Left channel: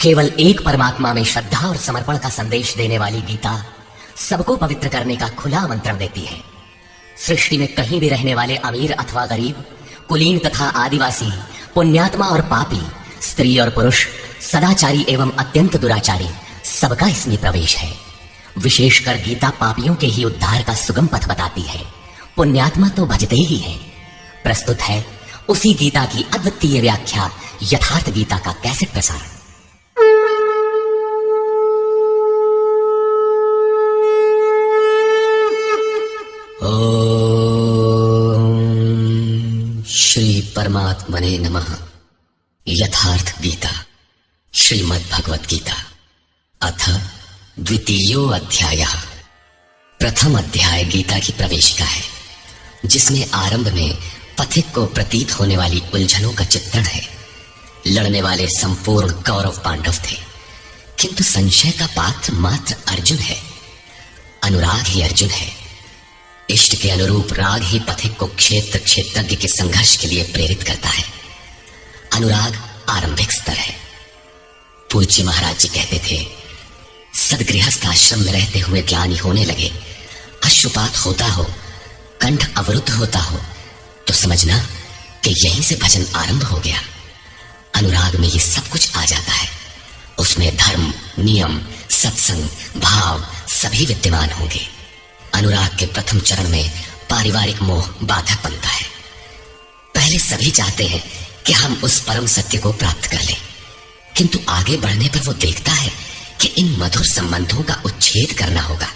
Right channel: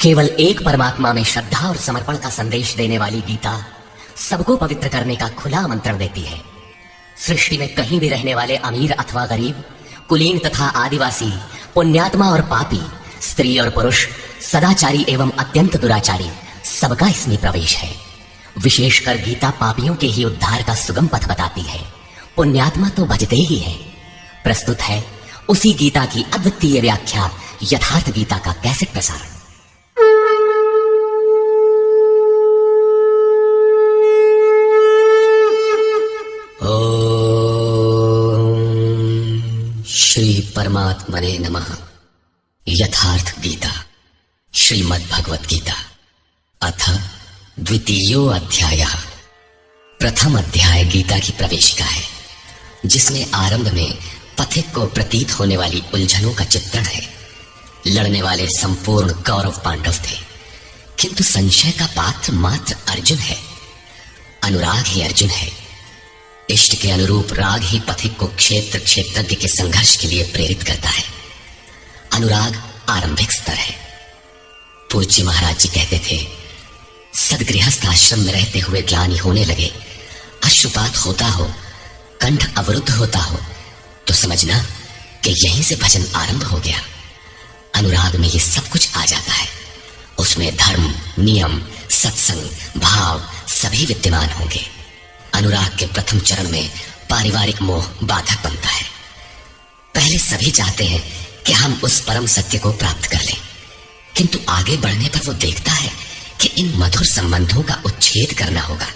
केवल एक परमात्मा में श्रद्धा और समर्पण का संदेश देने वाली गीता सबको पवित्र करने का खुला आमंत्रण देती है। सृष्टि में कहीं भी रहने वाले अमीर अथवा गरीब, कुलीन तथा आदिवासी, पुण्यात्मा और पापी, स्त्री और पुरुष, सदाचारी एवं अत्यंत दुराचारी, सबका इसमें प्रवेश है। विशेषकर गीता पापियों के ही उद्धार का सुगम पथ बताती है। पुण्यात्मा तो भजते ही है। प्रस्तुत है उसी गीता की अद्वितीय व्याख्या यथार्थ गीता का कैसेट प्रसारण। श्री परमात्मने नमः। यथार्थ गीता श्रीमद् भगवत गीता अथ द्वितीयो अध्यायः। प्रथम अध्याय गीता की प्रवेशिका है, जिसमें आरंभ में पथिक को प्रतीत होने वाली उलझनों का चित्रण है। लड़ने वाले संपूर्ण कौरव पांडव थे, किंतु संशय का पात्र मात्र अर्जुन है। अनुराग ही अर्जुन है। इष्ट के अनुरूप राग ही पथिक को क्षेत्र क्षेत्रज्ञ के संघर्ष के लिए प्रेरित करता है। अनुराग आरंभिक स्तर है। पूज्य महाराज जी कहते थे, सदगृहस्थ आश्रम में रहते हुए ग्लानि होने लगे, अश्रुपात होता हो, कंठ अवरुद्ध होता हो, तो समझना कि यहीं से भजन आरंभ हो गया। अनुराग में ये सब कुछ आ जाता है। उसमें धर्म, नियम, सत्संग, भाव सभी विद्यमान होंगे। अनुराग के प्रथम चरण में पारिवारिक मोह बाधक बनता है। पहले सभी चाहते हैं कि हम उस परम सत्य को प्राप्त कर लें, किंतु आगे बढ़ने पर वो देखता है कि इन मधुर संबंधों का उच्छेद करना होगा।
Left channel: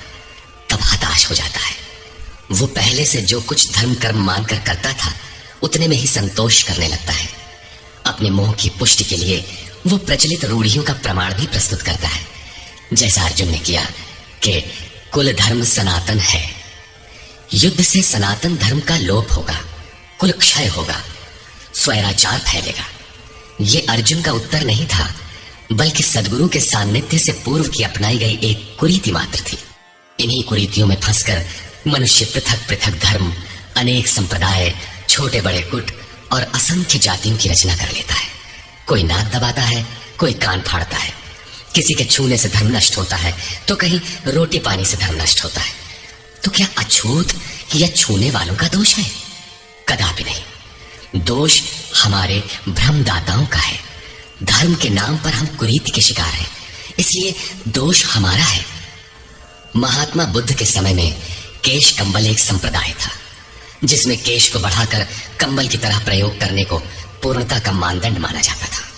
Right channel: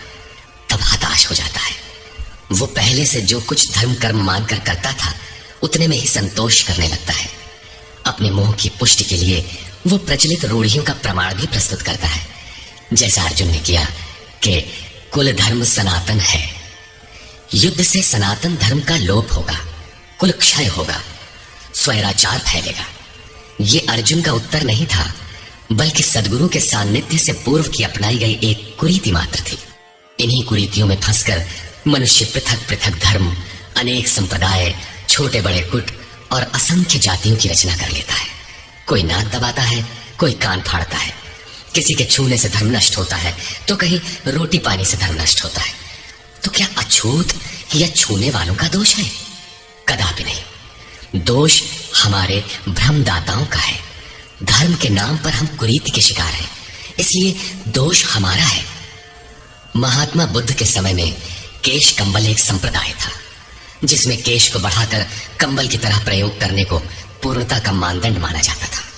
तब हताश हो जाता है। वो पहले से जो कुछ धर्म कर्म मानकर करता था, उतने में ही संतोष करने लगता है। अपने मोह की पुष्टि के लिए वो प्रचलित रूढ़ियों का प्रमाण भी प्रस्तुत करता है, जैसा अर्जुन ने किया कि कुल धर्म सनातन है। युद्ध से सनातन धर्म का लोप होगा, कुल क्षय होगा, स्वैराचार फैलेगा। ये अर्जुन का उत्तर नहीं था, बल्कि सद्गुरु के सान्निध्य से पूर्व की अपनाई गई एक कुरीति मात्र थी। इन्हीं कुरीतियों में फंसकर मनुष्य पृथक पृथक धर्म, अनेक संप्रदाय, छोटे बड़े गुट और असंख्य जातियों की रचना कर लेता है। कोई नाक दबाता है, कोई कान फाड़ता है। किसी के छूने से धर्म नष्ट होता है, तो कहीं रोटी पानी से धर्म नष्ट होता है। तो क्या अछूत या छूने वालों का दोष है? कदापि नहीं। दोष हमारे भ्रमदाताओं का है। धर्म के नाम पर हम कुरीति के शिकार हैं, इसलिए दोष हमारा है। महात्मा बुद्ध के समय में केश कंबल एक संप्रदाय था, जिसमें केश को बढ़ाकर कंबल की तरह प्रयोग करने को पूर्णता का मानदंड माना जाता था।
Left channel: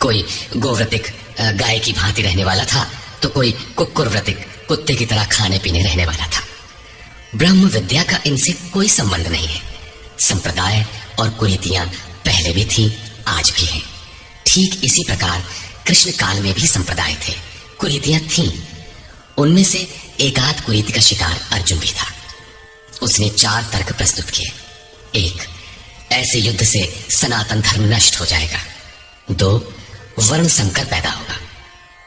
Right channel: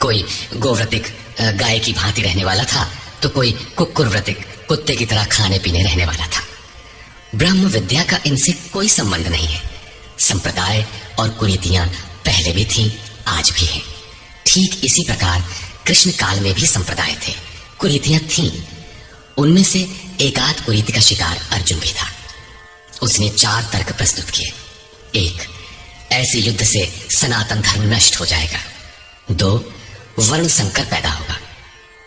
कोई गोव्रतिक गाय की भांति रहने वाला था, तो कोई कुक्कुरव्रतिक कुत्ते की तरह खाने पीने रहने वाला था। ब्रह्म विद्या का इनसे कोई संबंध नहीं है। संप्रदाय और कुरीतियां पहले भी थी, आज भी हैं। ठीक इसी प्रकार कृष्ण काल में भी संप्रदाय थे, कुरीतियां थीं। उनमें से एकाध कुरीति का शिकार अर्जुन भी था। उसने 4 तर्क प्रस्तुत किए। 1, ऐसे युद्ध से सनातन धर्म नष्ट हो जाएगा। 2, वर्ण संकर पैदा होगा।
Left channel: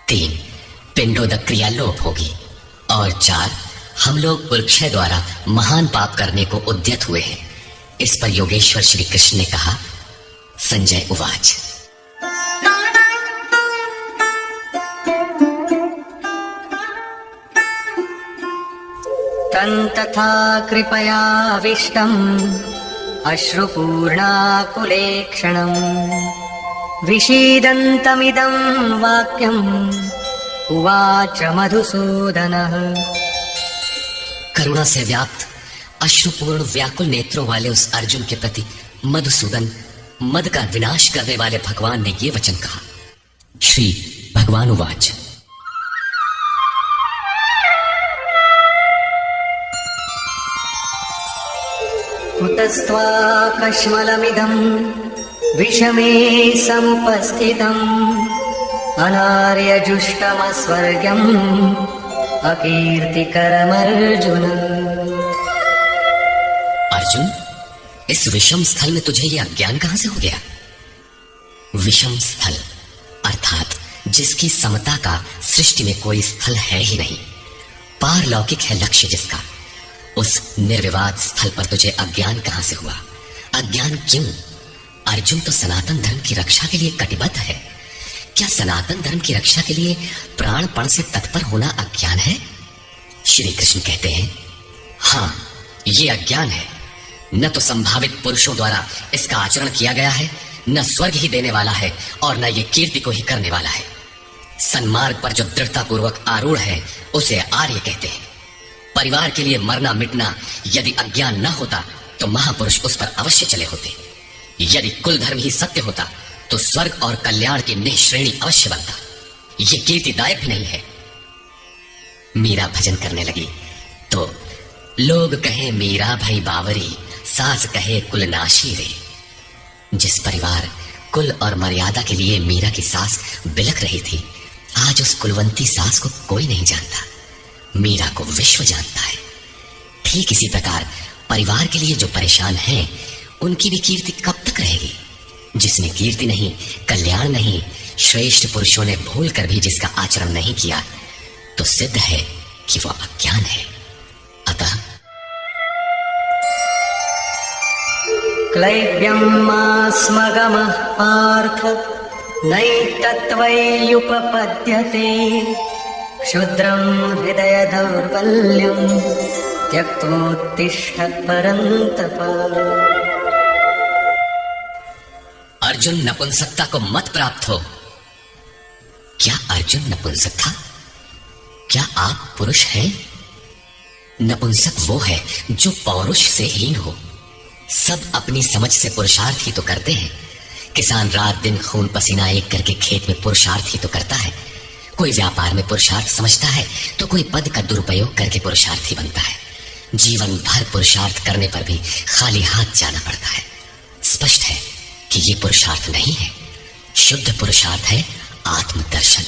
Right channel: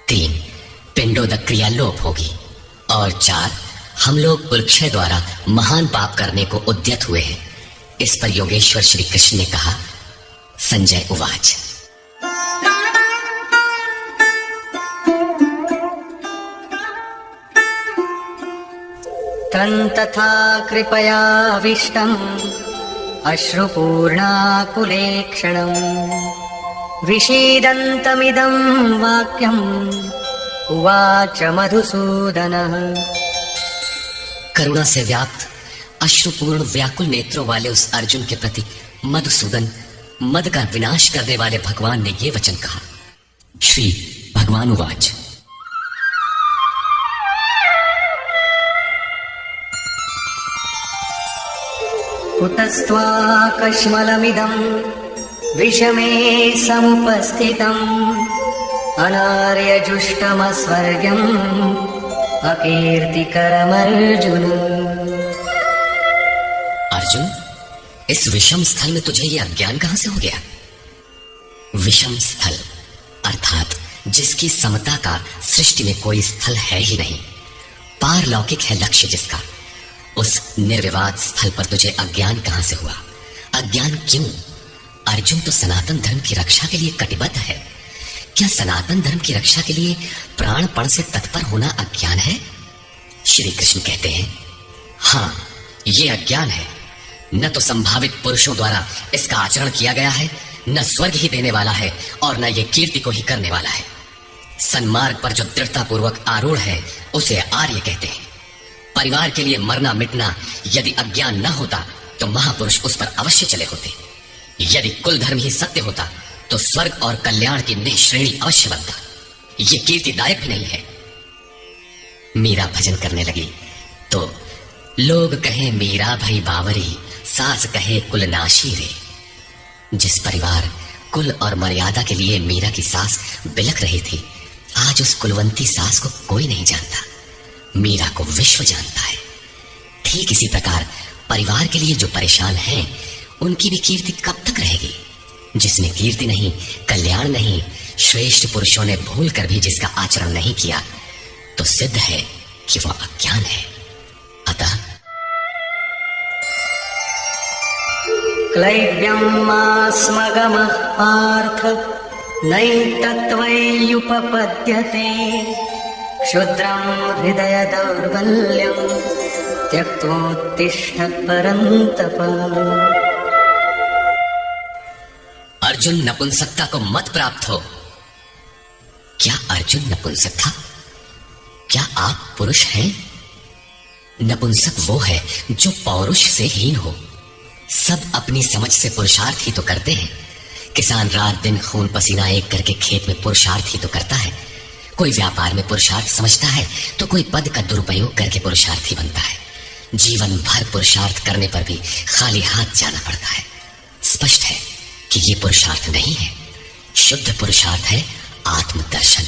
3, पिंडोदक क्रिया लोप होगी। और 4, हम लोग कुलक्षय द्वारा महान पाप करने को उद्यत हुए हैं। इस पर योगेश्वर श्री कृष्ण ने कहा। संजय उवाच। तथा कृपयाविष्टम् अश्रुपूर्णाकुलेक्षणम् विषीदन्तमिदं वाक्यम् उवाच मधुसूदनः। करुणा से व्याप्त अश्रुपूर्ण व्याकुल नेत्रों वाले उस अर्जुन के प्रति मधुसूदन, मद का विनाश करने वाले भगवान ने ये वचन कहा। श्री भगवान उवाच। कुतस्त्वाकश्मलमिदं विषमे समुपस्थितम् अनार्यजुष्टमस्वर्ग्यम् अकीर्तिकरमर्जुन। अर्जुन, इस विषम स्थल में तुझे ये अज्ञान कहां से हो गया? विषम स्थल अर्थात जिसकी समता का सृष्टि में कोई स्थल है ही नहीं, पारलौकिक है लक्ष्य जिसका, उस निर्विवाद स्थल पर तुझे अज्ञान कहां से हुआ? अज्ञान क्यों? अर्जुन तो सनातन धर्म की रक्षा के लिए कटिबद्ध है, क्या सनातन धर्म की रक्षा के लिए प्राणपण से तत्पर होना अज्ञान है? श्री कृष्ण कहते हैं, हाँ, ये अज्ञान है। न तो संभावित पुरुषों द्वारा इसका आचरण किया गया है, न स्वर्ग ही देने वाला है और न ये कीर्ति को ही करने वाला है। सन्मार्ग पर जो दृढ़ता पूर्वक आरूढ़ है उसे आर्य कहते हैं। परिवार के लिए मरना मिटना यदि अज्ञान न होता तो महापुरुष उस पर अवश्य चले होते। यदि कुल धर्म ही सत्य होता तो स्वर्ग और कल्याण की निःश्रेणी अवश्य बनता। ये कीर्तिदायक भी नहीं है। मीरा भजन करने लगी तो लोग कहें मीरा भई बावरी, सास कहे कुलनाशी रे। जिस परिवार, कुल और मर्यादा के लिए मीरा की सास बिलख रही थी, आज उस कुलवंती सास को कोई नहीं जानता। मीरा को विश्व जानता है। ठीक इसी प्रकार परिवार के लिए जो परेशान हैं, उनकी भी कीर्ति कब तक रहेगी? जिसमें कीर्ति नहीं, कल्याण नहीं, श्रेष्ठ पुरुषों ने भूल कर भी जिसका आचरण नहीं किया, तो सिद्ध है कि वह अज्ञान है। अतः क्लैब्यमास्मगमः पार्थ नैतत्त्वैयुपपद्यते क्षुद्रं हृदय दौर्बल्यं त्यक्त्वोत्तिष्ठ परन्तप। अर्जुन, नपुंसकता को मत प्राप्त हो। क्या अर्जुन नपुंसक था? क्या आप पुरुष हैं? नपुंसक वो है जो पौरुष से हीन हो। सब अपनी समझ से पुरुषार्थ ही तो करते हैं। किसान रात दिन खून पसीना एक करके खेत में पुरुषार्थ ही तो करता है। कोई व्यापार में पुरुषार्थ समझता है तो कोई पद का दुरुपयोग करके पुरुषार्थी बनता है। जीवन भर पुरुषार्थ करने पर भी खाली हाथ जाना पड़ता है। स्पष्ट है कि ये पुरुषार्थ नहीं है। शुद्ध पुरुषार्थ है आत्मदर्शन।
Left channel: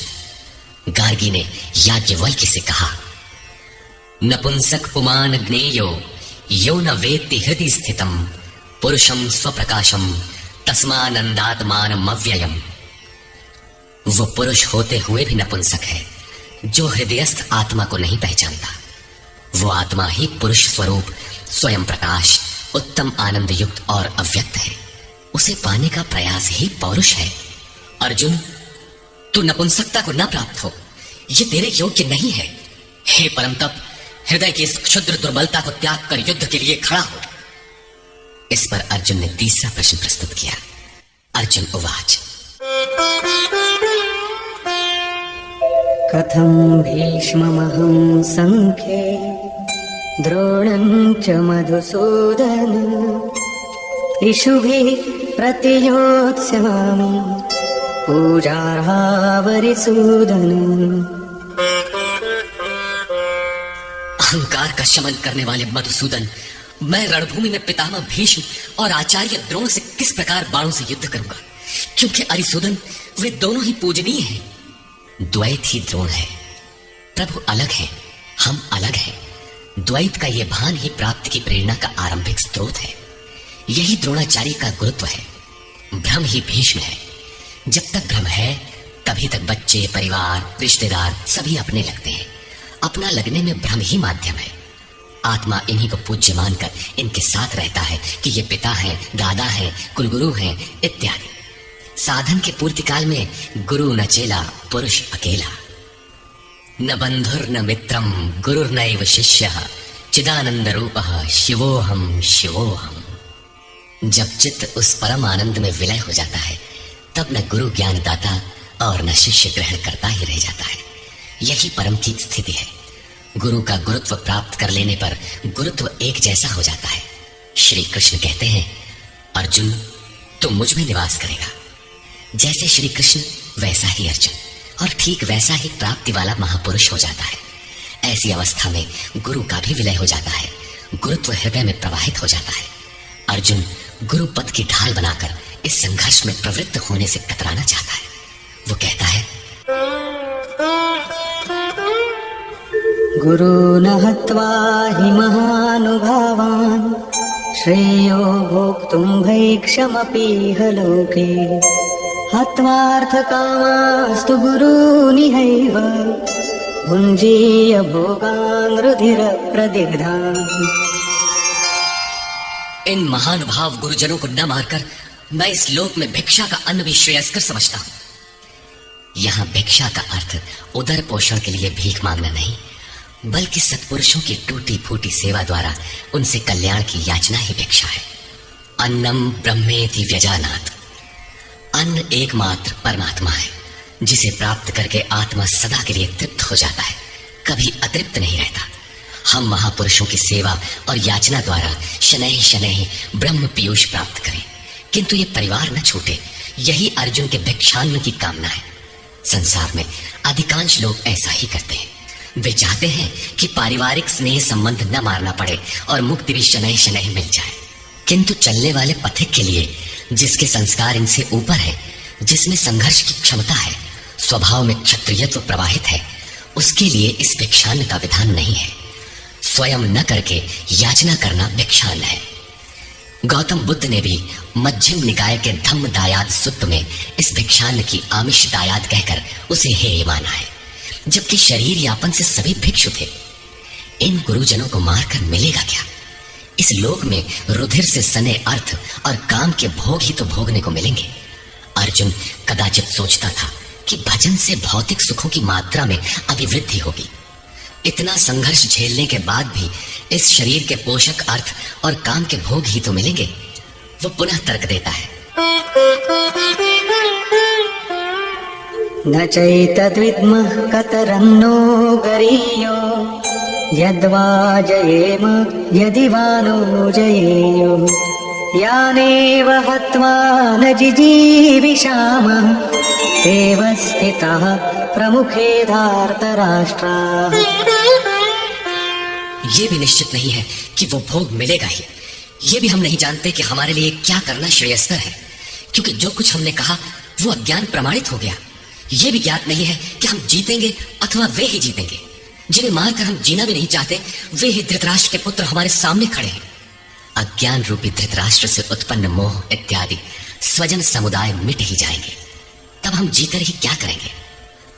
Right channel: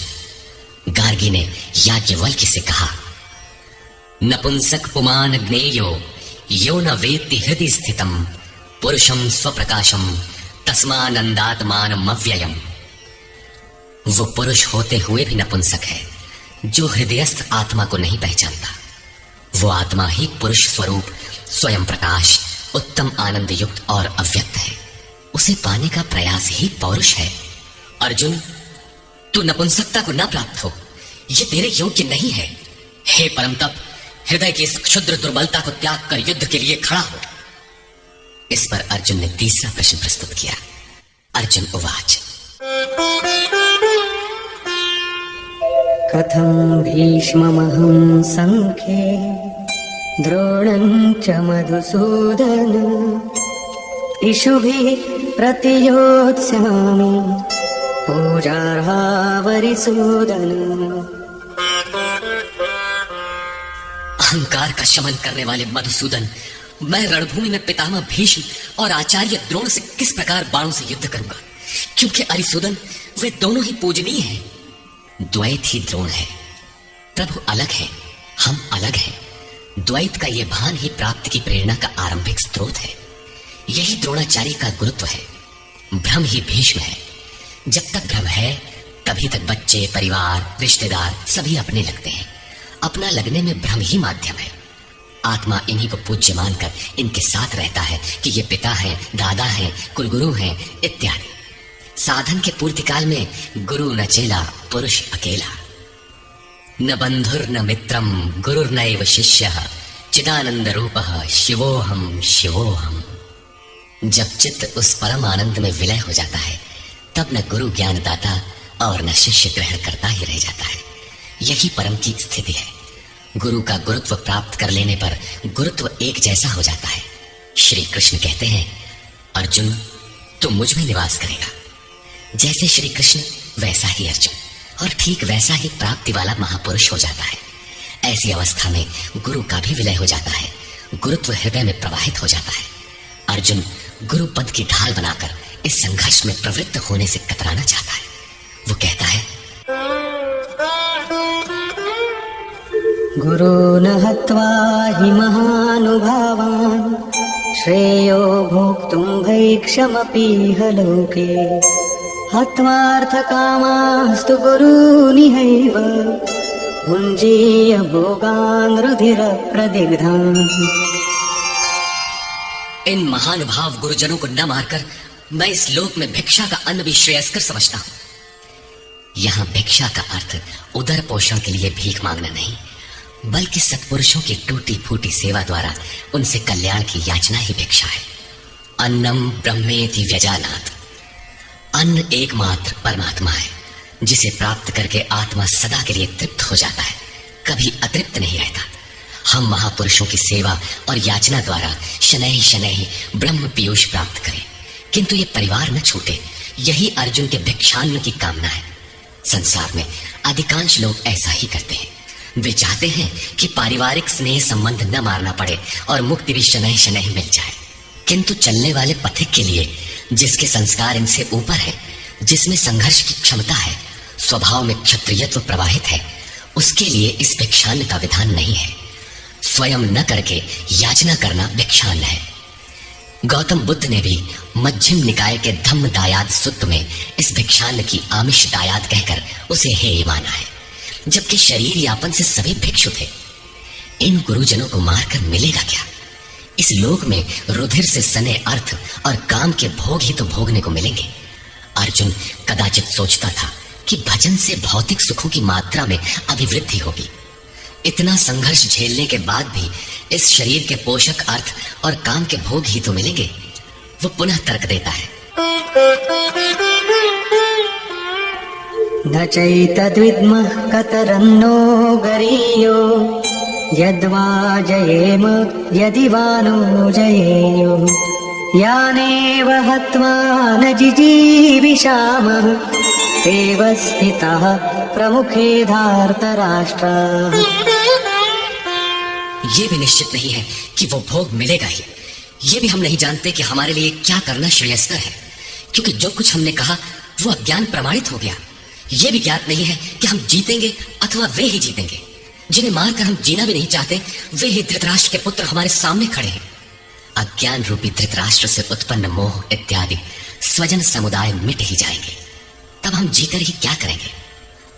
गार्गी ने याज्ञवल्क्य से कहा, नपुंसक पुमान ज्ञेयो यो न वेत्ति हृदि स्थितम पुरुषम स्वप्रकाशम तस्मानंदात्मानमव्ययम्। वो पुरुष होते हुए भी नपुंसक है जो हृदयस्थ आत्मा को नहीं पहचानता। वो आत्मा ही पुरुष स्वरूप, स्वयं प्रकाश, उत्तम आनंद युक्त और अव्यक्त है। उसे पाने का प्रयास ही पौरुष है। अर्जुन, तू नपुंसकता को ना प्राप्त हो, ये तेरे योग्य नहीं है। हे परम तप, हृदय की इस क्षुद्र दुर्बलता को त्याग कर युद्ध के लिए खड़ा हो। इस पर अर्जुन ने तीसरा प्रश्न प्रस्तुत किया। अर्जुन उवाच, कथं भीष्ममहं संख्ये द्रोणं च मधुसूदन इषुभिः प्रतियोत्स्यामि पूजार्हा वरिसूदन। अहंकार का शमन करने वाले मधुसूदन, मैं रणभूमि में पितामह भीष्म और आचार्य द्रोण से किस प्रकार बाणों से युद्ध करूंगा, क्योंकि अरिसूदन वे दोनों ही पूजनीय हैं। द्वैत ही द्रोण है। प्रभु अलग है, हम अलग हैं। द्वैत का ये भान ही प्राप्ति की प्रेरणा का आरंभिक स्रोत है। यही द्रोणाचार्य का गुरुत्व है। भ्रम ही भीष्म है। जब तक भ्रम है तभी तक बच्चे, परिवार, रिश्तेदार सभी अपने लगते हैं। अपना लगने में भ्रम ही माध्यम है। आत्मा इन्हीं को पूज्य मानकर इनके साथ रहता है कि ये पिता हैं, दादा हैं, कुलगुरु हैं इत्यादि। साधन के पूर्ति काल में गुरु न चेला, पुरुष अकेला। न बंधुर न मित्रम गुरुर्नैव शिष्यः चिदानंद रूपः शिवोहम शिवोहम। जब चित्त उस परम आनंद में विलय हो जाता है तब न गुरु ज्ञानदाता और न शिष्य ग्रहण करता ही रह जाता है। यही परम की स्थिति है। गुरु का गुरुत्व प्राप्त कर लेने पर गुरुत्व एक जैसा हो जाता है। श्री कृष्ण कहते हैं, अर्जुन तू मुझ में निवास करेगा। जैसे श्री कृष्ण वैसा ही अर्जुन, और ठीक वैसा ही प्राप्ति वाला महापुरुष हो जाता है। ऐसी अवस्था में गुरु का भी विलय हो जाता है। गुरुत्व हृदय में प्रवाहित हो जाता है। अर्जुन गुरु पद की ढाल बनाकर इस संघर्ष में प्रवृत्त होने से कतराना चाहता है। वो कहता है, गुरून् हत्वा हि महानुभावान् श्रेयो भोक्तुं भैक्षमपीह लोके हत्वार्थकामास्तु गुरूनिहैव भुञ्जीय भोगान् रुधिरप्रदिग्धान्। इन महानुभाव गुरुजनों को न मारकर मैं इस लोक में भिक्षा का अन्न भी श्रेयस्कर समझता हूं। यहाँ भिक्षा का अर्थ उदर पोषण के लिए भीख मांगना नहीं, बल्कि सत्पुरुषों की टूटी फूटी सेवा द्वारा उनसे कल्याण की याचना ही भिक्षा है। अन्नम ब्रह्मेति व्यजानात्, अन्न एकमात्र परमात्मा है, जिसे प्राप्त करके आत्मा सदा के लिए तृप्त हो जाता है, कभी अतृप्त नहीं रहता। हम महापुरुषों की सेवा और याचना द्वारा शनैः शनैः ब्रह्म पीयूष प्राप्त करें, किंतु ये परिवार न छूटे, यही अर्जुन के भिक्षान्न की कामना है। संसार में अधिकांश लोग ऐसा ही करते हैं। वे चाहते हैं कि पारिवारिक स्नेह संबंध न मारना पड़े और मुक्ति भी शनैः शनैः मिल जाए, किंतु चलने वाले पथिक के लिए, जिसके संस्कार इनसे ऊपर है, जिसमें संघर्ष की क्षमता है, स्वभाव में क्षत्रियत्व प्रवाहित है, उसके लिए इस भिक्षान्न का विधान नहीं है। स्वयं न करके याचना करना भिक्षान्न है। गौतम बुद्ध ने भी मध्यम निकाय के धम्म दायाद सूत्र में इस भिक्षान्न की आमिष दायाद कहकर उसे हेय माना है, जबकि शरीर यापन से सभी भिक्षु थे। इन गुरुजनों को मारकर मिलेगा क्या? इस लोक में रुधिर से सने अर्थ और काम के भोग ही तो भोगने को मिलेंगे। अर्जुन कदाचित सोचता था कि भजन से भौतिक सुखों की मात्रा में अभिवृद्धि होगी। इतना संघर्ष झेलने के बाद भी इस शरीर के पोषक अर्थ और काम के भोग ही तो मिलेंगे। वो पुनः तर्क देता है, न चैतद्विद्मः कतरन्नो गरीयो यद्वा जयेम यदि वा नो जयेयुः यानेव हत्वा न जिजीविषामः एव स्थितः प्रमुखे धार्तराष्ट्राः। ये भी निश्चित नहीं है कि वो भोग मिलेगा ही। ये भी हम नहीं जानते कि हमारे लिए क्या करना श्रेयस्कर है, क्योंकि जो कुछ हमने कहा वो अज्ञान प्रमाणित हो गया। ये भी ज्ञात नहीं है कि हम जीतेंगे अथवा वे ही जीतेंगे। जिन्हें मारकर हम जीना भी नहीं चाहते, वे ही धृतराष्ट्र के पुत्र हमारे सामने खड़े हैं। अज्ञान रूपी धृतराष्ट्र से उत्पन्न मोह इत्यादि स्वजन समुदाय मिट ही जाएंगे, तब हम जीकर ही क्या करेंगे?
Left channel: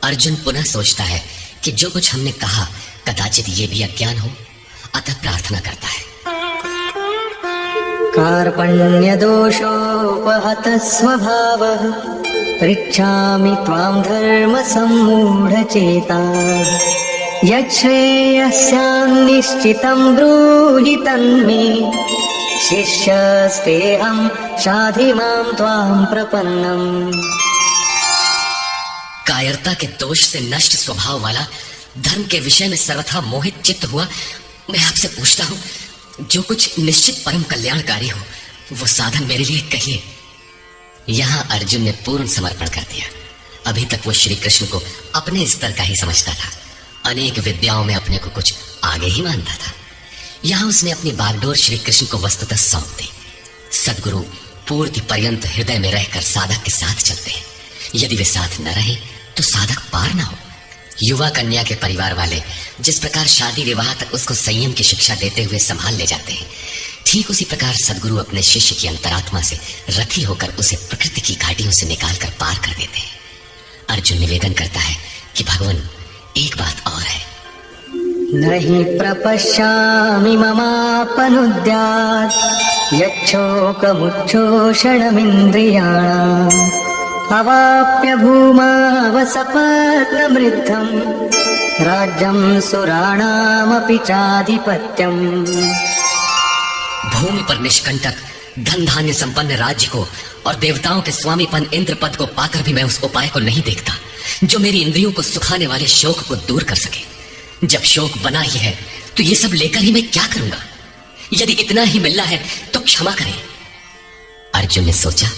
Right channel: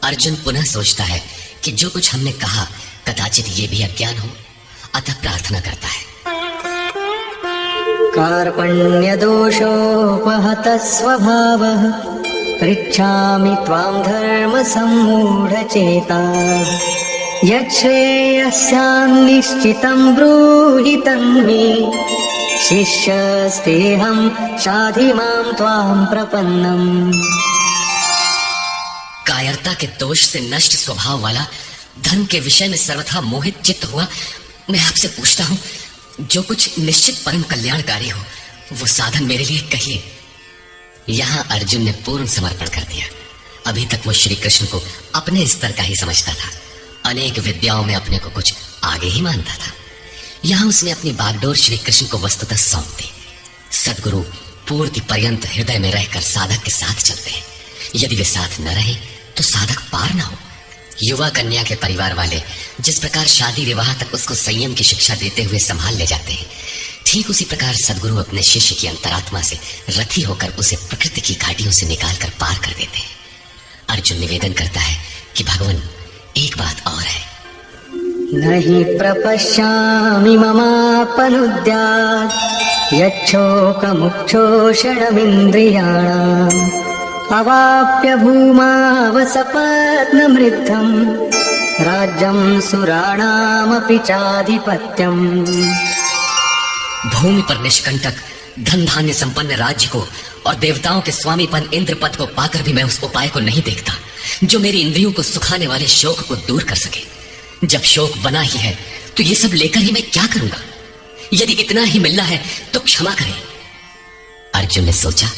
अर्जुन पुनः सोचता है कि जो कुछ हमने कहा कदाचित ये भी अज्ञान हो, अतः प्रार्थना करता है, कार्पण्य दोषोपहतः स्वभावः पृच्छामि त्वां धर्म सम्मूढचेताः यच्छ्रेयस्यान् निश्चितं ब्रूहि तन्मे शिष्यस्तेऽहं शाधि मां त्वां प्रपन्नम्। कायरता के दोष से नष्ट स्वभाव वाला, धर्म के विषय में सर्वथा मोहित चित्त हुआ मैं आपसे पूछता हूँ, जो कुछ निश्चित परम कल्याणकारी हो वो साधन मेरे लिए कहिए। यहाँ अर्जुन ने पूर्ण समर्पण कर दिया। अभी तक वो श्री कृष्ण को अपने स्तर का ही समझता था, अनेक विद्याओं में अपने को कुछ आगे ही मानता था। यहाँ उसने अपनी बागडोर श्री कृष्ण को वस्तुतः सौंप दी। सद्गुरु पूर्ति पर्यंत हृदय में रहकर साधक के साथ चलते हैं। यदि वे साथ न रहे तो साधक पार न हो। युवा कन्या के परिवार वाले जिस प्रकार शादी विवाह तक उसको संयम की शिक्षा देते हुए संभाल ले जाते हैं, ठीक उसी प्रकार सद्गुरु अपने शिष्य की अंतरात्मा से रथी होकर उसे प्रकृति की घाटियों से निकालकर पार कर देते हैं। अर्जुन निवेदन करता है कि भगवान, एक बात और है, नहि प्रपश्यामि ममापनुद्यात् यच्छोकमुच्छोषणमिन्द्रियाणाम् अवाप्य भूमावसपत्नमृद्धम् राज्यं सुराणामपि चाधिपत्यम्। भूमि पर निष्कंटक धन धान्य संपन्न राज्य को और देवताओं के स्वामीपन इंद्र पद को पाकर भी मैं उस उपाय को नहीं देखता जो मेरी इंद्रियों को सुखाने वाले शोक को दूर कर सके। जब शोक बना ही है तो ये सब लेकर ही मैं क्या करूंगा? यदि इतना ही मिलना है तो क्षमा करें। अर्जुन ने सोचा,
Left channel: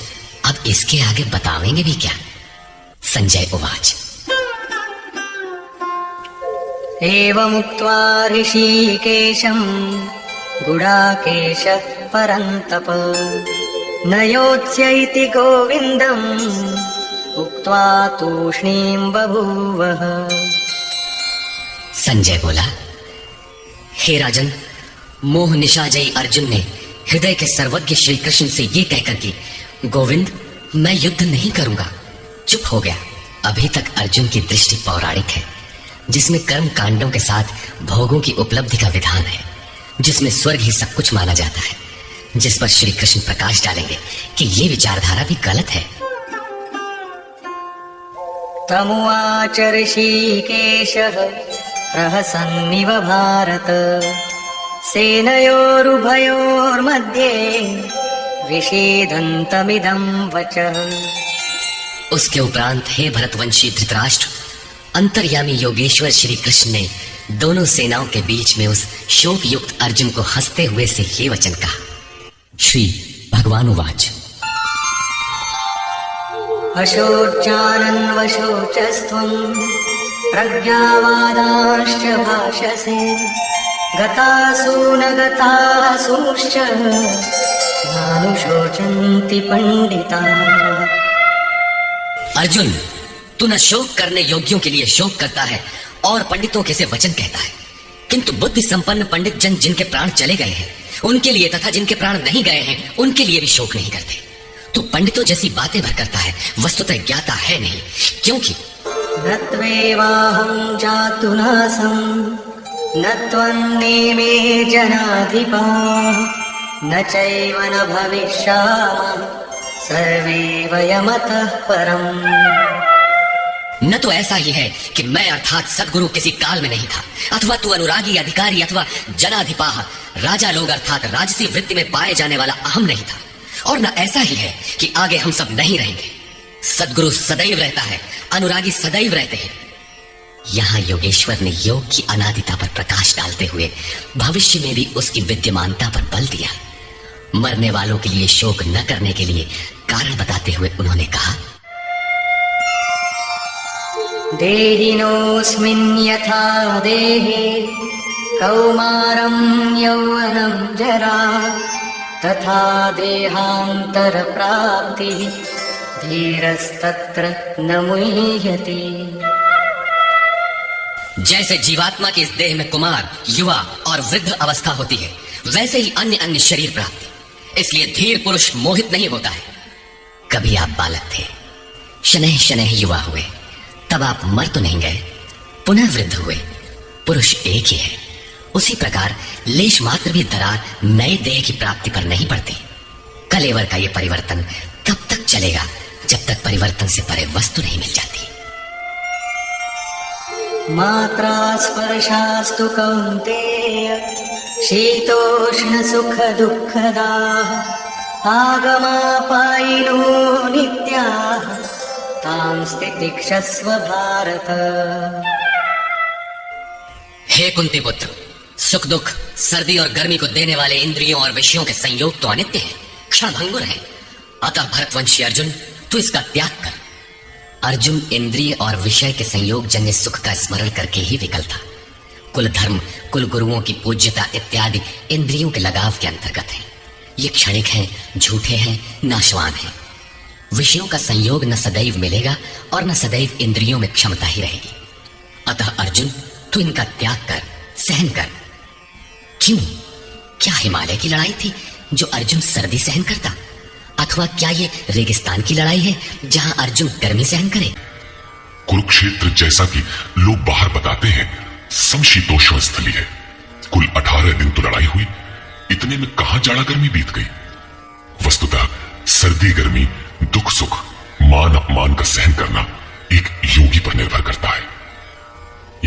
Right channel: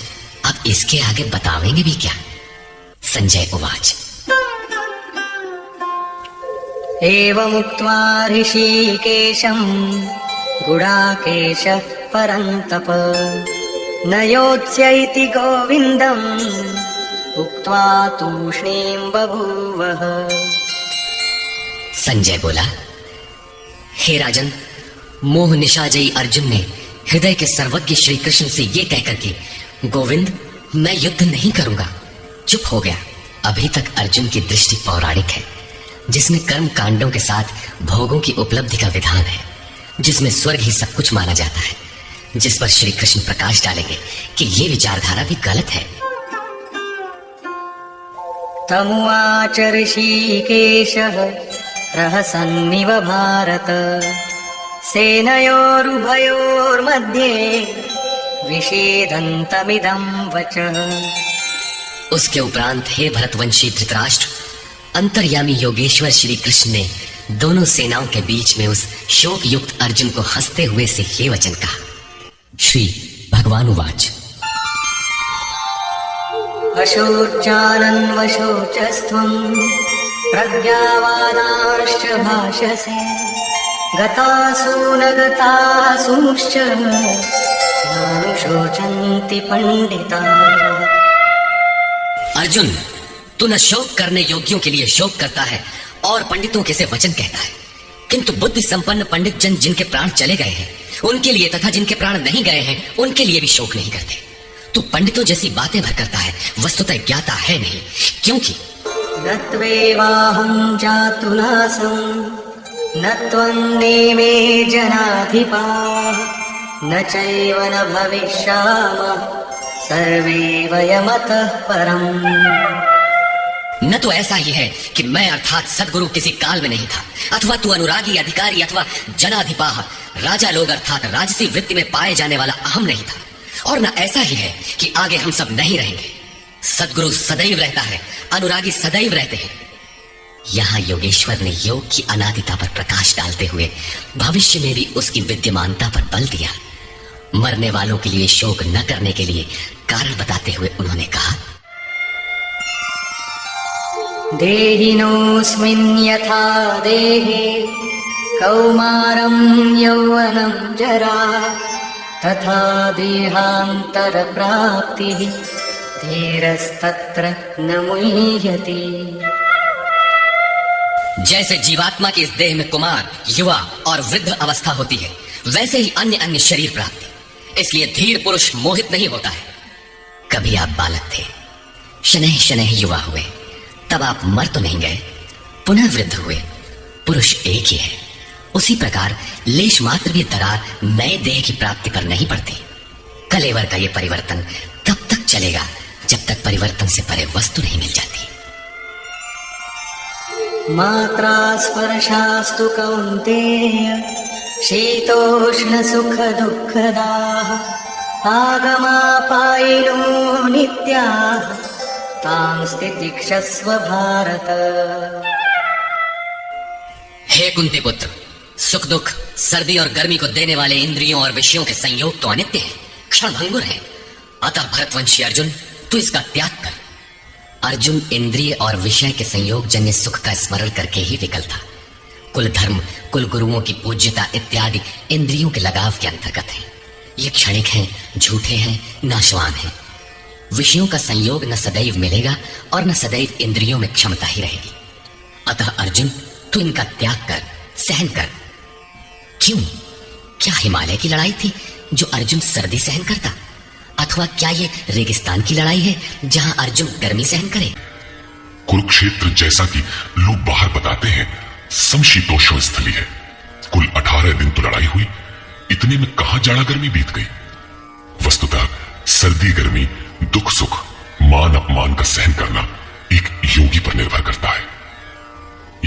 अब इसके आगे बतावेंगे भी क्या? संजय उवाच, एवमुक्त्वा ऋषिकेशं गुडाकेशः परन्तप न योत्स्यैति गोविन्दम् उक्त्वा तूष्णीं बभूवः। संजय बोला, हे राजन, मोह निशाजयी अर्जुन ने हृदय के सर्वज्ञ श्री कृष्ण से ये कहकर कि गोविंद, मैं युद्ध नहीं करूंगा, चुप हो गया। अभी तक अर्जुन की दृष्टि पौराणिक है, जिसमें कर्म कांडों के साथ भोगों की उपलब्धि का विधान है, जिसमें स्वर्ग ही सब कुछ माना जाता है, जिस पर श्री कृष्ण प्रकाश डालेंगे कि ये विचारधारा भी गलत है। तमुवाच ऋषिकेशः प्रहसन्निव भारत सेनयोरुभयोर्मध्ये विषेदन्तमिदं वचः। उसके उपरांत हे भरतवंशी धृतराष्ट्र, अंतर्यामी योगेश्वर श्री कृष्ण ने दोनों सेनाओं के बीच में उस शोक युक्त अर्जुन को हंसते हुए से ये वचन कहा। श्री भगवान उवाच। अशोचानन्वशोचस्त्वं प्रज्ञावादांश्च भाषसे गतासु न गतासूंश्च नानुशोचन्ति पंडिताः। अर्जुन, तू न शोक करने योग्यों के लिए शोक करता है और पंडितों के से वचन कहता है, किंतु बुद्धि संपन्न पंडित जन जिनके प्राण चले गए हैं उनके लिए तथा जिनके प्राण नहीं गए हैं उनके लिए भी शोक नहीं करते। तू पंडितों जैसी बातें भर करता है, वस्तुतः ज्ञाता है नहीं, क्योंकि न त्वेवाहं जातुनासं न त्वन्नेमे जनाधिपाः न चैव न भविष्यामः सर्वे वयमतः परम्। न तो ऐसा ही है कि मैं अर्थात सद्गुरु किसी काल में नहीं था, अथवा तू अनुरागी अधिकारी अथवा जनाधिपाह राजा लोग अर्थात राजसी वृत्ति में पाए जाने वाला अहम नहीं था, और न ऐसा ही है कि आगे हम सब नहीं रहेंगे। सद्गुरु सदैव रहता है, अनुरागी सदैव रहते हैं। यहाँ योगेश्वर ने योग की अनादिता पर प्रकाश डालते हुए भविष्य में भी उसकी विद्यमानता पर बल दिया। मरने वालों के लिए शोक न करने के लिए कारण बताते हुए उन्होंने कहा, देहिनोऽस्मिन् यथा देहे कौमारं यौवनं जरा तथा देहान्तरप्राप्तिः धीरस्तत्र न मुह्यति। जैसे जीवात्मा के इस देह में कुमार, युवा और वृद्ध अवस्था होती है, वैसे ही अन्य अन्य शरीर प्राप्ति, इसलिए धीर पुरुष मोहित नहीं होता है। कभी आप बालक थे, शनैः शनैः युवा हुए, तब आप मर तो नहीं गए, पुनः वृद्ध हुए, पुरुष एक ही है। उसी प्रकार लेश मात्र भी दरार नए देह की प्राप्ति पर नहीं पड़ती। कलेवर का ये परिवर्तन तब तक चलेगा जब तक परिवर्तन से परे वस्तु नहीं मिल जाती। मात्रा स्पर्शास्तु कौन्तेय शीतोष्ण सुख दुःखदाः आगमापायिनो नित्याः तां स्थितिक्षस्व भारत। हे कुंती पुत्र, सुख दुख, सर्दी और गर्मी को देने वाले इंद्रियों और विषयों के संयोग तो अनित्य है, क्षणभंगुर है। अतः भरतवंशी अर्जुन, तू इसका त्याग कर। अर्जुन इंद्रिय और विषय के संयोग जन्य सुख का स्मरण करके ही विकल था। कुल धर्म, कुल गुरुओं की पूज्यता इत्यादि इंद्रियों के लगाव के अंतर्गत है। ये क्षणिक हैं, झूठे हैं, नाशवान हैं। विषयों का संयोग न सदैव मिलेगा और न सदैव इंद्रियों में क्षमता ही रहेगी। अतः अर्जुन, तू इनका त्याग कर, सहन कर। क्यों? क्या हिमालय की लड़ाई थी जो अर्जुन सर्दी सहन करता, अथवा क्या ये रेगिस्तान की लड़ाई है जहां अर्जुन गर्मी सहन करे? कुरुक्षेत्र जैसा कि लोग बाहर बताते हैं समशीतोष्ण स्थली है। कुल 18 दिन तो लड़ाई हुई, इतने में कहां जाड़ा गर्मी बीत गई। वस्तुतः सर्दी गर्मी, दुख सुख, मान अपमान का सहन करना एक योगी पर निर्भर करता है।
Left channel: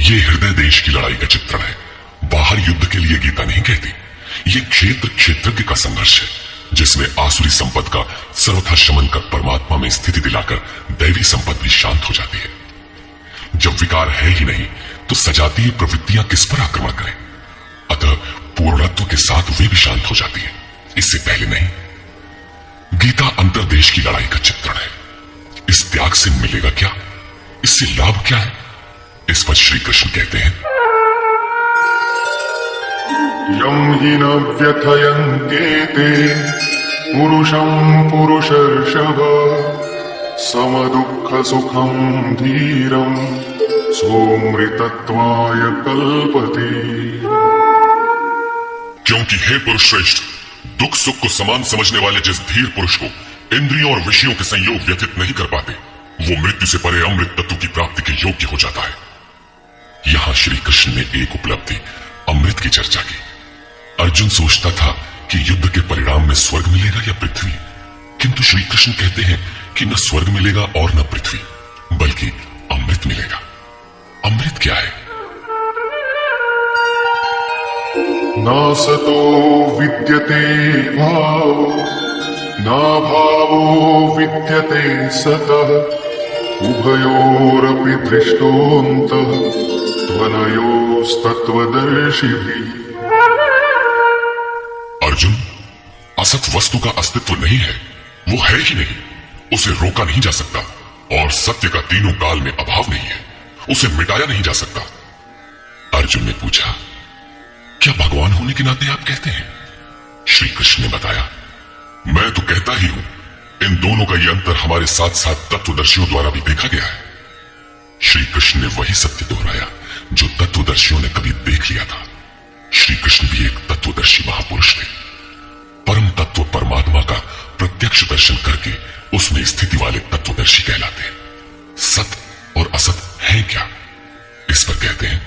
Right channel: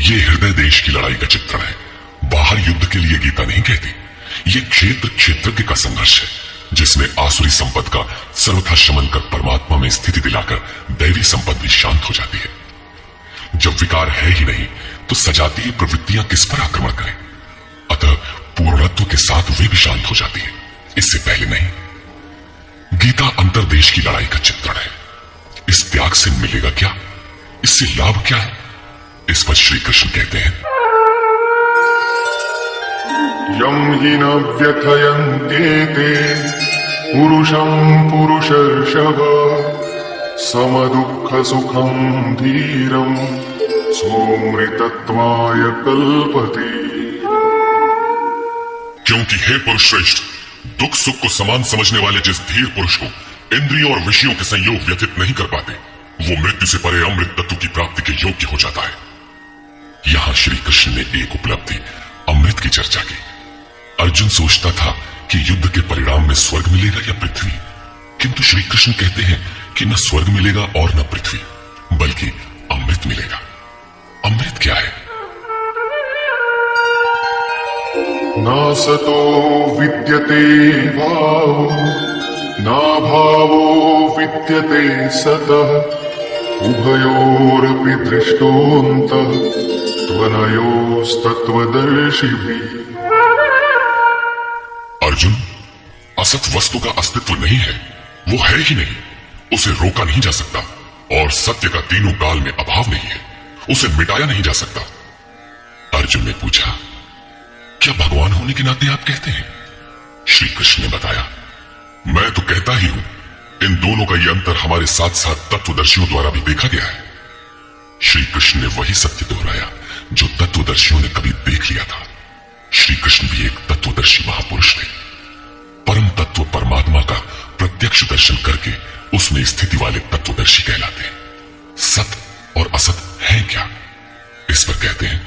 ये हृदय देश की लड़ाई का चित्रण है। बाहर युद्ध के लिए गीता नहीं कहती। ये क्षेत्र क्षेत्रज्ञ का संघर्ष है, जिसमें आसुरी संपद का सर्वथा शमन कर परमात्मा में स्थिति दिलाकर दैवी संपद भी शांत हो जाती है। जब विकार है ही नहीं तो सजातीय प्रवृत्तियां किस पर आक्रमण करें। अतः पूर्णत्व के साथ वे भी शांत हो जाती है, इससे पहले नहीं। गीता अंतरदेश की लड़ाई का चित्रण है। इस त्याग से मिलेगा क्या, इससे लाभ क्या है, इस पर श्री कृष्ण कहते हैं, यम हि न व्यथयन्ते ते पुरुषं पुरुषर्षभ समदुःख सुखं धीरं सोमृतत्वाय कल्पते। क्योंकि हे पुरुष श्रेष्ठ, दुख सुख को समान समझने वाले जिस धीर पुरुष को इंद्रियों और विषयों के संयोग व्यतीत नहीं कर पाते, वो मृत्यु से परे अमृत तत्व की प्राप्ति के योग्य हो जाता है। यहां श्री कृष्ण ने एक उपलब्धि अमृत की चर्चा की। अर्जुन सोचता था कि युद्ध के परिणाम में स्वर्ग मिलेगा या पृथ्वी, किंतु श्री कृष्ण कहते हैं कि न स्वर्ग मिलेगा और न पृथ्वी, बल्कि नासतो विद्यते भावो नाभावो विद्यते सतः उभयोरपि दृष्टोऽन्तः त्वनयोस्तत्त्वदर्शिभिः। अर्जुन, असत वस्तु का अस्तित्व नहीं है, वो है ही नहीं, उसे रोका नहीं जा सकता, और सत्य का तीनों काल में अभाव नहीं है, उसे मिटाया नहीं जा सकता। अर्जुन ने पूछा, क्या भगवान होने के नाते आप कहते हैं? श्री कृष्ण ने बताया, मैं तो कहता ही हूं, इन दोनों का यह अंतर हमारे साथ साथ तत्वदर्शियों द्वारा भी देखा गया है। श्री कृष्ण ने वही सत्य दोहराया जो तत्वदर्शियों ने कभी देख लिया था। श्री कृष्ण भी एक तत्वदर्शी महापुरुष थे। परम तत्व परमात्मा का प्रत्यक्ष दर्शन करके उसमें स्थिति वाले तत्वदर्शी कहलाते हैं। सत और असत है क्या, इस पर कहते हैं,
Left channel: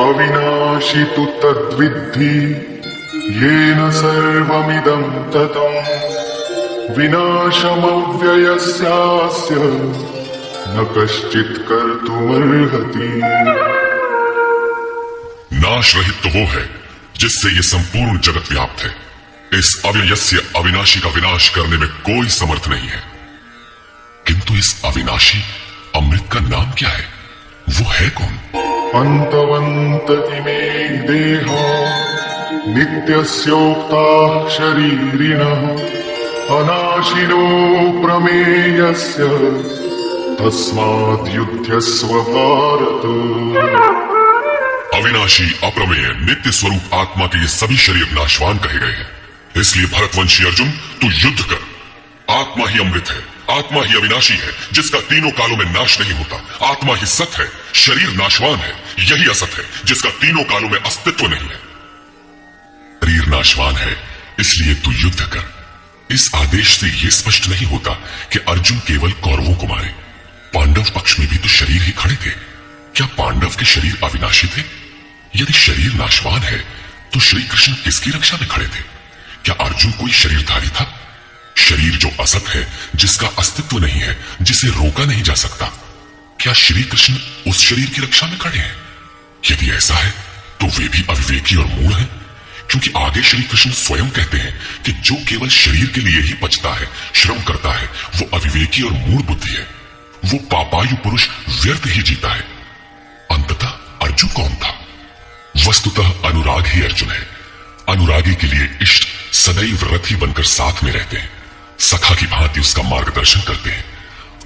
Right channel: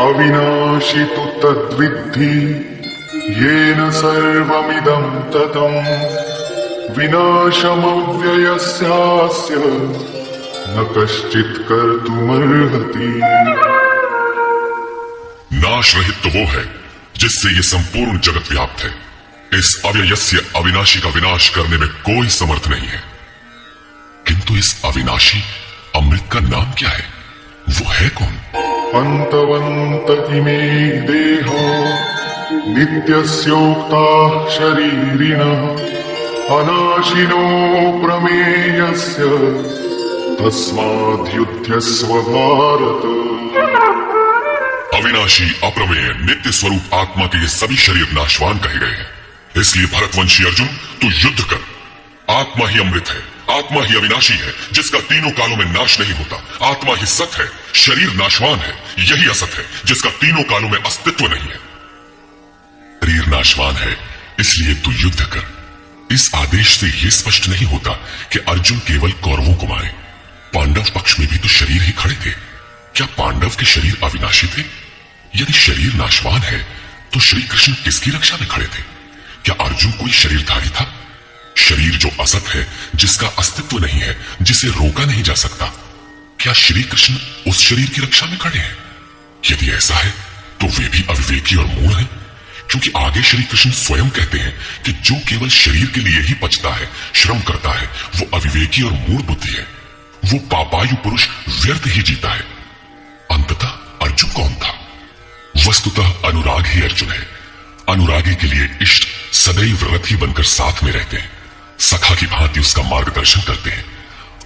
अविनाशी तु तद्विद्धि येन सर्वमिदं ततं विनाशमव्ययस्यास्य न कश्चित् कर्तुमर्हति। नाश रहित तो वो है जिससे ये संपूर्ण जगत व्याप्त है। इस अव्ययस्य अविनाशी का विनाश करने में कोई समर्थ नहीं है। किंतु इस अविनाशी अमृत का नाम क्या है, वो है कौन? अन्तवन्त इमे देहा नित्यस्योक्ता शरीरिणः अनाशिनो प्रमेयस्य तस्माद्युध्यस्व भारत। अविनाशी अप्रमेय नित्य स्वरूप आत्मा के ये सभी शरीर नाशवान कहे गए हैं। इसलिए भरतवंशी अर्जुन, तू युद्ध कर। आत्मा ही अमृत है, आत्मा ही अविनाशी है, जिसका तीनों कालों में नाश नहीं होता। आत्मा ही सत है, शरीर नाशवान है, यही असत है, जिसका तीनों कालों में अस्तित्व नहीं है। शरीर नाशवान है, इसलिए तू युद्ध कर। इस आदेश से यह स्पष्ट नहीं होता कि अर्जुन केवल कौरवों को मारे। पांडव पक्ष में भी तो शरीर ही खड़े थे। क्या पांडव के शरीर अविनाशी थे? यदि शरीर नाशवान है तो श्री कृष्ण किसकी रक्षा में खड़े थे? क्या अर्जुन कोई शरीरधारी था? शरीर जो असत है, जिसका अस्तित्व नहीं है, जिसे रोका नहीं जा सकता, क्या श्री कृष्ण उस शरीर की रक्षा में खड़े हैं? यदि ऐसा है तो वे भी अविवेकी और मूढ़ हैं, क्योंकि आगे श्री कृष्ण स्वयं कहते हैं कि जो केवल शरीर के लिए ही बचता है, श्रम करता है, वो अविवेकी और मूढ़ बुद्धि है। वो पापायु पुरुष व्यर्थ ही जीता है। अंततः अर्जुन कौन था? वस्तुतः अनुराग ही अर्जुन है। अनुरागी के लिए इष्ट सदैव रथी बनकर साथ में रहते हैं, सखा की भांति उसका मार्गदर्शन करते हैं।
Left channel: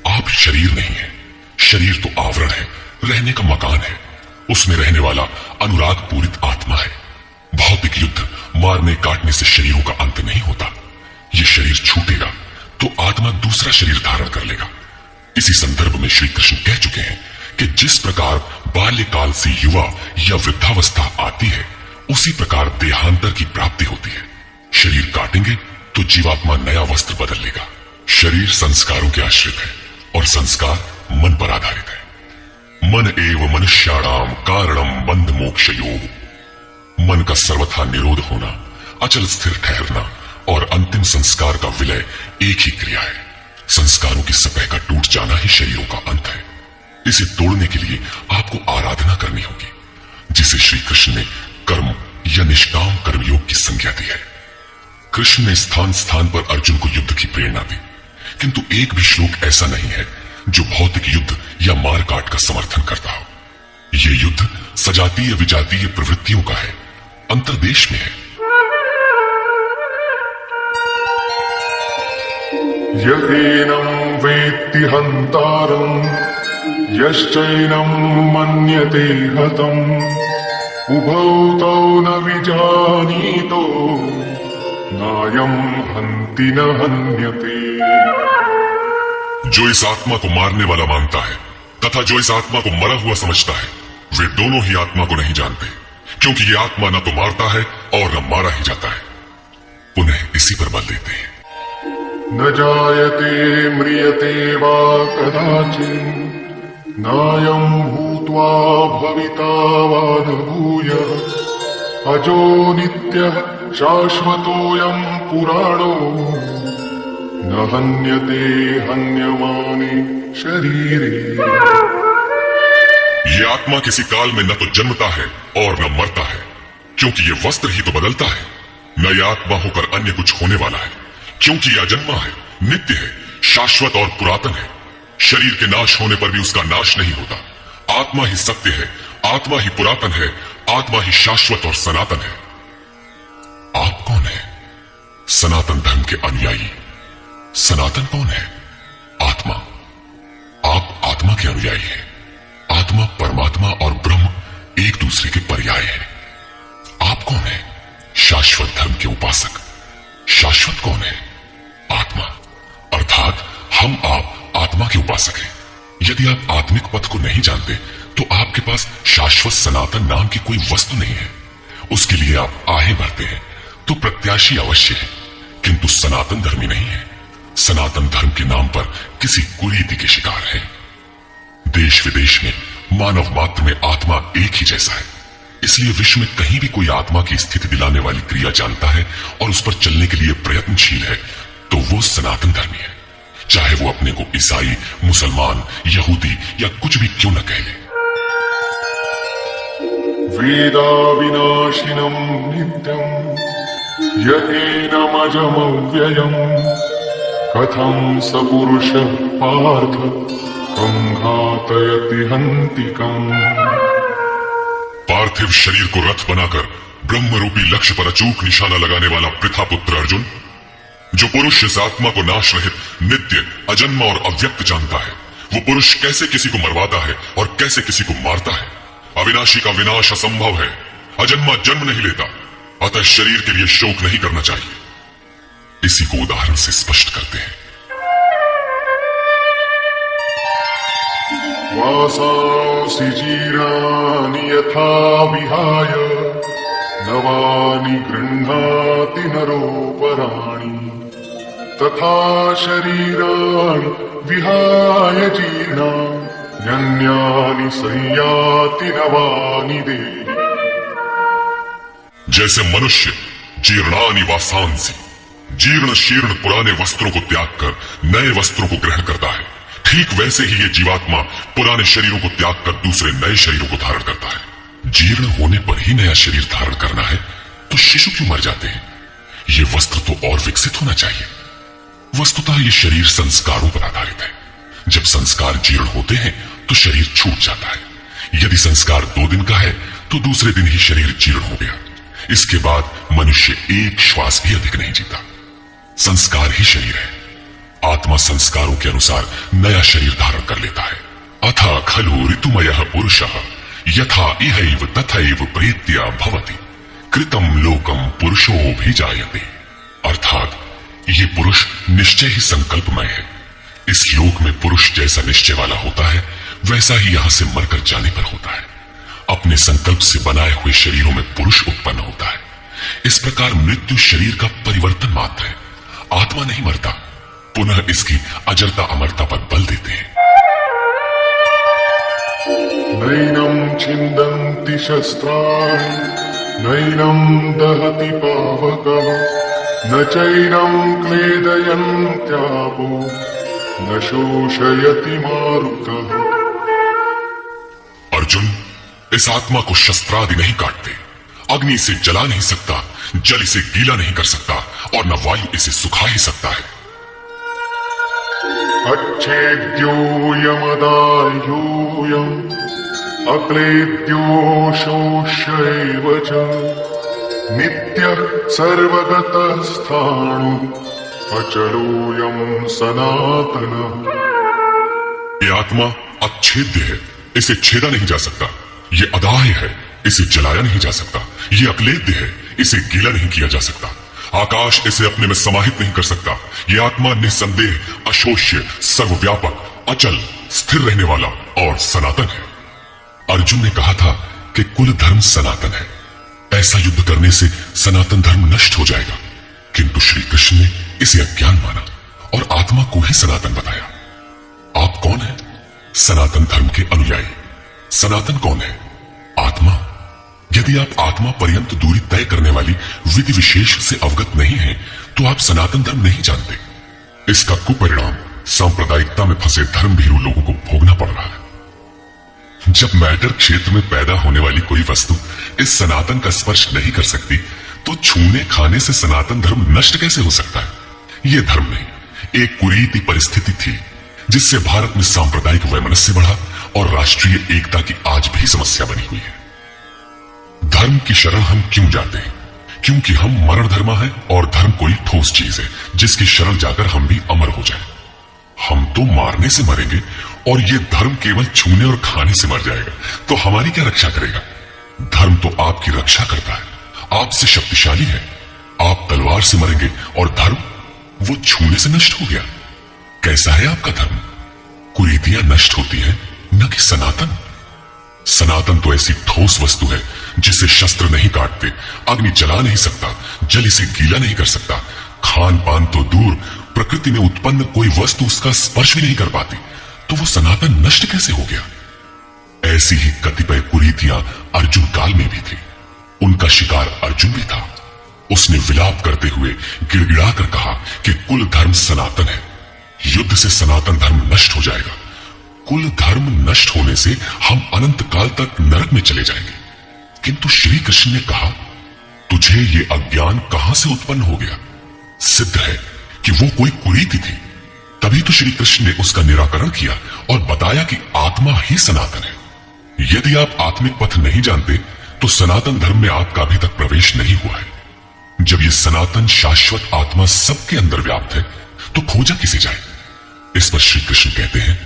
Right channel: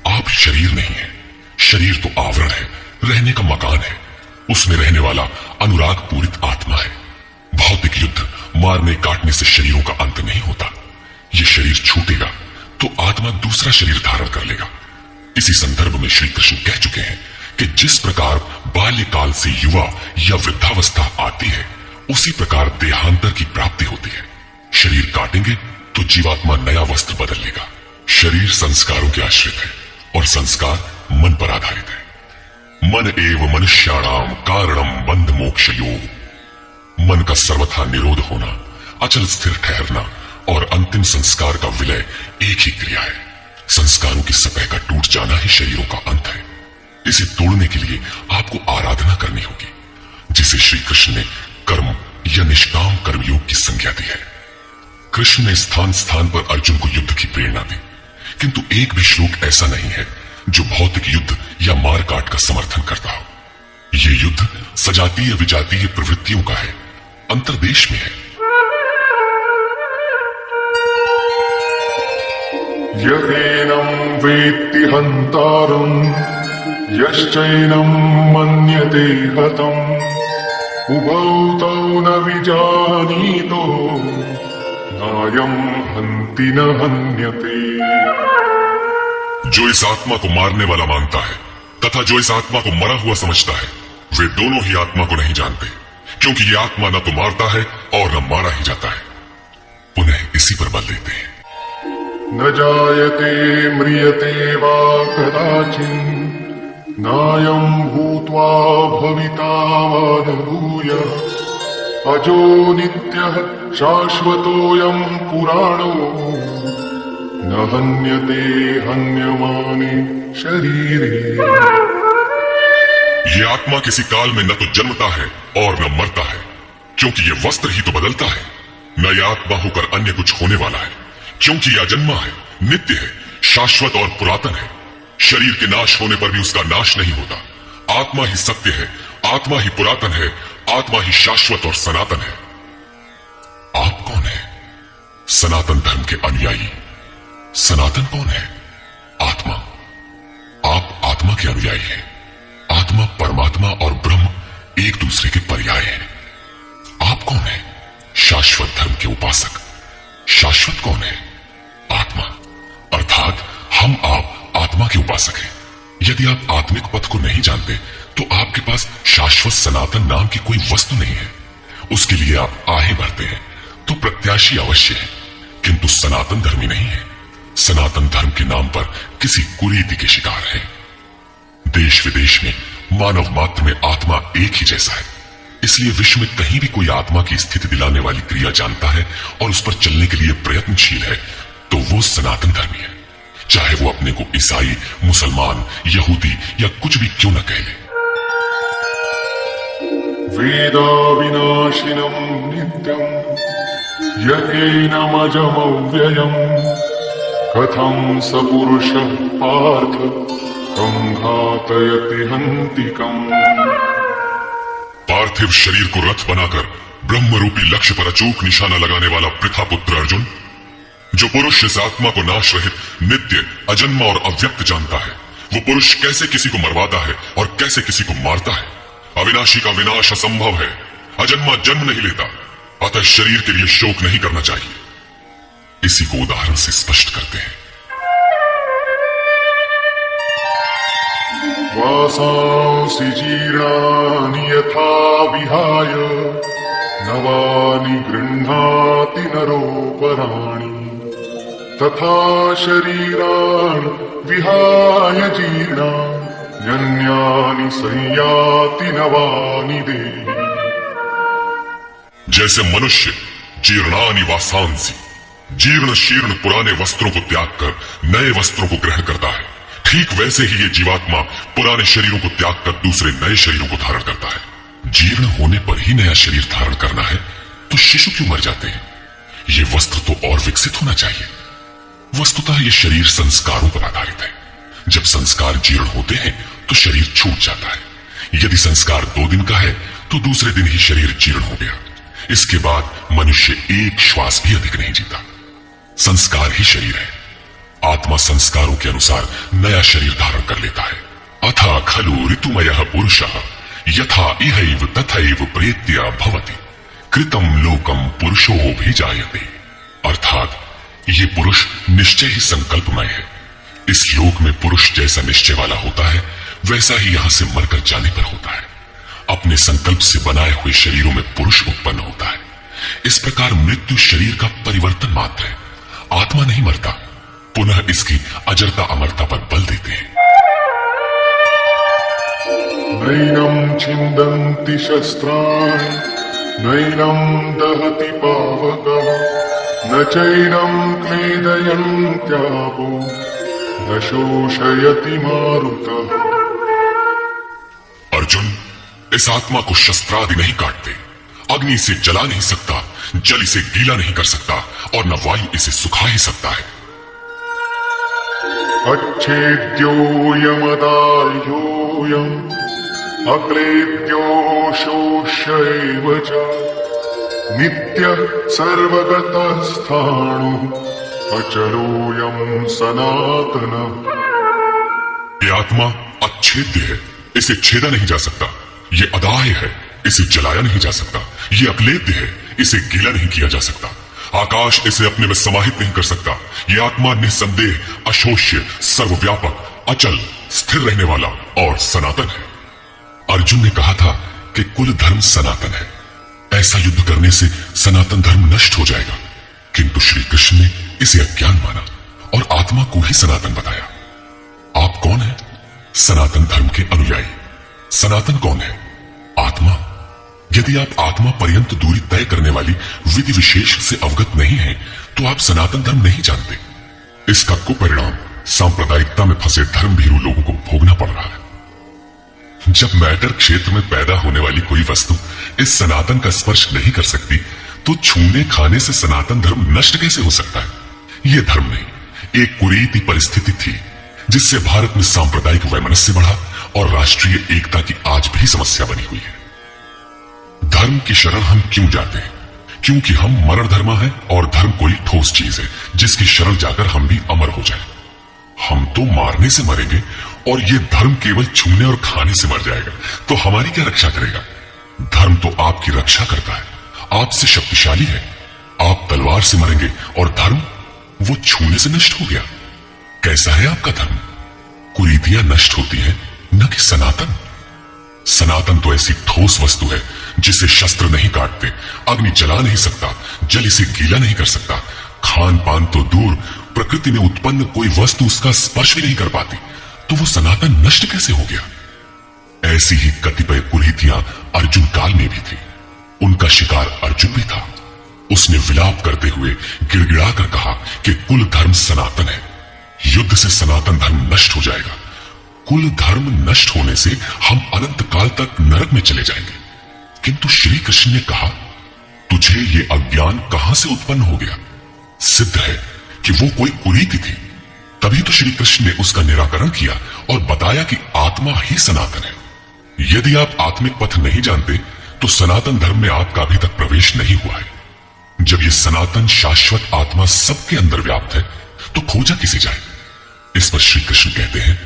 आप शरीर नहीं है, शरीर तो आवरण है, रहने का मकान है। उसमें रहने वाला अनुराग पूरित आत्मा है। भौतिक युद्ध, मारने काटने से शरीरों का अंत नहीं होता। ये शरीर छूटेगा तो आत्मा दूसरा शरीर धारण कर लेगा। इसी संदर्भ में श्री कृष्ण कह चुके हैं कि जिस प्रकार बाल्यकाल से युवा या वृद्धावस्था आती है, उसी प्रकार देहांतर की प्राप्ति होती है। शरीर काटेंगे तो जीवात्मा नया वस्त्र बदल लेगा। शरीर संस्कारों के आश्रित है और संस्कार मन पर आधारित है। मन एव मनुष्याणाम कारणम बंध मोक्षयोः। मन का सर्वथा निरोध होना, अचल स्थिर ठहरना और अंतिम संस्कार का विलय एक ही क्रिया है। संस्कारों की सतह का टूट जाना ही शरीरों का अंत है। इसे तोड़ने के लिए आपको आराधना करनी होगी, जिसे श्री कृष्ण ने कर्म या निष्काम कर्मयोग की संज्ञा दी है। कृष्ण ने स्थान स्थान पर अर्जुन को युद्ध की प्रेरणा दी, किंतु एक भी श्लोक ऐसा नहीं है जो भौतिक युद्ध या मारकाट का समर्थन करता हो। ये युद्ध सजातीय विजातीय प्रवृत्तियों का है, अंतर्देश में है। यदेनं वेत्ति हन्तारं यश्चैनं मन्यते हतम् उभौ तौ न विजानीतो नायं हन्ति न हन्यते। जो इस आत्मा को मारने वाला मानता है तथा जो इस आत्मा को मरा हुआ समझता है, वे दोनों ही आत्मा को नहीं जानते, क्योंकि ये आत्मा न तो मारता है और न मारा ही जाता है। पुनः इसी पर बल देते हैं, न जायते म्रियते वा कदाचित् नायं भूत्वा भविता वा न भूयः अजो नित्यः शाश्वतोऽयं पुराणो न हन्यते हन्यमाने शरीरे। ये आत्मा किसी काल में न तो जन्मता है और न मरता है, क्योंकि ये वस्त्र ही तो बदलता है। न ये आत्मा होकर अन्य कुछ होने वाला है, क्योंकि ये अजन्मा है, नित्य है, शाश्वत और पुरातन है। शरीर के नाश होने पर भी उसका नाश नहीं होता। आत्मा ही सत्य है, आत्मा ही पुरातन है, आत्मा ही शाश्वत और सनातन है। आप कौन है? सनातन धर्म के अनुयायी। सनातन कौन है? आत्मा। आप आत्मा के अनुयायी हैं। आत्मा, परमात्मा और ब्रह्म एक दूसरे के पर्याय हैं। आप कौन है? शाश्वत धर्म के उपासक। शाश्वत कौन है? आत्मा। अर्थात हम आप आत्मा के उपासक हैं। यदि आप आत्मिक पथ को नहीं जानते तो आपके पास शाश्वत सनातन नाम की कोई वस्तु नहीं है। उसके लिए आप आहें भरते हैं तो प्रत्याशी अवश्य है, किंतु सनातन धर्मी नहीं है। सनातन धर्म के नाम पर किसी कुरीति के शिकार है। देश विदेश में मानव मात्र में आत्मा एक ही जैसा है, इसलिए विश्व में कहीं भी कोई आत्मा की स्थिति दिलाने वाली क्रिया जानता है और उस पर चलने के लिए प्रयत्नशील है तो वो सनातन धर्मी है, चाहे वो अपने को ईसाई, मुसलमान, यहूदी या कुछ भी क्यों न कह ले। वेदा विनाशिनम नित्यम यकेनमजमव्ययम् कथं स पुरुषः पार्थ कं घातयति हन्तिकम्। पार्थिव शरीर को रथ बनाकर ब्रह्म रूपी लक्ष्य पर अचूक निशाना लगाने वाला पृथा पुत्र अर्जुन, जो पुरुष इस आत्मा को नाश रहित, नित्य, अजन्मा और अव्यक्त जानता है, वो पुरुष कैसे किसी को मरवाता है और कैसे किसी को मारता है। अविनाशी का विनाश असंभव है, अजन्मा जन्म नहीं लेता, अतः शरीर के लिए शोक नहीं करना चाहिए। इसी को उदाहरण से स्पष्ट करते हैं। वासांसि जीराणि यथा विहाय नवानि गृह्णाति नरोपराणि तथा शरीराणि विहाय जीर्णान्यानि संयाति नवानि देहि। जैसे मनुष्य जीर्णानि वासांसि, जीर्ण शीर्ण पुराने वस्त्रों को त्याग कर नए वस्त्रों को ग्रहण करता है, ठीक वैसे ही ये जीवात्मा पुराने शरीरों को त्याग कर दूसरे नए शरीरों को धारण करता है। जीर्ण होने पर ही नया शरीर धारण करना है तो शिशु क्यों मर जाते हैं? ये वस्त्र तो और विकसित होना चाहिए। वस्तुतः ये शरीर संस्कारों पर आधारित है। जब संस्कार जीर्ण होते हैं तो शरीर छूट जाता है। यदि संस्कार 2 दिन का है तो दूसरे दिन ही शरीर जीर्ण हो गया। इसके बाद मनुष्य एक श्वास भी अधिक नहीं जीता। संस्कार ही शरीर है। आत्मा संस्कारों के अनुसार नया शरीर धारण कर लेता है। अथा खलु ऋतुमयः पुरुषः यथा इहैव तथैव प्रेत्या भवति कृतं लोकं पुरुषोऽभिजायते। अर्थात ये पुरुष निश्चय ही संकल्पमय है। इस लोक में पुरुष जैसा निश्चय वाला होता है वैसा ही यहां से मरकर जाने पर होता है। अपने संकल्प से बनाए हुए शरीरों में पुरुष उत्पन्न होता है। इस प्रकार मृत्यु शरीर का परिवर्तन मात्र है, आत्मा नहीं मरता। पुनः इसकी अजरता अमरता पर बल देते हैं। नैनं छिन्दन्ति शस्त्राणि नैनं दहति पावकः न चैनं क्लेदयन्त्यापो न शोषयति मारुतः। अर्जुन, इस आत्मा को शस्त्रादि नहीं काटते। अग्नि इसे जला नहीं सकता, जल इसे गीला नहीं कर सकता और न वायु इसे सुखा ही सकता है। अच्छेद्यो यमदायोऽयम् अक्लेद्यो शोष्यैव च नित्यः सर्वगतः स्थाणुः अचलोऽयं सनातनः। ये आत्मा अच्छेद्य है, इसे छेदा नहीं जा सकता। ये अदाह्य है, इसे जलाया नहीं जा सकता। ये अक्लेद्य है, इसे गीला नहीं किया जा सकता। आकाश इसे अपने में समाहित नहीं कर सकता। ये आत्मा निसंदेह, अशोष्य, सर्वव्यापक, अचल, स्थिर रहने वाला और सनातन है। अर्जुन ने कहा था कि कुल धर्म सनातन है। ऐसा युद्ध करने से सनातन धर्म नष्ट हो जाएगा, किंतु श्री कृष्ण ने इसे अज्ञान माना और आत्मा को ही सनातन बताया। आप कौन है? सनातन धर्म के अनुयायी। सनातन कौन है? आत्मा। यदि आप आत्मा पर्यंत दूरी तय करने वाली विधि विशेष से अवगत नहीं हैं, तो आप सनातन धर्म नहीं जानते। इसका कुपरिणाम सांप्रदायिकता में फंसे धर्मभीरू लोगों को भोगना पड़ रहा है। जब मैटर क्षेत्र में पैदा होने वाली कोई वस्तु इस सनातन का स्पर्श नहीं कर सकती, तो छूने खाने से सनातन धर्म नष्ट कैसे हो सकता है? यह धर्म नहीं, एक कुरीति परिस्थिति थी जिससे भारत में सांप्रदायिक वैमनस्य बढ़ा और राष्ट्रीय एकता की आज भी समस्या बनी हुई है। धर्म की शरण हम क्यों जाते हैं? क्योंकि हम मरण धर्मा हैं और धर्म कोई ठोस चीज है जिसकी शरण जाकर हम भी अमर हो जाएं। हम तो मारने से मरेंगे और ये धर्म केवल छूने और खाने से मर जाएगा, तो हमारी क्या रक्षा करेगा? धर्म तो आपकी रक्षा करता है, आपसे शक्तिशाली है। आप तलवार से मरेंगे और धर्म वो छूने से नष्ट हो गया। कैसा है आपका धर्म? कुरीतियां नष्ट होती है, न कि सनातन। सनातन तो ऐसी ठोस वस्तु है जिसे शस्त्र नहीं काटते, अग्नि जला नहीं सकता, जल इसे गीला नहीं कर सकता, खान पान तो दूर, प्रकृति में उत्पन्न कोई वस्तु उसका स्पर्श भी नहीं कर पाती, तो वो सनातन नष्ट कैसे हो गया? ऐसी ही कतिपय कुरीतियां अर्जुन काल में भी थी। उनका शिकार अर्जुन भी था। उसने विलाप करते हुए गिड़गिड़ाकर कहा कि कुल धर्म सनातन है, युद्ध से सनातन धर्म नष्ट हो जाएगा। कुल धर्म नष्ट होने से हम अनंत काल तक नरक में चले जाएंगे। किंतु श्री कृष्ण ने कहा, तुझे ये अज्ञान कहां से उत्पन्न हो गया? सिद्ध है कि वो कोई कुरीति थी, तभी तो श्री कृष्ण ने उसका निराकरण किया और बताया कि आत्मा ही सनातन है। यदि आप आत्मिक पथ नहीं जानते तो सनातन धर्म में आपका अभी तक प्रवेश नहीं हुआ है। जब ये सनातन शाश्वत आत्मा सबके अंदर व्याप्त है तो खोजा किसे जाए? इस पर श्री कृष्ण कहते हैं,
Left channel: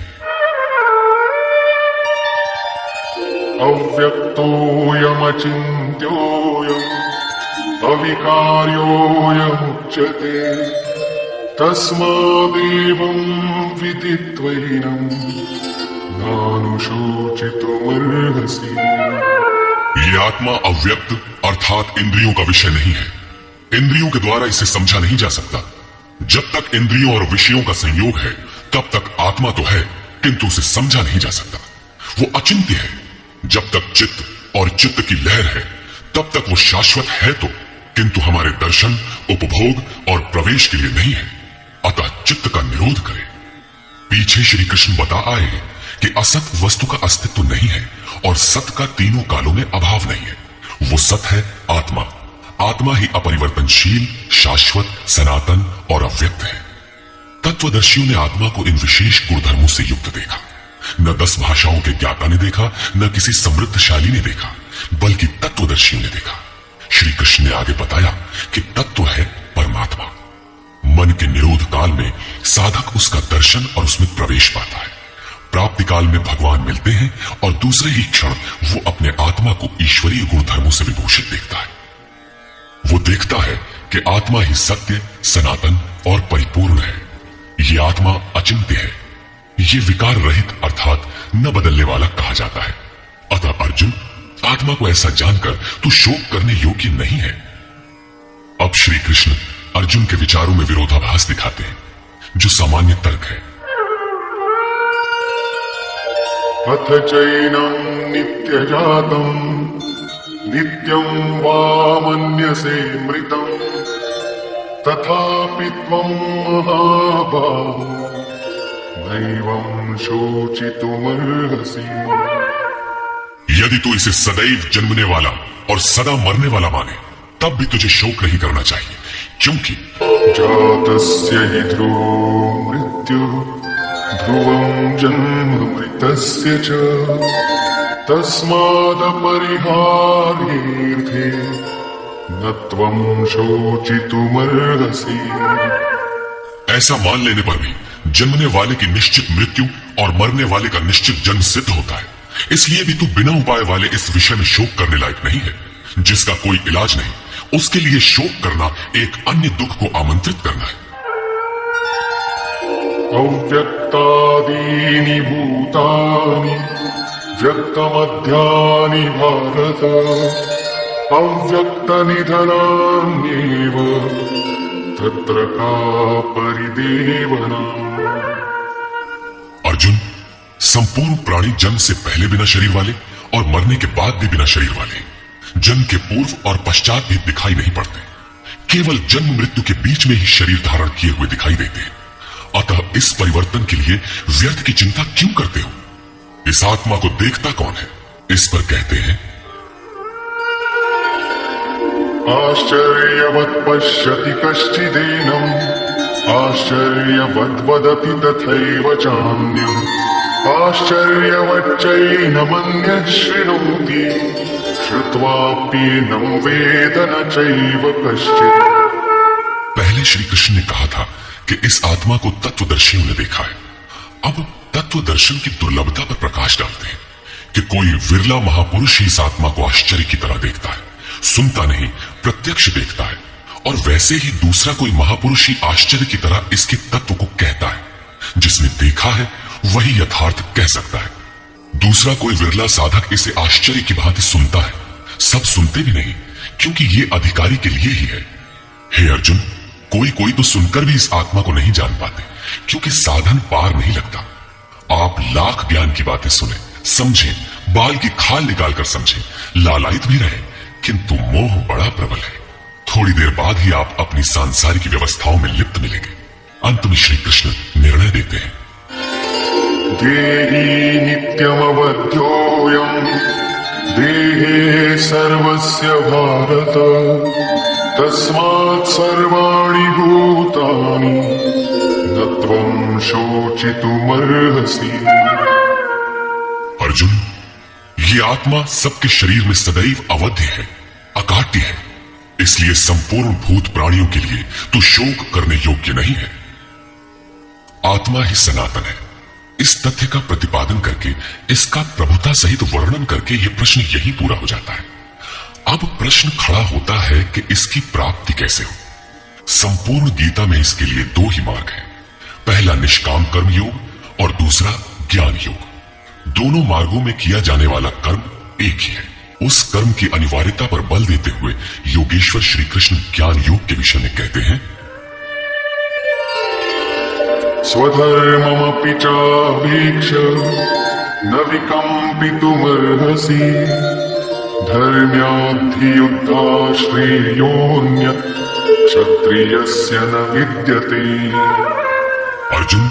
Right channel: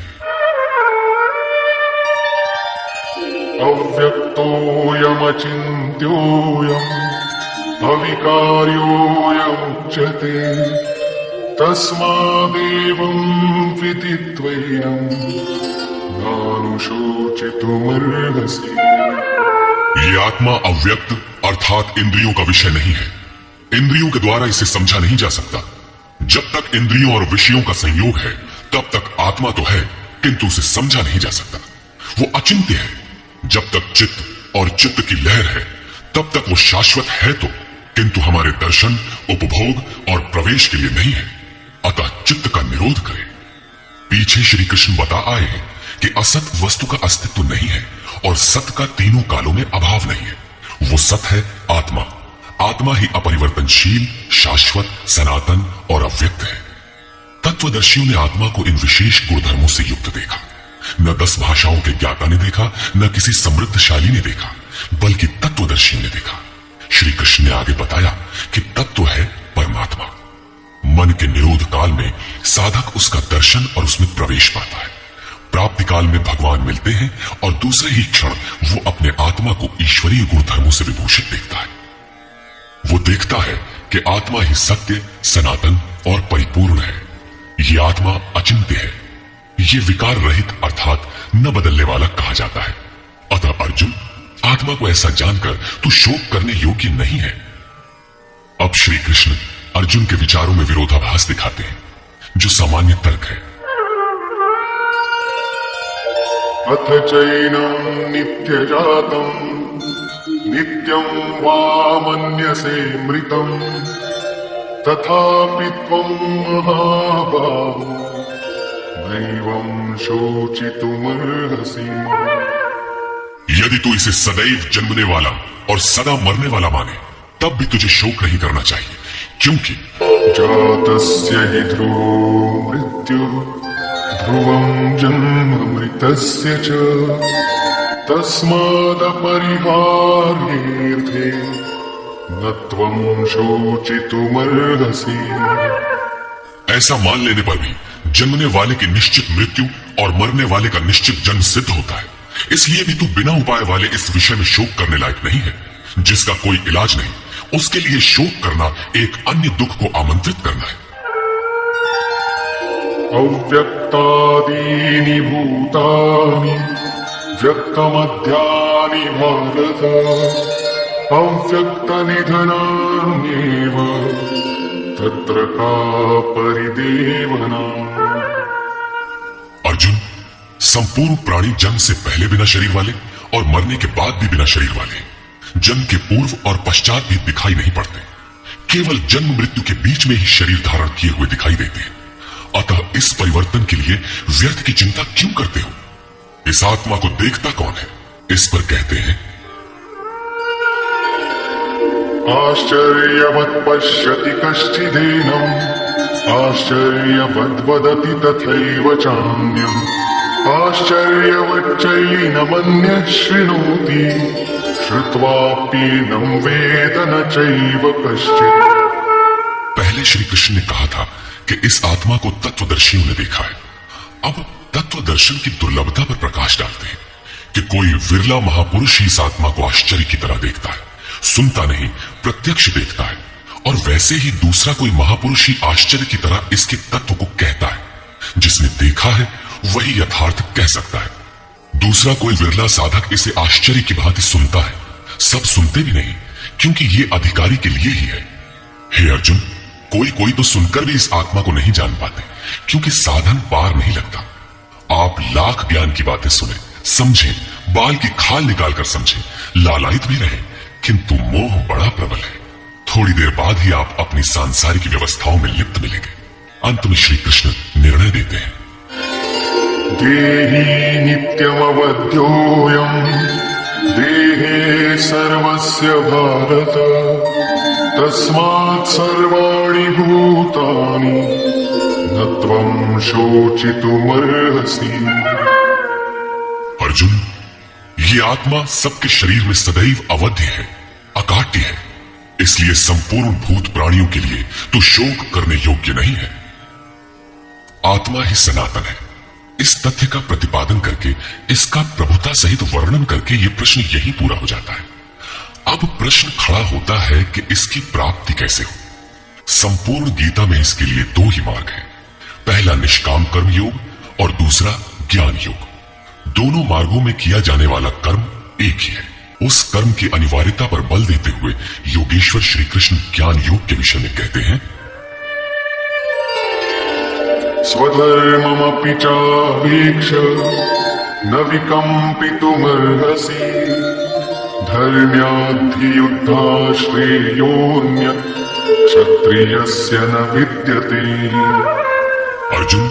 अव्यक्तोऽयमचिन्त्योऽयम् अविकार्योऽयमुच्यते तस्मादेवं विदित्वैनं नानुशोचितुमर्हसि। ये आत्मा अव्यक्त अर्थात इंद्रियों का विषय नहीं है। इंद्रियों के द्वारा इसे समझा नहीं जा सकता। जब तक इंद्रियों और विषयों का संयोग है तब तक आत्मा तो है, किंतु उसे समझा नहीं जा सकता। वो अचिंत्य है। जब तक चित्त और चित्त की लहर है तब तक वो शाश्वत है तो, किंतु हमारे दर्शन, उपभोग और प्रवेश के लिए नहीं है। अतः चित्त का निरोध करें। पीछे श्री कृष्ण बता आए हैं कि असत वस्तु का अस्तित्व नहीं है और सत का तीनों कालों में अभाव नहीं है। वो सत है आत्मा। आत्मा ही अपरिवर्तनशील, शाश्वत, सनातन और अव्यक्त है। तत्वदर्शियों ने आत्मा को इन विशेष गुणधर्मों से युक्त देखा। न 10 भाषाओं के ज्ञाता ने देखा, न किसी समृद्धशाली ने देखा, बल्कि तत्वदर्शियों ने देखा। श्री कृष्ण ने आगे बताया कि तत्व है परमात्मा। मन के निरोध काल में साधक उसका दर्शन और उसमें प्रवेश पाता है। प्राप्ति काल में भगवान मिलते हैं और दूसरे ही क्षण वो अपने आत्मा को ईश्वरीय गुणधर्मों से विभूषित देखता है। वो देखता है कि आत्मा ही सत्य, सनातन और परिपूर्ण है। ये आत्मा अचिंत्य है। ये विकार रहित अर्थात न बदलने वाला कहा जाता है। अतः अर्जुन, आत्मा को ऐसा जानकर तू शोक करने योग्य नहीं है। अब श्री कृष्ण अर्जुन के विचारों में विरोधाभास दिखाते हैं, जो सामान्य तर्क है। अथ चैनं नित्यजातं नित्यं वा मन्यसे मृतं तथापि त्वं महाबाहो दैवं शोचितुमर्हसि। यदि तू इसे सदैव जन्मने वाला और सदा मरने वाला माने तब भी तुझे शोक नहीं करना चाहिए, क्योंकि जातस्य हि ध्रुवो मृत्युः ध्रुवं जन्म मृतस्य च तस्मादपरिहार्येऽर्थे न त्वं शोचितुमर्हसि। ऐसा मान लेने पर भी जन्मने वाले की निश्चित मृत्यु और मरने वाले का निश्चित जन्म सिद्ध होता है। इसलिए भी तू बिना उपाय वाले इस विषय में शोक करने लायक नहीं है। जिसका कोई इलाज नहीं, उसके लिए शोक करना एक अन्य दुख को आमंत्रित करना है। अव्यक्तादीनि भूतानि व्यक्तमध्यानि भारत अव्यक्तनिधनान्येव तत्र का परिदेवना। अर्जुन, संपूर्ण प्राणी जन्म से पहले बिना शरीर वाले और मरने के बाद भी बिना शरीर वाले, जन्म के पूर्व और पश्चात भी दिखाई नहीं पड़ते, केवल जन्म मृत्यु के बीच में ही शरीर धारण किए हुए दिखाई देते हैं। अतः इस परिवर्तन के लिए व्यर्थ की चिंता क्यों करते हो? इस आत्मा को देखता कौन है? इस पर कहते हैं, आश्चर्यवत् पश्यति कश्चिदेनम् आश्चर्यवद् वदति तथैव चान्यम् आश्चर्यवच्चैनमन्यः शृणोति श्रुत्वाप्येनं वेद न चैव कश्चित्। पहले श्री कृष्ण ने कहा था कि इस आत्मा को तत्वदर्शियों ने देखा है। अब तत्वदर्शन की दुर्लभता पर प्रकाश डालते हैं कि कोई विरला महापुरुष ही इस आत्मा को आश्चर्य की तरह देखता है, सुनता नहीं प्रत्यक्ष देखता है। और वैसे ही दूसरा कोई महापुरुष ही आश्चर्य की तरह इसके तत्व को कहता है। जिसने देखा है वही यथार्थ कह सकता है। दूसरा कोई विरला साधक इसे आश्चर्य की भांति सुनता है। सब सुनते भी नहीं, क्योंकि ये अधिकारी के लिए ही है। हे अर्जुन, कोई कोई तो सुनकर भी इस आत्मा को नहीं जान पाते, क्योंकि साधन पार नहीं लगता। आप लाख ज्ञान की बातें सुने, समझे, बाल की खाल निकालकर समझे, लालायित भी रहे, किंतु मोह बड़ा प्रबल है। थोड़ी देर बाद ही आप अपनी सांसारिक व्यवस्थाओं में लिप्त मिलेंगे। अंत में श्री कृष्ण निर्णय देते हैं, देहि नित्यमवध्योऽयम् देहे सर्वस्य भारत तस्मात् सर्वाणि भूतानि न त्वं शोचितुमर्हसि। अर्जुन, ये आत्मा सबके शरीर में सदैव अवध्य है, अकाट्य है। इसलिए संपूर्ण भूत प्राणियों के लिए तो शोक करने योग्य नहीं है। आत्मा ही सनातन है। इस तथ्य का प्रतिपादन करके, इसका प्रभुता सहित वर्णन करके यह प्रश्न यही पूरा हो जाता है। अब प्रश्न खड़ा होता है कि इसकी प्राप्ति कैसे हो। संपूर्ण गीता में इसके लिए दो ही मार्ग हैं। पहला निष्काम कर्म योग और दूसरा ज्ञान योग। दोनों मार्गों में किया जाने वाला कर्म एक ही है। उस कर्म की अनिवार्यता पर बल देते हुए योगेश्वर श्री कृष्ण ज्ञान योग के विषय में कहते हैं, स्वधर्ममपि चावीक्ष्य न विकम्पितुमर्हसि धर्म्याद्धियुद्धा श्रेयोऽन्यत् क्षत्रियस्य न विद्यते। अर्जुन,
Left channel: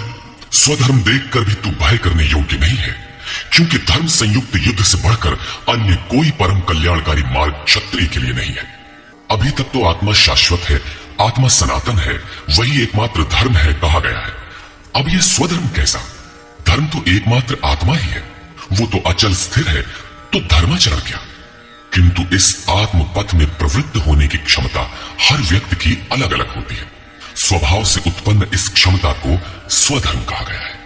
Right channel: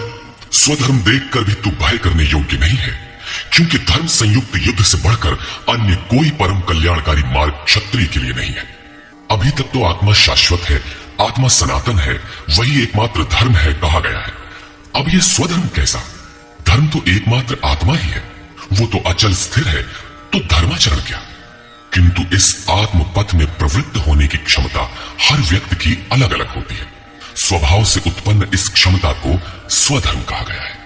स्वधर्म देखकर भी तू भय करने योग्य नहीं है, क्योंकि धर्म संयुक्त युद्ध से बढ़कर अन्य कोई परम कल्याणकारी मार्ग क्षत्रिय के लिए नहीं है। अभी तक तो आत्मा शाश्वत है, आत्मा सनातन है, वही एकमात्र धर्म है कहा गया है। अब यह स्वधर्म कैसा? धर्म तो एकमात्र आत्मा ही है, वो तो अचल स्थिर है, तो धर्माचरण क्या? किंतु इस आत्म पथ में प्रवृत्त होने की क्षमता हर व्यक्ति की अलग अलग होती है। स्वभाव से उत्पन्न इस क्षमता को स्वधर्म कहा गया है।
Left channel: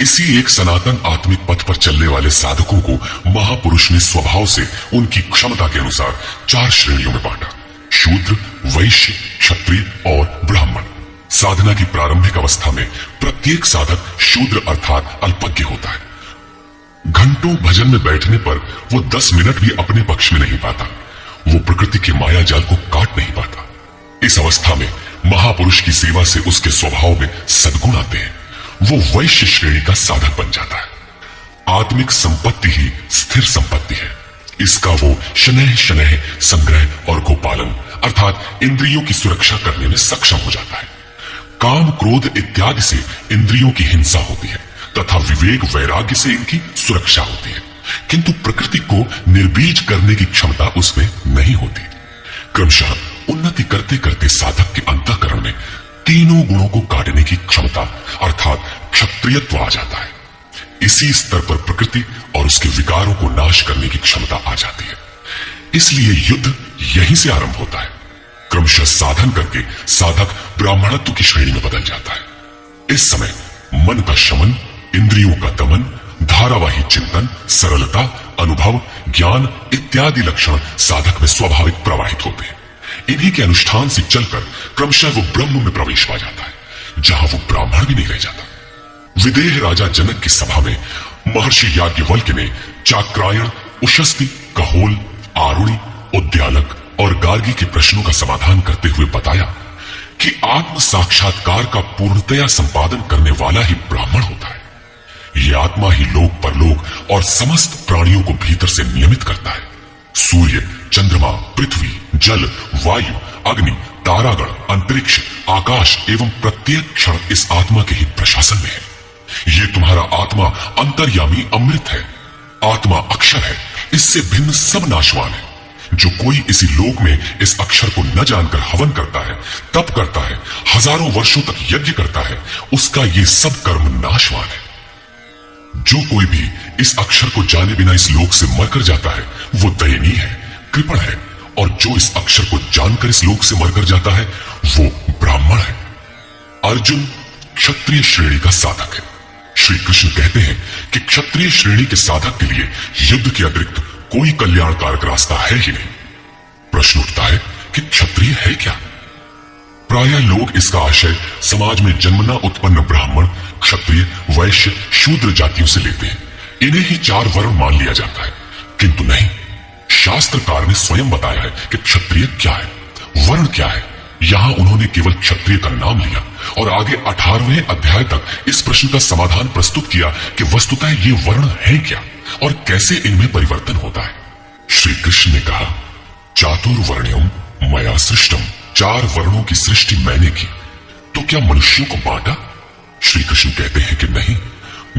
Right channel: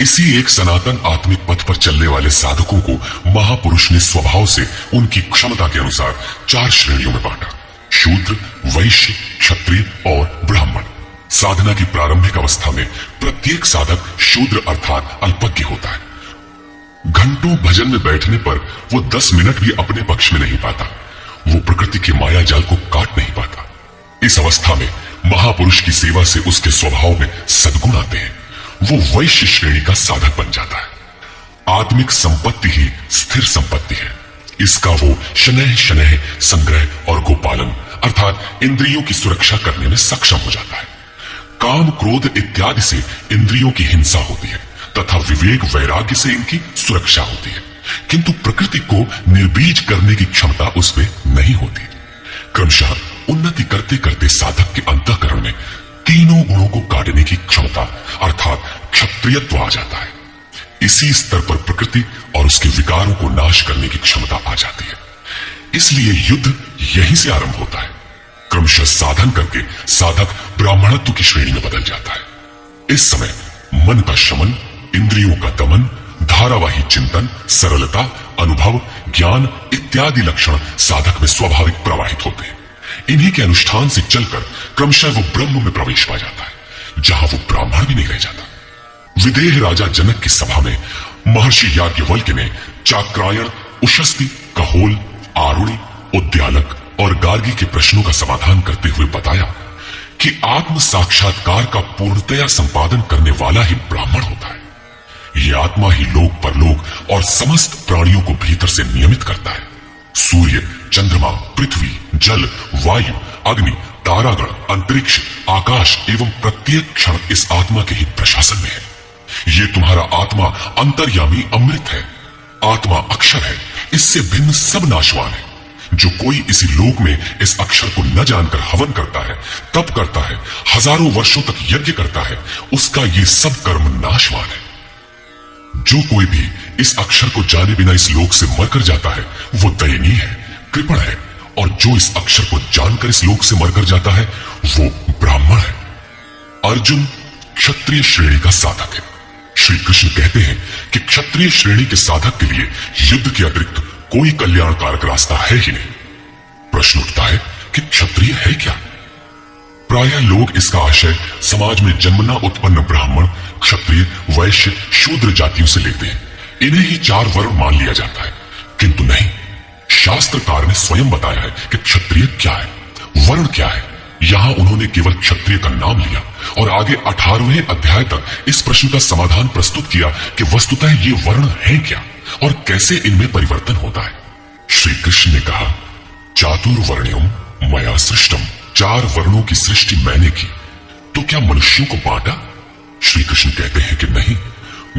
इसी एक सनातन आत्मिक पथ पर चलने वाले साधकों को महापुरुष ने स्वभाव से उनकी क्षमता के अनुसार 4 श्रेणियों में बांटा: शूद्र, वैश्य, क्षत्रिय और ब्राह्मण। साधना की प्रारंभिक अवस्था में प्रत्येक साधक शूद्र अर्थात अल्पज्ञ होता है। घंटों भजन में बैठने पर वो 10 मिनट भी अपने पक्ष में नहीं पाता। वो प्रकृति के माया जाल को काट नहीं पाता। इस अवस्था में महापुरुष की सेवा से उसके स्वभाव में सद्गुण आते हैं। वो वैश्य श्रेणी का साधक बन जाता है। आत्मिक संपत्ति ही स्थिर संपत्ति है। इसका वो शनैः शनैः संग्रह और गोपालन अर्थात इंद्रियों की सुरक्षा करने में सक्षम हो जाता है। काम, क्रोध इत्यादि से इंद्रियों की हिंसा होती है तथा विवेक, वैराग्य से इनकी सुरक्षा होती है, किंतु प्रकृति को निर्बीज करने की क्षमता उसमें नहीं होती। क्रमशः उन्नति करते करते साधक के अंतःकरण में तीनों गुणों को काटने की क्षमता अर्थात क्षत्रियत्व आ जाता है। इसी स्तर पर प्रकृति और उसके विकारों को नाश करने की क्षमता आ जाती है। इसलिए युद्ध यहीं से आरंभ होता है। क्रमशः साधन करके साधक ब्राह्मणत्व की श्रेणी में बदल जाता है। इस समय मन का शमन, इंद्रियों का दमन, धारावाही चिंतन, सरलता, अनुभव, ज्ञान इत्यादि लक्षण साधक में स्वाभाविक प्रवाहित होते हैं। इन्हीं के अनुष्ठान से चलकर क्रमशः वो ब्रह्म में प्रवेश पा जाता है, जहां वो ब्राह्मण भी नहीं रह जाता। विदेह राजा जनक की सभा में महर्षि याज्ञवल्क्य ने चाक्रायण, उशस्ती, कहोल, आरुणि, उद्यालक और गार्गी के प्रश्नों का समाधान करते हुए बताया कि आत्म साक्षात्कार का पूर्णतया संपादन करने वाला ही ब्राह्मण होता है। ये आत्मा ही लोक परलोक और समस्त प्राणियों को भीतर से नियमित करता है। सूर्य, चंद्रमा, पृथ्वी, जल, वायु, अग्नि, तारागण, अंतरिक्ष, आकाश एवं प्रत्येक क्षण इस आत्मा के ही प्रशासन में है। ये तुम्हारा आत्मा अंतर्यामी अमृत है, आत्मा अक्षर है, इससे भिन्न सब नाशवान है। जो कोई इसी लोक में इस अक्षर को न जानकर हवन करता है, तप करता है, हजारों वर्षों तक यज्ञ करता है, उसका ये सब कर्म नाशवान है। जो कोई भी इस अक्षर को जाने बिना इस लोक से मरकर जाता है, वो दयनीय है, कृपण है, और जो इस अक्षर को जानकर इस लोक से मरकर जाता है, वो ब्राह्मण है। अर्जुन क्षत्रिय श्रेणी का साधक है। श्री कृष्ण कहते हैं कि क्षत्रिय श्रेणी के साधक के लिए युद्ध के अतिरिक्त कोई कल्याणकारक रास्ता है ही नहीं। प्रश्न उठता है कि क्षत्रिय है क्या? प्रायः लोग इसका आशय समाज में जन्मना उत्पन्न ब्राह्मण, क्षत्रिय, वैश्य, शूद्र जातियों से लेते हैं। इन्हें ही 4 वर्ण मान लिया जाता है, किंतु नहीं। शास्त्रकार ने स्वयं बताया है कि क्षत्रिय क्या है, वर्ण क्या है। यहां उन्होंने केवल क्षत्रिय का नाम लिया और आगे 18वें अध्याय तक इस प्रश्न का समाधान प्रस्तुत किया कि वस्तुतः ये वर्ण है क्या और कैसे इनमें परिवर्तन होता है। श्री कृष्ण ने कहा, चातुर्वर्ण्यम मया सृष्टम, 4 वर्णों की सृष्टि मैंने की। तो क्या मनुष्यों को बांटा? श्री कृष्ण कहते हैं कि नहीं,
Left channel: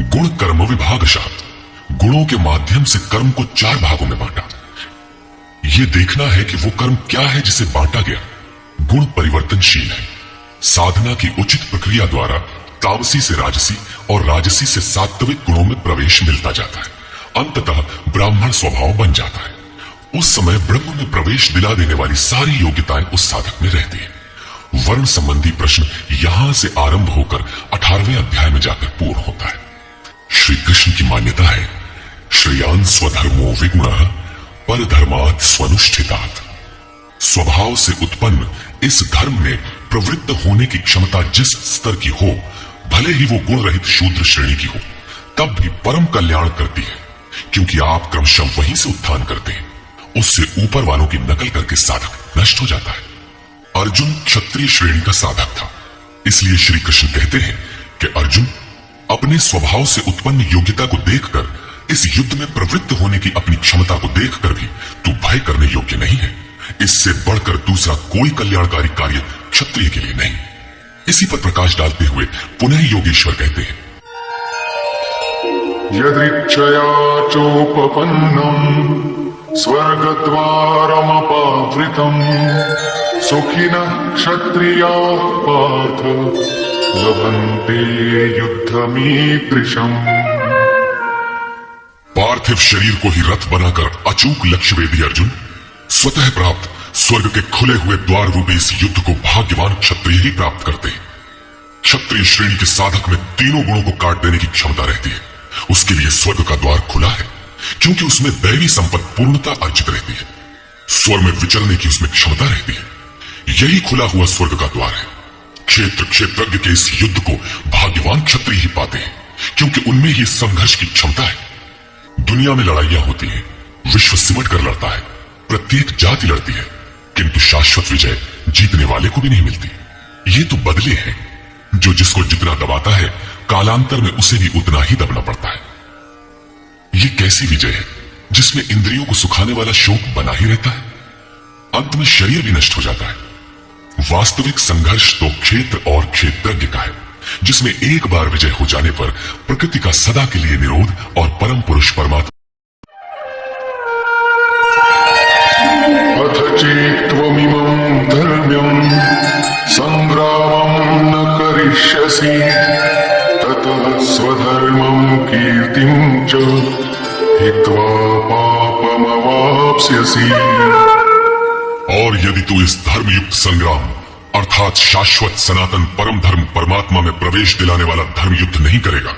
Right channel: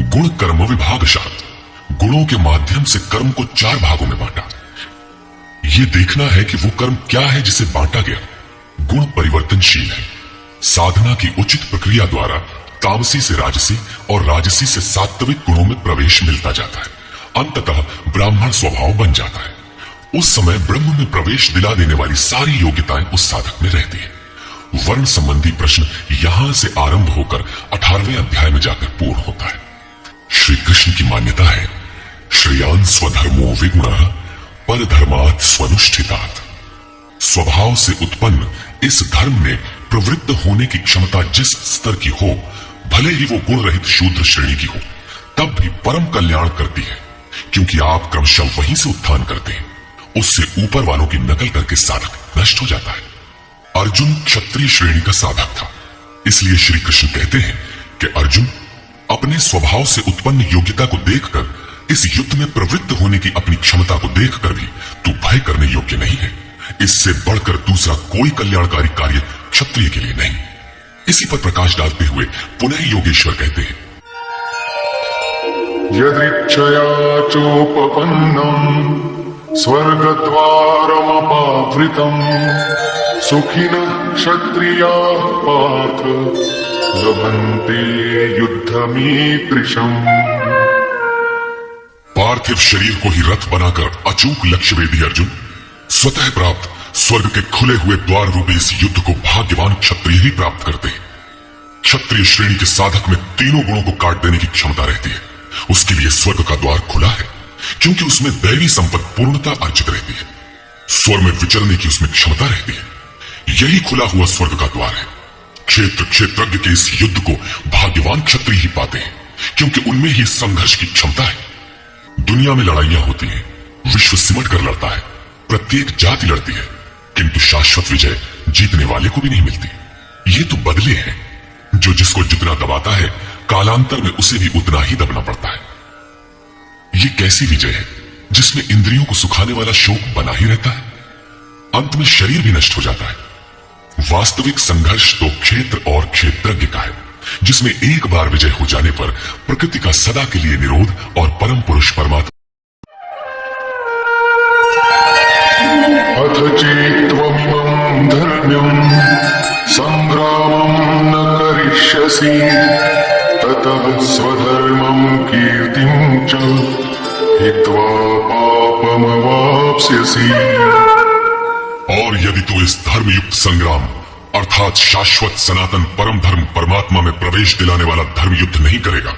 गुण कर्म विभागशात, गुणों के माध्यम से कर्म को 4 भागों में बांटा। ये देखना है कि वो कर्म क्या है जिसे बांटा गया। गुण परिवर्तनशील है। साधना की उचित प्रक्रिया द्वारा तामसी से राजसी और राजसी से सात्विक गुणों में प्रवेश मिलता जाता है। अंततः ब्राह्मण स्वभाव बन जाता है। उस समय ब्रह्म में प्रवेश दिला देने वाली सारी योग्यताएं उस साधक में रहती है। वर्ण संबंधी प्रश्न यहां से आरंभ होकर 18वें अध्याय में जाकर पूर्ण होता है। श्री कृष्ण की मान्यता है, श्रेयान स्वधर्मो विगुणः परधर्मात् स्वनुष्ठितात्। स्वभाव से उत्पन्न इस धर्म में प्रवृत्त होने की क्षमता जिस स्तर की हो, भले ही वो गुण रहित शूद्र श्रेणी की हो, तब भी परम कल्याण करती है, क्योंकि आप क्रमशः वहीं से उत्थान करते हैं। उससे ऊपर वालों की नकल करके साधक नष्ट हो जाता है। अर्जुन क्षत्रिय श्रेणी का साधक था, इसलिए श्री कृष्ण कहते हैं कि अर्जुन, अपने स्वभाव से उत्पन्न योग्यता को देखकर, इस युद्ध में प्रवृत्त होने की अपनी क्षमता को देखकर भी तू भय करने योग्य नहीं है। इससे बढ़कर दूसरा कोई कल्याणकारी कार्य क्षत्रिय के लिए नहीं। इसी पर प्रकाश डालते हुए पुनः योगेश्वर कहते हैं, यदृच्छया चोपपन्नम् स्वर्गद्वारमपावृतम् सुखिनः क्षत्रियाः पार्थ लभन्ते युद्धमीदृशम्। पार्थिव शरीर को ही रथ बनाकर अचूक लक्ष्य वेदी अर्जुन, स्वतः प्राप्त स्वर्ग के खुले हुए द्वार रूपी इस युद्ध को भाग्यवान क्षत्रिय ही प्राप्त करते हैं। क्षत्रिय श्रेणी के साधक में तीनों गुणों को काट देने की क्षमता रहती है। उसके लिए स्वर्ग का द्वार खुला है, क्योंकि उसमें दैवी संपत्ति पूर्णता अर्जित रहती है। स्वर में विचरने की उसमें क्षमता रहती है। यही खुला हुआ स्वर्ग का द्वार है। क्षेत्र क्षेत्रज्ञ के इस युद्ध को भाग्यवान क्षत्रिय ही पाते हैं, क्योंकि उनमें ही संघर्ष की क्षमता है। दुनिया में लड़ाइयां होती हैं, विश्व सिमट कर लड़ता है, प्रत्येक जाति लड़ती है, किंतु शाश्वत विजय जीतने वाले को भी नहीं मिलती। ये तो बदले हैं, जो जिसको जितना दबाता है, कालांतर में उसे भी उतना ही दबना पड़ता है। ये कैसी विजय है जिसमें इंद्रियों को सुखाने वाला शोक बना ही रहता है, अंत में शरीर भी नष्ट हो जाता है। वास्तविक संघर्ष तो क्षेत्र और क्षेत्रज्ञ का है, जिसमें एक बार विजय हो जाने पर प्रकृति का सदा के लिए निरोध और परम पुरुष परमात्मा। अथ चेत्त्वमिमं धर्म्यं संग्रामं न करिष्यसि ततः स्वधर्मं कीर्तिं च हित्वा पापमवाप्स्यसि। और यदि तू इस धर्मयुक्त संग्राम अर्थात शाश्वत सनातन परम धर्म परमात्मा में प्रवेश दिलाने वाला धर्म युद्ध नहीं करेगा,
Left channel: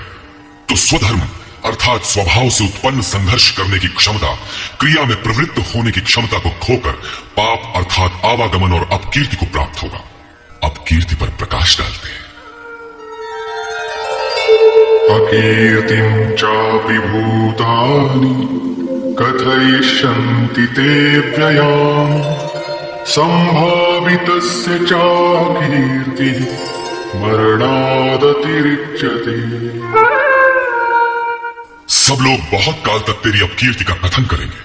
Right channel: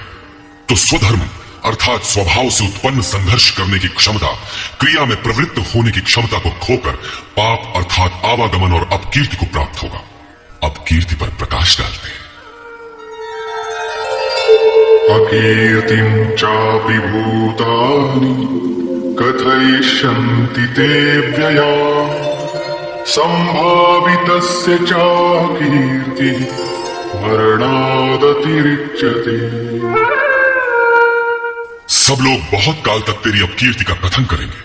तो स्वधर्म अर्थात स्वभाव से उत्पन्न संघर्ष करने की क्षमता, क्रिया में प्रवृत्त होने की क्षमता को खोकर पाप अर्थात आवागमन और अपकीर्ति को प्राप्त होगा। अपकीर्ति पर प्रकाश डालते हैं। अकीर्तिं चापि भूतानि कथयिष्यन्ति ते व्ययाम् संभावितस्य च कीर्तिः मरणादतिरिच्यते। सब लोग बहुत काल तक तेरी अपकीर्ति का कथन करेंगे।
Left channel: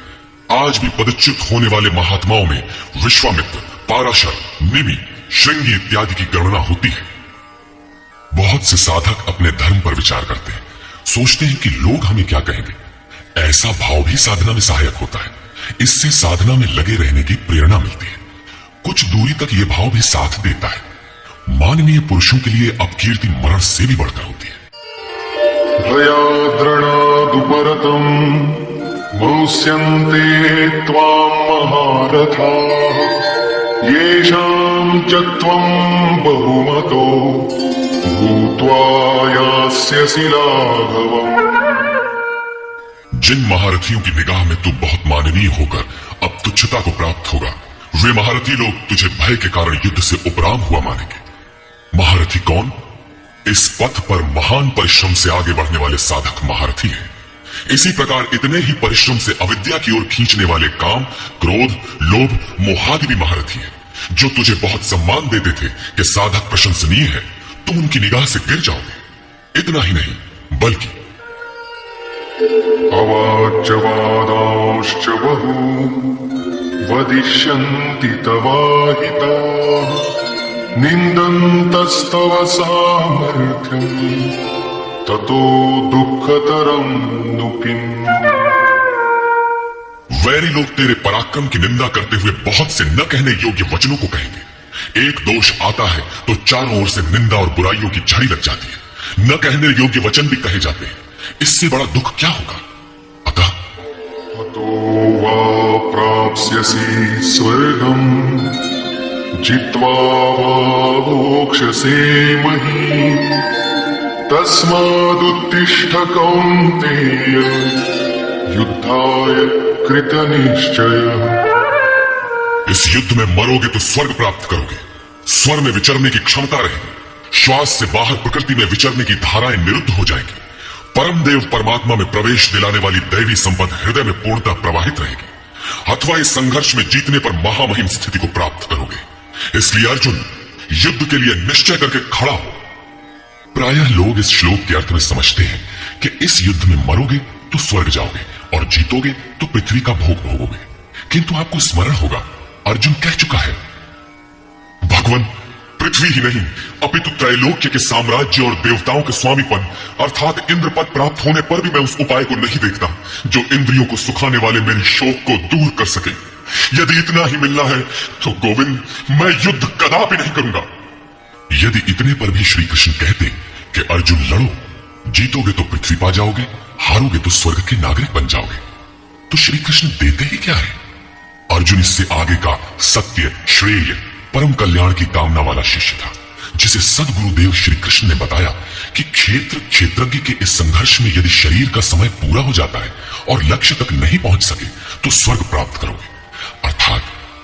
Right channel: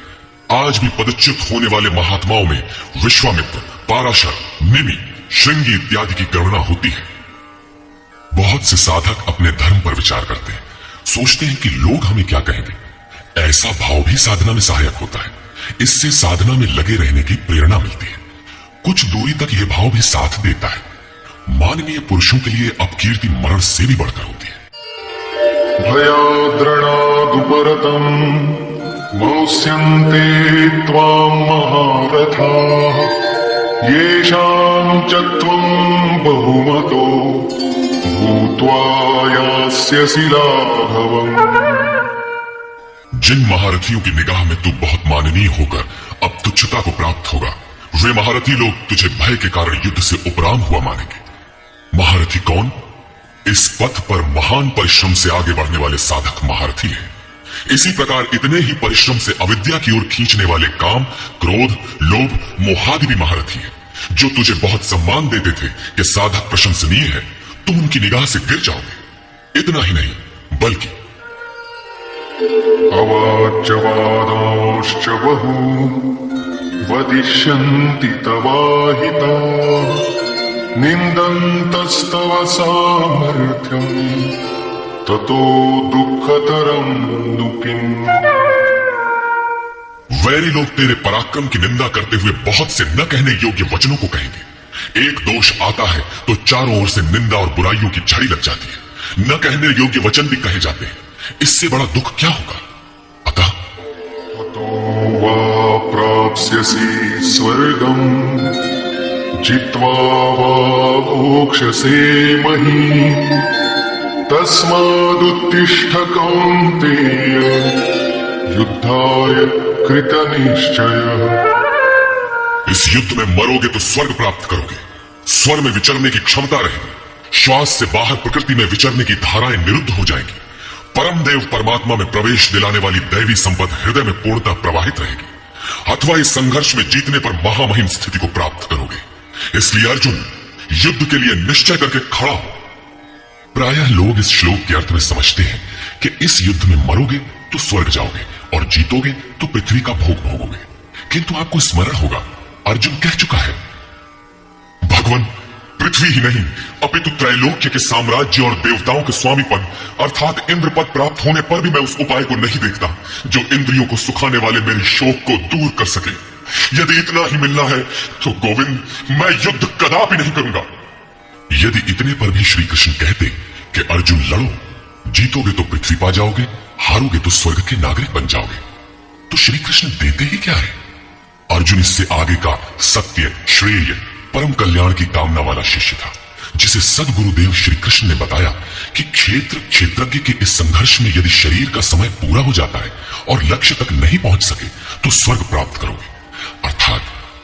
आज भी पदच्युत होने वाले महात्माओं में विश्वामित्र, पाराशर, निमि, श्रृंगी इत्यादि की गणना होती है। बहुत से साधक अपने धर्म पर विचार करते हैं, सोचते हैं कि लोग हमें क्या कहेंगे। ऐसा भाव भी साधना में सहायक होता है। इससे साधना में लगे रहने की प्रेरणा मिलती है। कुछ दूरी तक यह भाव भी साथ देता है। माननीय पुरुषों के लिए अपकीर्ति मरण से भी बढ़कर होती है। भयाद्रणादुपरतम् मौस्यन्ते त्वां महारथाः येषां च त्वं बहुमतो भूत्वा यास्यसि लाघवम्। जिन महारथियों की निगाह में तू बहुत माननीय होकर अब तुच्छता को प्राप्त होगा, वे महारथी लोग तुझे भय के कारण युद्ध से उपराम हुआ मानेंगे। महारथी कौन? इस पथ पर महान परिश्रम से आगे बढ़ने वाले साधक महारथी हैं। इसी प्रकार इतने ही परिश्रम से अविद्या की ओर खींचने वाले काम, क्रोध, लोभ, मोहादि भी महारथी हैं, जो तुझे बहुत सम्मान देते थे कि साधक प्रशंसनीय है, तुम उनकी निगाह से गिर जाओगे। इतना ही नहीं, बल्कि अवाच्यवादांश्च बहून् वदिष्यन्ति तवाहिताः निन्दन्तस्तव सामर्थ्यम् ततो दुःखतरं नु किम्। वैरी लोग तेरे पराक्रम की निंदा करते हुए बहुत से न कहने योग्य वचनों को कहेंगे। एक दोष आता है तो चारों ओर से निंदा और बुराइयों की झड़ी लग जाती है। न कहने योग्य वचन भी कहे जाते हैं। इससे बड़ा दुख क्या होगा? अतः तो वा प्राप्स्यसि स्वर्गम् जित्वा वा मोक्षसे महीम् तस्मादुत्तिष्ठ कौन्तेय युद्धाय कृतनिश्चयः। इस युद्ध में मरोगे तो स्वर्ग प्राप्त करोगे। स्वर में विचरने की क्षमता रहेगी। श्वास से बाहर प्रकृति में विचरने की धाराएं निरुद्ध हो जाएंगी। परम देव परमात्मा में प्रवेश दिलाने वाली दैवी संपद हृदय में पूर्णतः प्रवाहित रहेगी। अथवा इस संघर्ष में जीतने पर महामहिम स्थिति को प्राप्त करोगे। इसलिए अर्जुन, युद्ध के लिए निश्चय करके खड़ा हो। प्रायः लोग इस श्लोक के अर्थ में समझते हैं कि इस युद्ध में मरोगे तो स्वर्ग जाओगे और जीतोगे तो पृथ्वी का भोग भोगोगे। किंतु आपको स्मरण होगा, अर्जुन कह चुका है, भगवान पृथ्वी ही नहीं अपितु त्रैलोक्य के साम्राज्य और देवताओं के स्वामीपन अर्थात इंद्र पद प्राप्त होने पर भी मैं उस उपाय को नहीं देखता जो इंद्रियों को सुखाने वाले मेरी शोक को दूर कर सके। यदि इतना ही मिलना है तो गोविंद, मैं युद्ध कदापि नहीं करूंगा। यदि इतने पर भी श्री कृष्ण कहते कि अर्जुन लड़ो, जीतोगे तो पृथ्वी पा जाओगे, हारोगे तो स्वर्ग के नागरिक बन जाओगे, तो श्री कृष्ण देते ही क्या है? अर्जुन इससे आगे का सत्य, श्रेय, परम कल्याण की कामना वाला शिष्य था, जिसे सद्गुरुदेव श्री कृष्ण ने बताया कि क्षेत्रज्ञ के इस संघर्ष में यदि शरीर का समय पूरा हो जाता है और लक्ष्य तक नहीं पहुंच सके तो स्वर्ग प्राप्त करोगे, अर्थात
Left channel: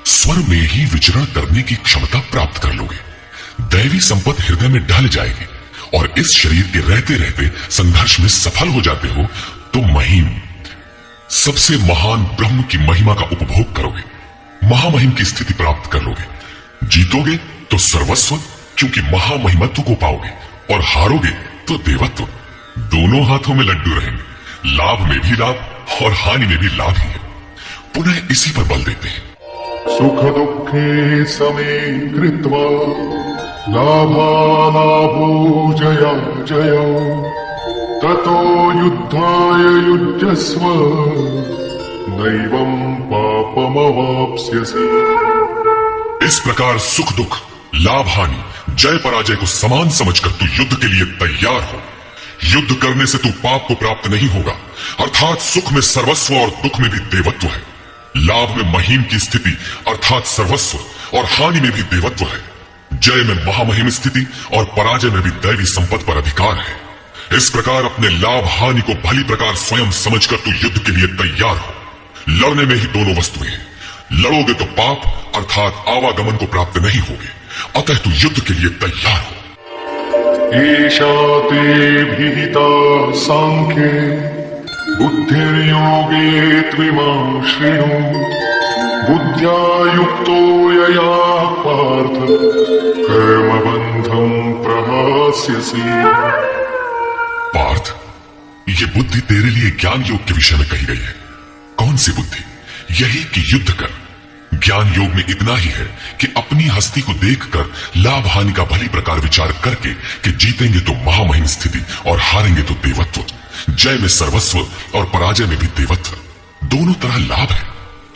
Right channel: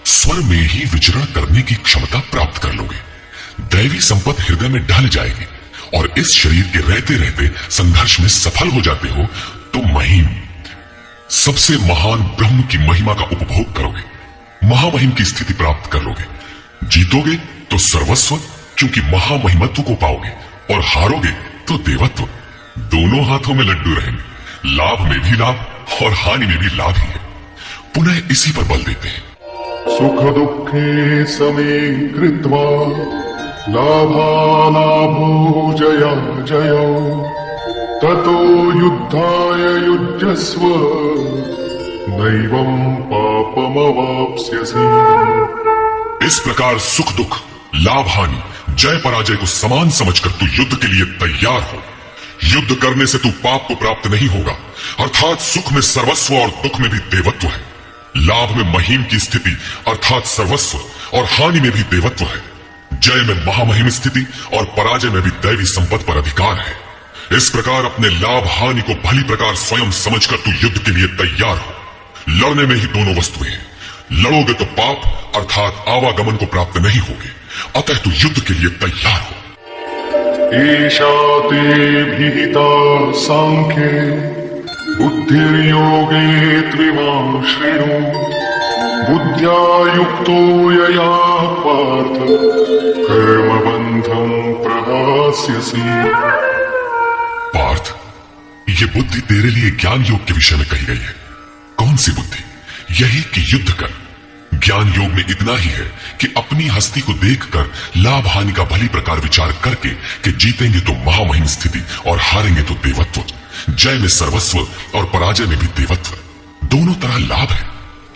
स्वर में ही विचरण करने की क्षमता प्राप्त कर लोगे। दैवी संपत्ति हृदय में ढल जाएगी और इस शरीर के रहते रहते संघर्ष में सफल हो जाते हो तो महिम, सबसे महान ब्रह्म की महिमा का उपभोग करोगे, महामहिम की स्थिति प्राप्त कर लोगे। जीतोगे तो सर्वस्व, क्योंकि महामहिमत्व को पाओगे, और हारोगे तो देवत्व। दोनों हाथों में लड्डू रहेंगे, लाभ में भी लाभ और हानि में भी लाभ ही है। पुनः इसी पर बल देते हैं, सुख दुःखे समे कृत्वा लाभालाभो जया जया ततो युद्धाय युज्यस्व नैवं पापमवाप्स्यसि। इस प्रकार सुख दुख, लाभ हानि, जय पराजय को समान समझकर तू युद्ध के लिए तैयार हो। युद्ध करने से तू पाप तो प्राप्त नहीं होगा, अर्थात सुख में सर्वस्व और दुख में भी देवत्व है, लाभ में महिम की स्थिति अर्थात सर्वस्व और हानि में भी देवत्व है, जय में महामहिम स्थिति और पराजय में भी दैवी संपत्ति पर अधिकार है। इस प्रकार अपने लाभ हानि को भली प्रकार स्वयं समझकर तू युद्ध के लिए तैयार हो। लड़ने में ही दोनों वस्तुएं हैं। लड़ोगे तो पाप अर्थात आवागमन को प्राप्त नहीं होगे, अतः तू युद्ध के लिए तैयार हो। ईशा ते विहिता सांख्ये बुद्धिर्योगे त्विमां शृणु बुद्ध्या युक्तो यया पार्थ कर्मबन्धं प्रहास्यसि। पार्थ, ये बुद्धि तेरे लिए ज्ञान योग के विषय में कही गई है। कौन सी बुद्धि? यही कि युद्ध कर, ज्ञान योग में इतना ही है कि अपनी हस्ती को देखकर लाभ हानि का भली प्रकार विचार करके कि जीतेंगे तो महामहिम स्थिति और हारेंगे तो देवत्व, जय में सर्वस्व और पराजय में भी देवत्व, दोनों तरह लाभ है।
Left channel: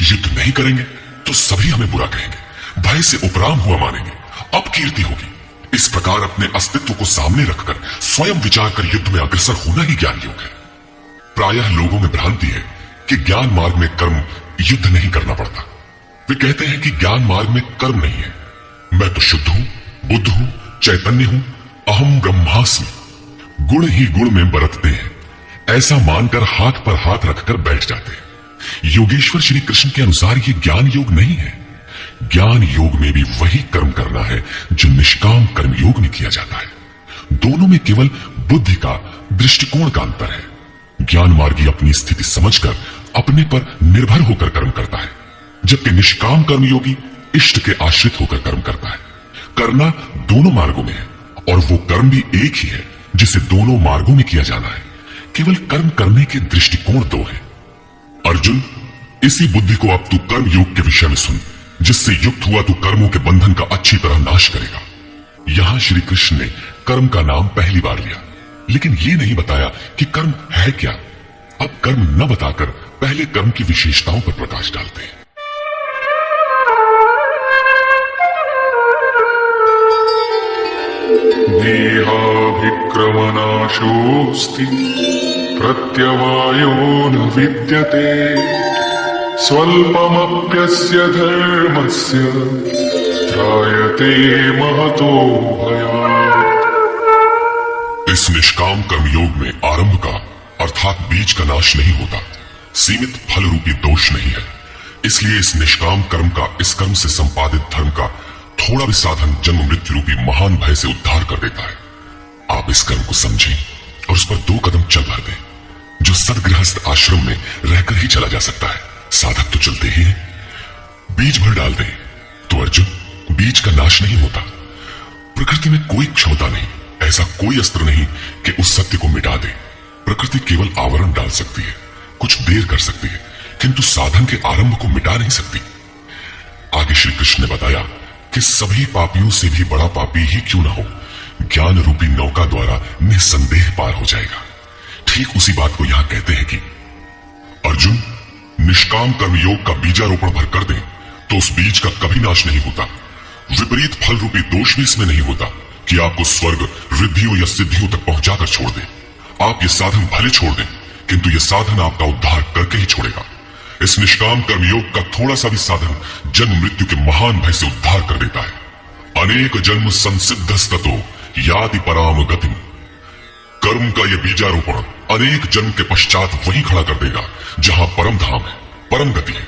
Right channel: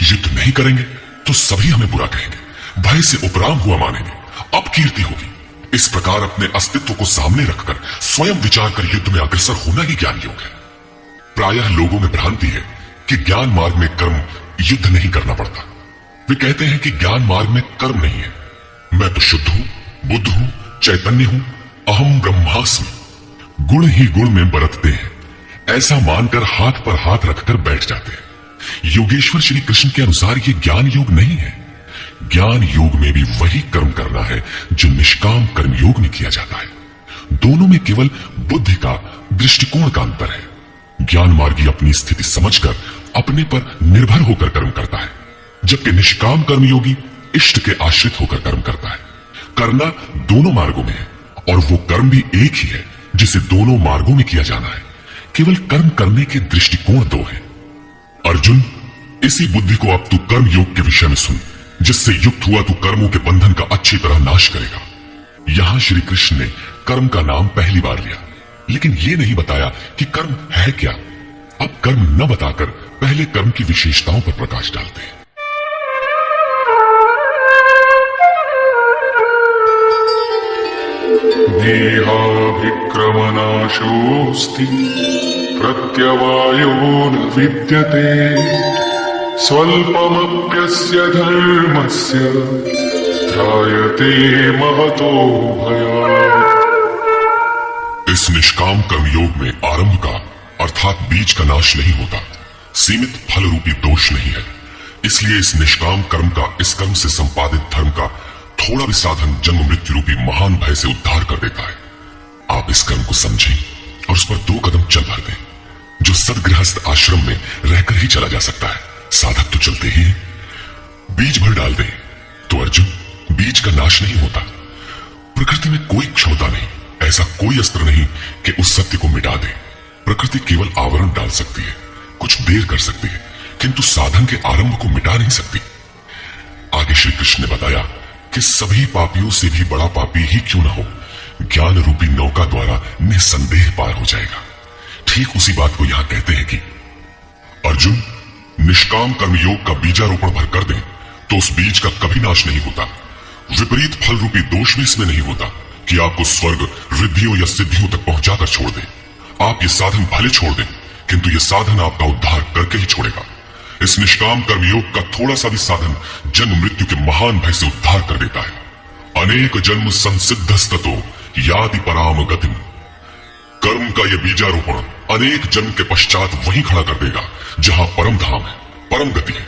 युद्ध नहीं करेंगे तो सभी हमें बुरा कहेंगे, भय से उपराम हुआ मानेंगे, अपकीर्ति होगी। इस प्रकार अपने अस्तित्व को सामने रखकर स्वयं विचार कर युद्ध में अग्रसर होना ही ज्ञान योग है। प्रायः लोगों में भ्रांति है कि ज्ञान मार्ग में कर्म युद्ध नहीं करना पड़ता। वे कहते हैं कि ज्ञान मार्ग में कर्म नहीं है, मैं तो शुद्ध हूं, बुद्ध हूं, चैतन्य हूं, अहम ब्रह्मास्मि, गुण ही गुण में बरतते हैं, ऐसा मानकर हाथ पर हाथ रखकर बैठ जाते हैं। योगेश्वर श्री कृष्ण के अनुसार यह ज्ञान योग नहीं है। ज्ञान योग में भी वही कर्म करना है जो निष्काम कर्म योग में किया जाता है। दोनों में केवल बुद्धि का, दृष्टिकोण का अंतर है। ज्ञान मार्गी अपनी स्थिति समझकर अपने पर निर्भर होकर कर्म करता है, जबकि निष्काम कर्मयोगी इष्ट के आश्रित होकर कर्म करता है। करना दोनों मार्गों में है और वो कर्म भी एक ही है जिसे दोनों मार्गों में किया जाना है। केवल कर्म करने के दृष्टिकोण दो है। अर्जुन, इसी बुद्धि को अब तू कर्म योग के विषय में सुन, जिससे युक्त हुआ तू कर्मों के बंधन का अच्छी तरह नाश करेगा। यहां श्री कृष्ण ने कर्म का नाम पहली बार लिया, लेकिन ये नहीं बताया कि कर्म है क्या। अब कर्म न बताकर पहले कर्म की विशेषताओं पर प्रकाश डालते हैं। देहाभिक्रमनाशोऽस्ति प्रत्यवायो न विद्यते स्वल्पमप्यस्य धर्मस्य त्रायते महतो भयात्। इस निष्काम कर्म योग में आरंभ का अर्थात बीज का नाश नहीं होता, सीमित फल रूपी दोष नहीं है। इसलिए इस निष्काम कर्म का, इस कर्म से संपादित धर्म का थोड़ा भी साधन जन्म मृत्यु रूपी महान भय से उद्धार कर देता है। आप इस कर्म को समझें और उस पर 2 कदम चल भर दें, जो सदगृहस्थ आश्रम में रहकर ही चला जा सकता है। साधक तो चलते ही हैं। बीज भर डाल दें तो अर्जुन, बीज का नाश नहीं होता। प्रकृति में कोई क्षमता नहीं, ऐसा कोई अस्त्र नहीं कि उस सत्य को मिटा दे। प्रकृति केवल आवरण डाल सकती है, कुछ देर कर सकती है, किंतु साधन के आरंभ को मिटा नहीं सकती। आगे श्री कृष्ण ने बताया कि सभी पापियों से भी बड़ा पापी ही क्यों न हो, ज्ञान रूपी नौका द्वारा निसंदेह पार हो जाएगा। ठीक उसी बात को यहां कहते हैं कि अर्जुन, निष्काम कर्म योग का बीजारोपण भर कर दें तो उस बीज का कभी नाश नहीं होता। विपरीत फल रूपी दोष भी इसमें नहीं होता कि आपको स्वर्ग, रिद्धियों या सिद्धियों तक पहुंचाकर छोड़ दे। आप ये साधन भले छोड़ दें, किंतु ये साधन आपका उद्धार करके ही छोड़ेगा। इस निष्काम कर्म योग का थोड़ा सा भी साधन जन्म मृत्यु के महान भय से उद्धार कर देता है। अनेक जन्म संसिद्धस्ततो याति पराम गतिम। कर्म का यह बीजारोपण अनेक जन्म के पश्चात वहीं खड़ा कर देगा जहां परम धाम है, परम गति है।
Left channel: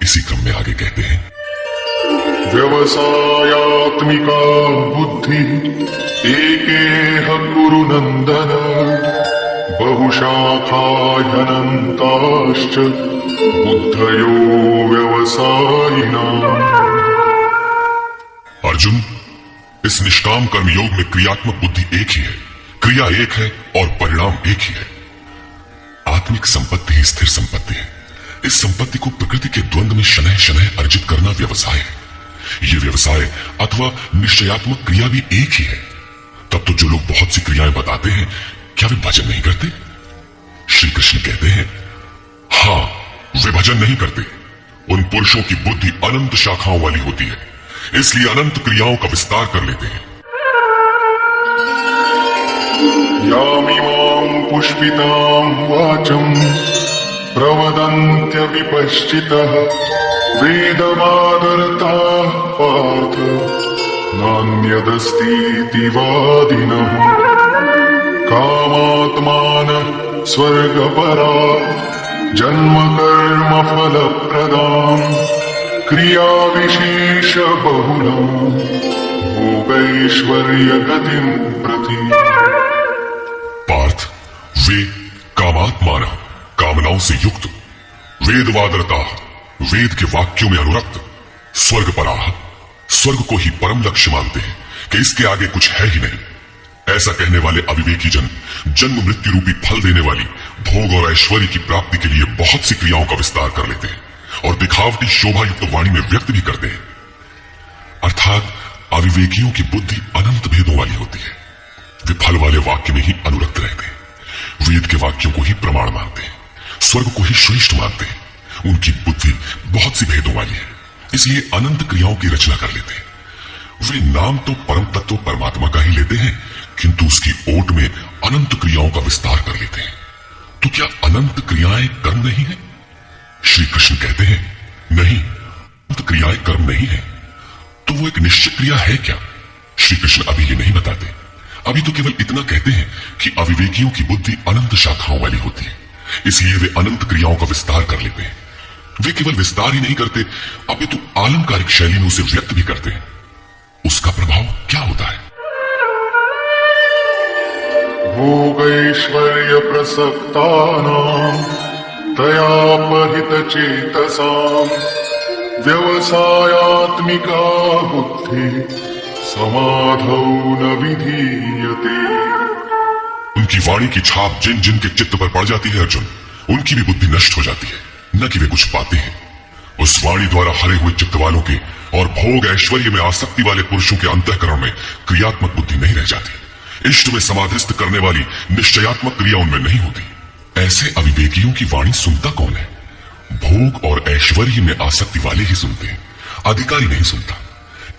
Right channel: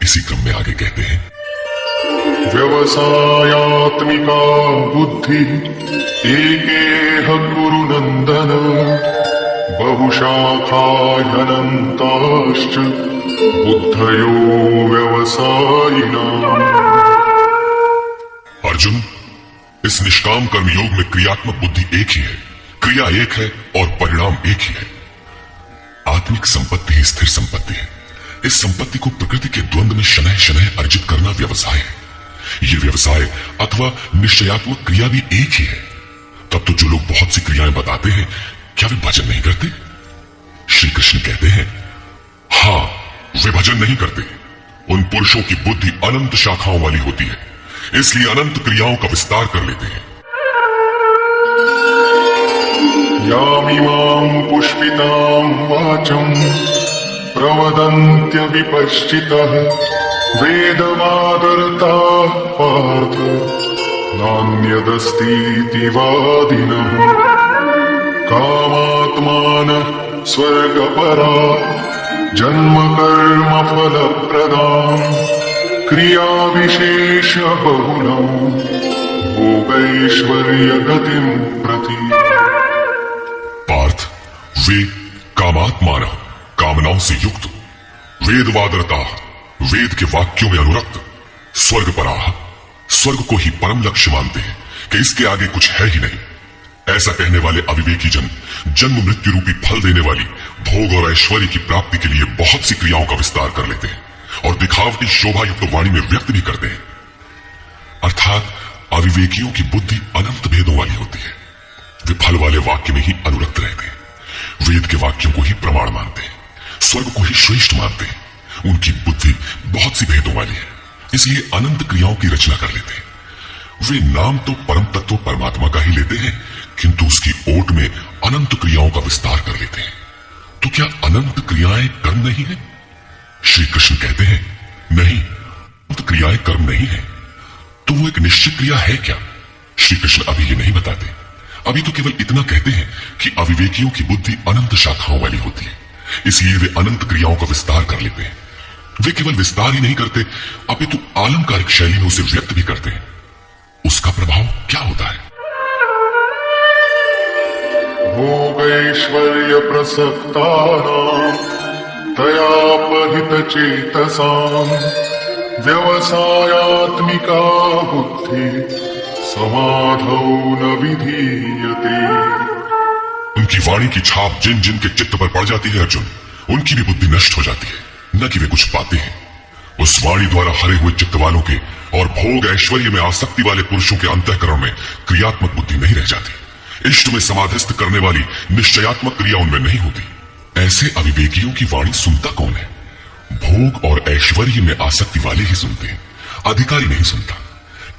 इसी क्रम में आगे कहते हैं, व्यवसायात्मिका बुद्धि एकेह कुरु नंदन बहुशाखा ह्यनन्ताश्च बुद्धयो व्यवसायिनाः। अर्जुन, इस निष्काम कर्म योग में क्रियात्मक बुद्धि एक ही है, क्रिया एक है और परिणाम एक ही है। आत्मिक संपत्ति ही स्थिर संपत्ति है। इस संपत्ति को प्रकृति के द्वंद्व में शनैः शनैः अर्जित करना व्यवसाय है। यह व्यवसाय अथवा निश्चयात्मक क्रिया भी एक ही है। तब तो जो लोग बहुत सी क्रियाएं बताते हैं, क्या वे भजन नहीं करते? श्री कृष्ण कहते हैं, हां, वे भजन नहीं करते। उन पुरुषों की बुद्धि अनंत शाखाओं वाली होती है, इसलिए अनंत क्रियाओं का विस्तार कर लेते हैं। यामिमां पुष्पितां वाचं प्रवदन्त्य विपश्चितः वेदवादरताः पार्थ नान्यदस्तीति वादिनः। कामात्मान स्वर्गपरा जन्म कर्म फलप्रदा क्रिया विशेष बहुलम् भोगैश्वर्य गतिं प्रति। पार्थ, वे कामात्मान, कामनाओं से युक्त, वेदवादरता, वेद के वाक्यों में अनुरक्त, स्वर्गपराः, स्वर्ग को ही परम लक्ष्य मानते हैं कि इसके आगे कुछ है ही नहीं। ऐसा कहने वाले अविवेकी जन जन्म मृत्यु रूपी फल देने वाली भोग और ऐश्वर्य की प्राप्ति के लिए बहुत सी क्रियाओं का विस्तार कर लेते हैं, और दिखावटी शोभा युक्त वाणी में व्यक्त भी करते हैं। अर्थात अविवेकियों की बुद्धि अनंत भेदों वाली होती है। वे फल वाले वाक्य में ही अनुरक्त रहते हैं, वेद के वाक्यों को ही प्रमाण मानते हैं, स्वर्ग को ही श्रेष्ठ मानते हैं। उनकी बुद्धि बहुत सी भेदों वाली है, इसलिए अनंत क्रियाओं की रचना कर लेते हैं। वे नाम तो परम तत्व परमात्मा का ही लेते हैं, किंतु उसकी ओट में अनंत क्रियाओं का विस्तार कर लेते हैं। तो क्या अनंत क्रियाएं कर्म नहीं है? श्री कृष्ण कहते हैं नहीं, अनंत क्रियाएं कर्म नहीं है। तो वो एक निश्चित क्रिया है क्या? श्री कृष्ण अभी ये नहीं बताते। अभी तो केवल इतना कहते हैं कि अविवेकियों की बुद्धि अनंत शाखाओं वाली होती है, इसलिए वे अनंत क्रियाओं का विस्तार कर लेते हैं। वे केवल विस्तार ही नहीं करते, अपितु आलंकारिक शैली में उसे व्यक्त भी करते हैं। उसका प्रभाव क्या होता है? भोगैश्वर्य प्रसक्तानां तयापहित चेतसां व्यवसायात्मिका बुद्धि समाधौ न विधीयते। उनकी वाणी की छाप जिन जिन के चित्त पर पड़ जाती है अर्जुन, उनकी भी बुद्धि नष्ट हो जाती है, न कि वे कुछ पाते हैं। उस वाणी द्वारा हरे हुए चित्त वालों की और भोग ऐश्वर्य में आसक्ति वाले पुरुषों के अंतःकरण में क्रियात्मक बुद्धि नहीं रह जाती। इष्ट में समाधिस्थ करने वाली निश्चयात्मक क्रिया उनमें नहीं होती। ऐसे अविवेकियों की वाणी सुनता कौन है? भोग और ऐश्वर्य में आसक्ति वाले ही सुनते हैं, अधिकारी नहीं सुनता।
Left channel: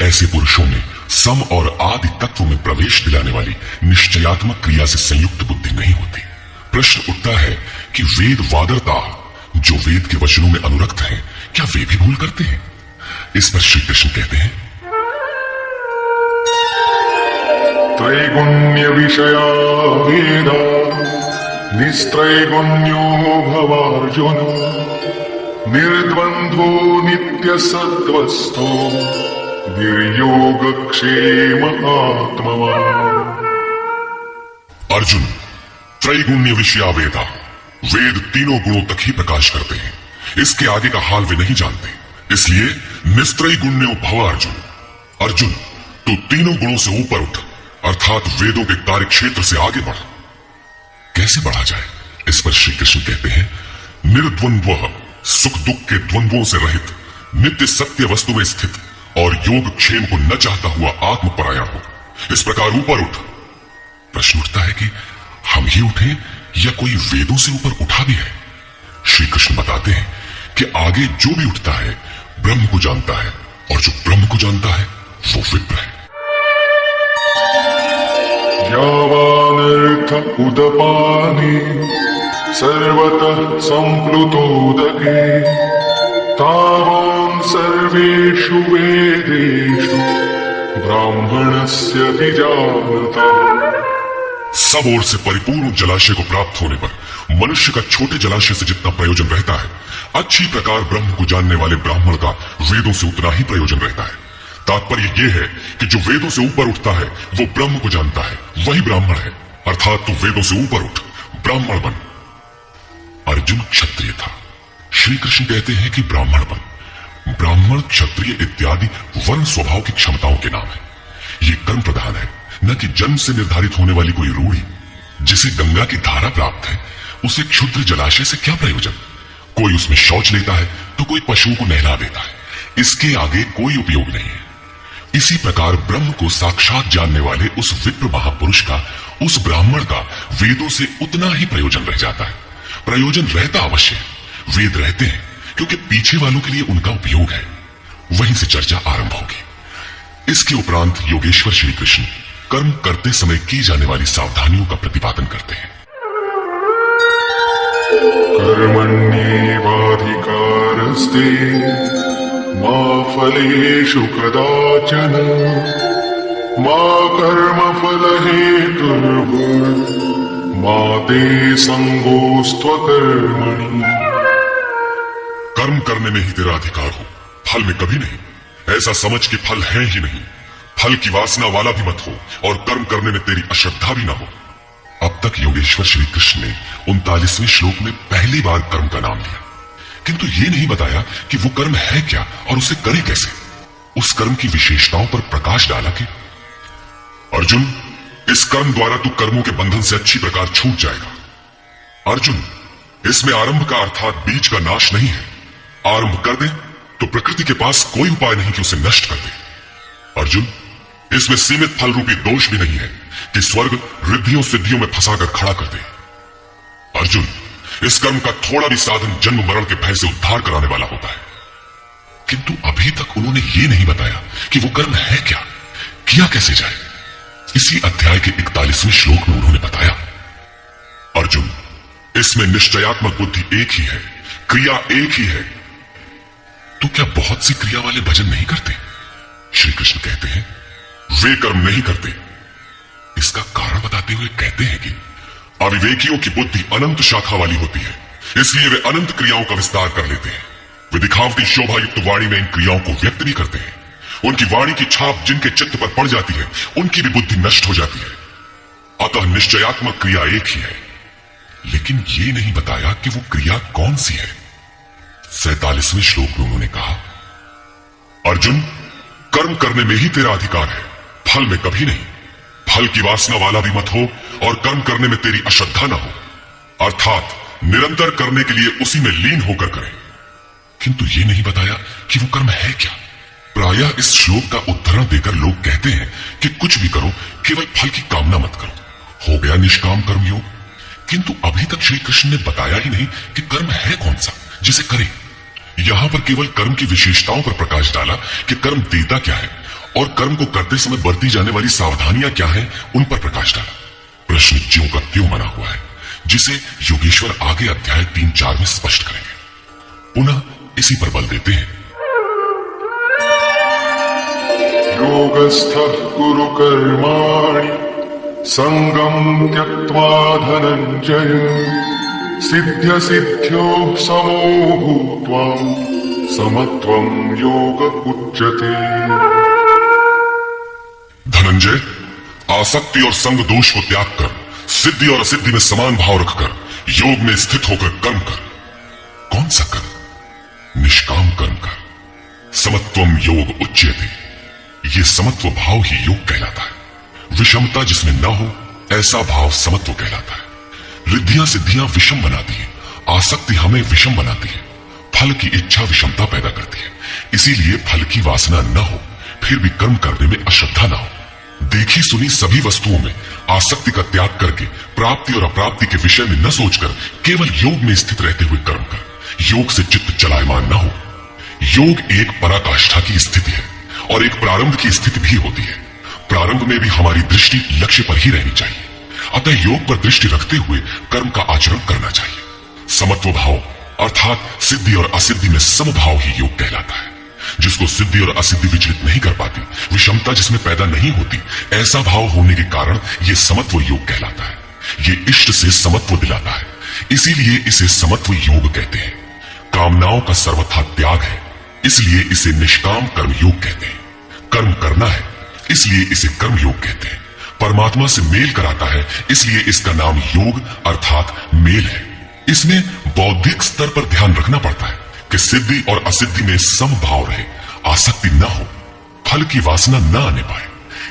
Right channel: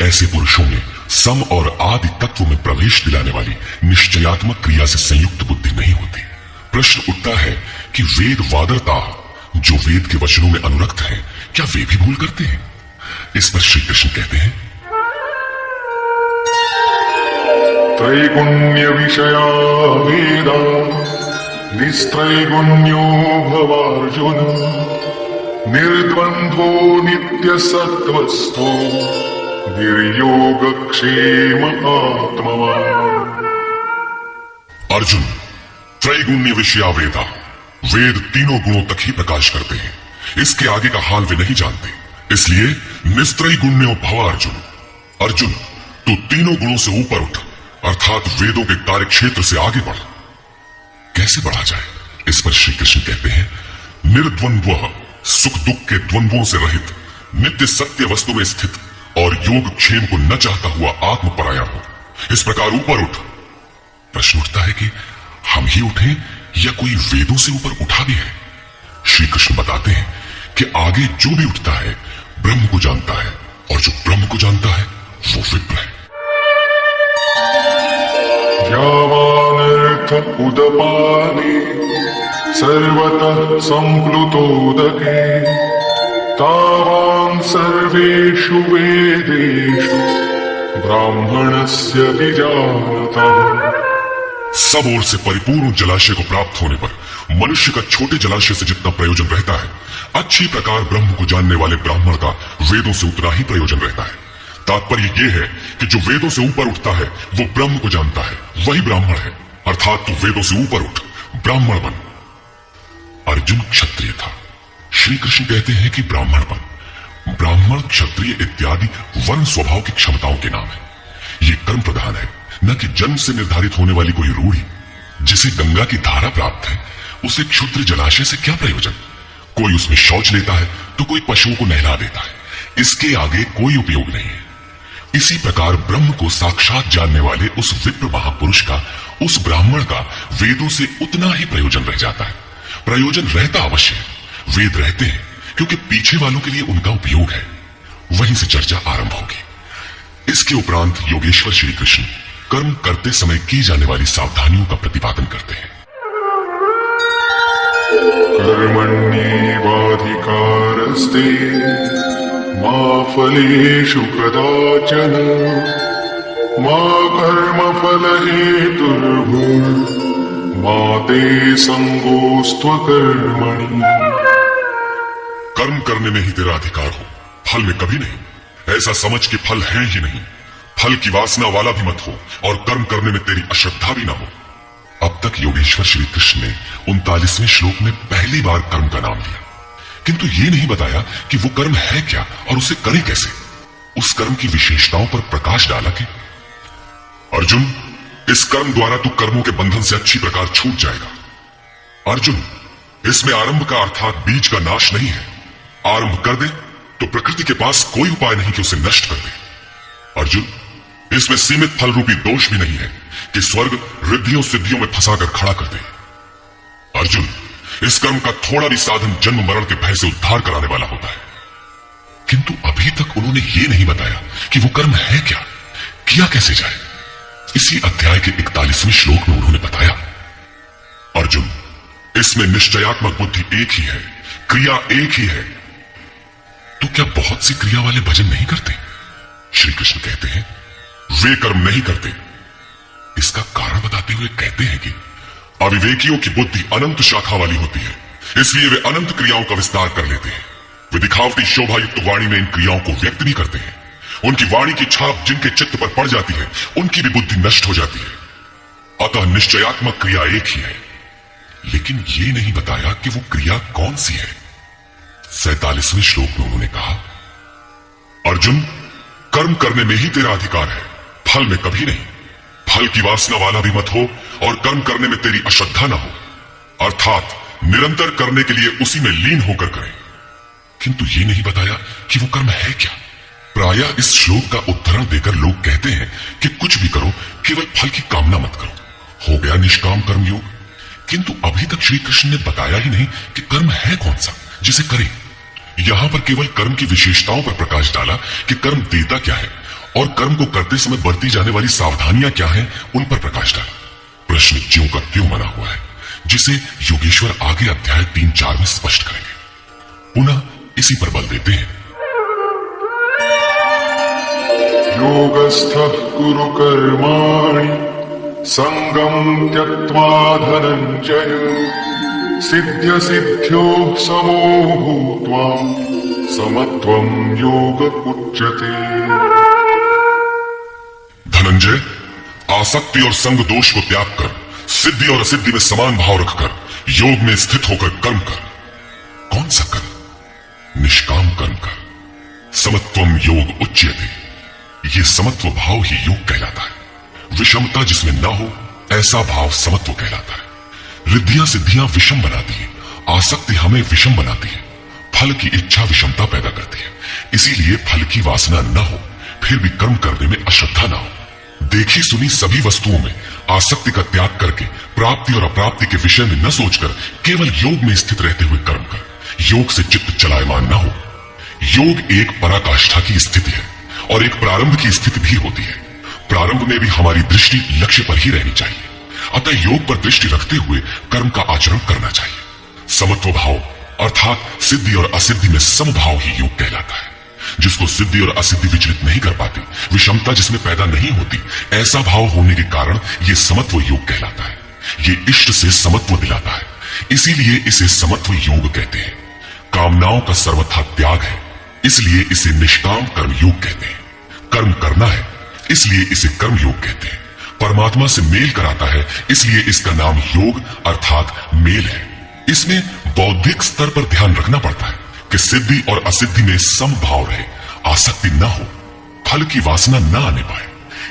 ऐसे पुरुषों में सम और आदि तत्व में प्रवेश दिलाने वाली निश्चयात्मक क्रिया से संयुक्त बुद्धि नहीं होती। प्रश्न उठता है कि वेद वादरता जो वेद के वचनों में अनुरक्त हैं, क्या वे भी भूल करते हैं? इस पर श्री कृष्ण कहते हैं त्रैगुण्य विषया वेदा निस्त्रैगुण्यो भवार्जुन निर्द्वन्द्वो नित्य सत्त्वस्थो निर्योगक्षेम आत्मवान्। अर्जुन, त्रैगुण्य विषया वेदा, वेद तीनों गुणों तक ही प्रकाश करते हैं, इसके आगे का हाल वे नहीं जानते। इसलिए निस्त्रय गुण्यो भव अर्जुन। अर्जुन, तू तीनों गुणों से ऊपर उठ, अर्थात वेदों के कार्य क्षेत्र से आगे बढ़। कैसे बढ़ा जाए? इस पर श्री कृष्ण कहते हैं निर्द्वंद्व, सुख दुख के द्वंद्वों से रहित, नित्य सत्य वस्तु में स्थित और योग क्षेम को न चाहता हुआ आत्मपरायण हो। इस प्रकार ऊपर उठ। प्रश्न उठता है कि हम ही उठे या कोई वेदों से ऊपर उठा भी है? श्री कृष्ण बताते हैं कि आगे जो भी उठता है ब्रह्म को जानता है, और जो ब्रह्म को जानता है वो विप्र है। यावानर्थ उदपाने सर्वतः संप्लुतोदके तावान् सर्वेषु वेदेषु ब्राह्मणस्य विजानतः। सब ओर से परिपूर्ण जलाशय को प्राप्त होने पर मनुष्य का छोटे जलाशय से जितना प्रयोजन रहता है, अच्छी प्रकार ब्रह्म को जानने वाले ब्राह्मण का वेदों से उतना ही प्रयोजन रहता है। तात्पर्य यह है कि जो वेदों से ऊपर उठता है वो ब्रह्म को जानता है, वही ब्राह्मण है। अर्थात तू वेदों से ऊपर उठ, ब्राह्मण बन। अर्जुन क्षत्रिय था, श्री कृष्ण कहते हैं कि ब्राह्मण बन। ब्राह्मण, क्षत्रिय इत्यादि वन स्वभाव की क्षमताओं के नाम है। ये कर्म प्रधान है, न कि जन्म से निर्धारित होने वाली कोई रूढ़ी। जिसे गंगा की धारा प्राप्त है, उसे क्षुद्र जलाशय से क्या प्रयोजन? कोई उसमें शौच लेता है तो कोई पशुओं को नहला देता है, इसके आगे कोई उपयोग नहीं है। इसी प्रकार ब्रह्म को साक्षात जानने वाले उस विप्र महापुरुष का, उस ब्राह्मण का वेदों से उतना ही प्रयोजन रह जाता है। प्रयोजन रहता अवश्य है, वेद रहते हैं क्योंकि पीछे वालों के लिए उनका उपयोग है। वहीं से चर्चा आरंभ होगी। इसके उपरांत योगेश्वर श्री कृष्ण कर्म करते समय की जाने वाली सावधानियों का प्रतिपादन करते हैं। कर्मण्येवाधिकारस्ते मा फलेषु कदाचन मा कर्मफलहेतुर्भुर्मा ते संगोस्त्वकर्मणि। कर्म करने में ही तेरा अधिकार हो, फल में कभी नहीं। ऐसा समझ के फल है ही नहीं। फल की वासना वाला भी मत हो और कर्म करने में तेरी अश्रद्धा भी ना हो। अब तक योगेश्वर श्री कृष्ण ने 39वें श्लोक में पहली बार कर्म का नाम लिया, किंतु ये नहीं बताया कि वो कर्म है क्या और उसे करे कैसे। उस कर्म की विशेषताओं पर प्रकाश डाला कि अर्जुन, इस कर्म द्वारा तू कर्मों के बंधन से अच्छी प्रकार छूट जाएगा। अर्जुन, इसमें आरंभ का अर्थात बीज का नाश नहीं है। आरंभ कर दे तो प्रकृति के पास कोई उपाय नहीं कि उसे नष्ट कर दे। अर्जुन, इसमें सीमित फल रूपी दोष भी नहीं है कि स्वर्ग रिद्धियों सिद्धियों में फंसाकर खड़ा कर दे। अर्जुन, इस कर्म का थोड़ा भी साधन जन्म मरण के भय से उद्धार कराने वाला होता है, किंतु अभी तक उन्होंने ये नहीं बताया कि वो कर्म है क्या, किया कैसे जाए। इसी अध्याय के 41वें श्लोक में उन्होंने बताया, अर्जुन, इसमें निश्चयात्मक बुद्धि एक ही है, क्रिया एक ही है। तू क्या बहुत सी क्रिया वाले भजन नहीं करते? श्री कृष्ण कहते हैं, वे कर्म नहीं करते। इसका कारण बताते हुए कहते हैं कि अविवेकियों की बुद्धि अनंत शाखा वाली होती है, इसलिए वे अनंत क्रियाओं का विस्तार कर लेते हैं। वे दिखावटी शोभा युक्त वाणी में इन क्रियाओं को व्यक्त भी करते हैं। उनकी वाणी की छाप जिनके चित्त पर पड़ जाती है, उनकी भी बुद्धि नष्ट हो जाती है। अतः निश्चयात्मक क्रिया एक ही है, लेकिन ये नहीं बताया कि वो क्रिया कौन सी है। 47वें श्लोक में उन्होंने कहा, अर्जुन, कर्म करने में ही तेरा अधिकार है, फल में कभी नहीं। फल की वासना वाला भी मत हो और कर्म करने में तेरी अश्रद्धा न हो, अर्थात निरंतर करने के लिए उसी में लीन होकर करें। किंतु ये नहीं बताया कि वो कर्म है क्या। प्रायः इस श्लोक का उद्धरण देकर लोग कहते हैं कि कुछ भी करो, केवल फल की कामना मत करो, हो गया निष्काम कर्म योग। किंतु अभी तक श्री कृष्ण ने बताया ही नहीं कि कर्म है कौन सा जिसे करें। यहां पर केवल कर्म की विशेषताओं पर प्रकाश डाला कि कर्म देता क्या है और कर्म को करते समय बरती जाने वाली सावधानियां क्या है, उन पर प्रकाश डाला। प्रश्न ज्यों का त्यों बना हुआ है, जिसे योगेश्वर आगे अध्याय 3-4 में स्पष्ट करेंगे। पुनः इसी पर बल देते हैं, योगस्थः कुरु कर्माणि संगम त्यक्त्वा धनंजय सिद्ध्य सिद्ध्यो समो भूत्वा समत्वं योग उच्यते। धनंजय, आसक्ति और संग दोष को त्याग कर सिद्धि और असिद्धि में समान भाव रखकर योग में स्थित होकर कर्म कर। कौन सा कर्म? निष्काम कर्म कर। समत्वम योग उच्यते, ये समत्व भाव ही योग कहलाता है। विषमता जिसमें न हो, ऐसा भाव समत्व कहलाता है। रिद्धियां सिद्धियां विषम बनाती है, आसक्ति हमें विषम बनाती है, फल की इच्छा विषमता पैदा करती है। इसीलिए फल की वासना न हो, फिर भी कर्म करने में अश्रद्धा न हो। देखी सुनी सभी वस्तुओं में आसक्ति का त्याग करके प्राप्ति और अप्राप्ति के विषय में न सोचकर केवल योग में स्थित रहते हुए कर्म कर। योग से चित्त चलायमान न हो। योग एक पराकाष्ठा की स्थिति है और एक प्रारंभ की स्थिति भी होती है। प्रारंभ में भी हमारी दृष्टि लक्ष्य पर ही रहनी चाहिए। अतः योग पर दृष्टि रखते हुए कर्म का आचरण करना चाहिए। समत्व भाव अर्थात सिद्धि और असिद्धि में समभाव ही योग कहलाता है। जिसको सिद्धि और असिद्धि विचलित नहीं कर पाती, विषमता जिसमें पैदा नहीं होती, ऐसा भाव होने के कारण ये समत्व योग कहलाता है। ये इष्ट से समत्व दिलाता है, इसीलिए इसे समत्व योग कहते हैं। कामनाओं का सर्वथा त्याग है, इसलिए इसे निष्काम कर्म योग कहते हैं। कर्म करना है, इसलिए इसे कर्म योग कहते हैं। परमात्मा से मेल कराता है, इसलिए इसका नाम योग अर्थात मेल है। इसमें बौद्धिक स्तर पर ध्यान रखना पड़ता है कि सिद्धि और असिद्धि में समभाव रहे, आसक्ति न हो, फल की वासना न आने पाए।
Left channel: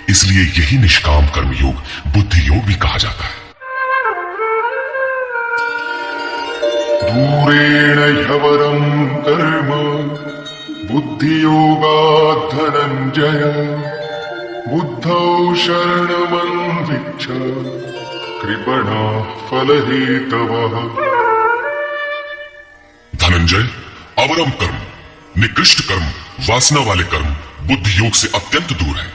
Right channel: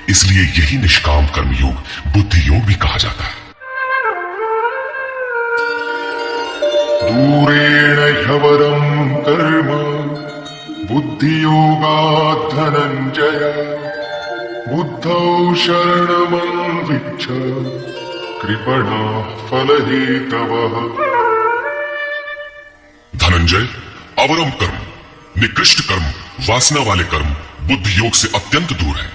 इसलिए यही निष्काम कर्म योग बुद्धि योग भी कहा जाता है। दूरेण ह्यवरं कर्म बुद्धि योगात् धनंजय बुद्धौ शरणमन्विच्छ कृपणः फलहेतवः। धनंजय, अवरम कर्म, निकृष्ट कर्म, वासना वाले कर्म बुद्धि योग से अत्यंत दूर है।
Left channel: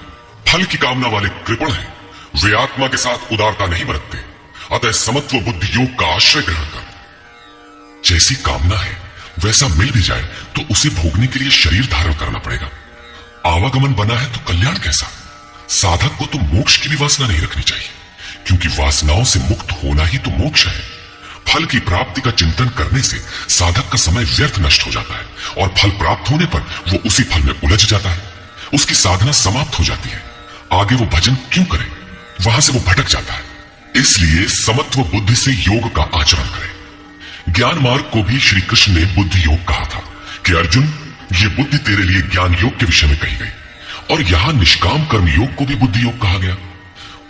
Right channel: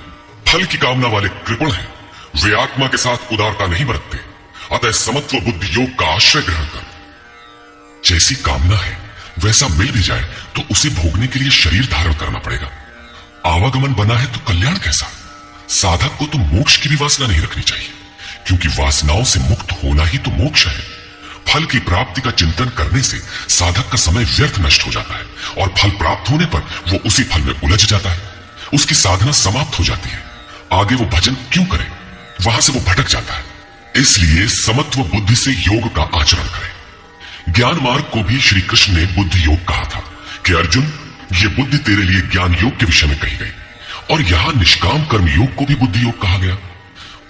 फल की कामना वाले कृपण हैं। वे आत्मा के साथ उदारता नहीं बरतते। अतः समत्व बुद्धि योग का आश्रय ग्रहण कर। जैसी कामना है वैसा मिल भी जाए तो उसे भोगने के लिए शरीर धारण करना पड़ेगा। आवागमन बना है तो कल्याण कैसा। साधक को तो मोक्ष की भी वासना नहीं रखनी चाहिए, क्योंकि वासनाओं से मुक्त होना ही तो मोक्ष है। फल की प्राप्ति का चिंतन करने से साधक का समय व्यर्थ नष्ट हो जाता है और फल प्राप्त होने पर वो उसी फल में उलझ जाता है। उसकी साधना समाप्त हो जाती है। आगे वो भजन क्यों करे, वहां से वो भटक जाता है। इसलिए समत्व बुद्धि से योग का आचरण करें। ज्ञान मार्ग को भी श्री कृष्ण ने बुद्धि योग कहा था कि अर्जुन, ये बुद्धि तेरे लिए ज्ञान योग के विषय में कही गई। और यहां निष्काम कर्म योग को भी बुद्धि योग कहा गया।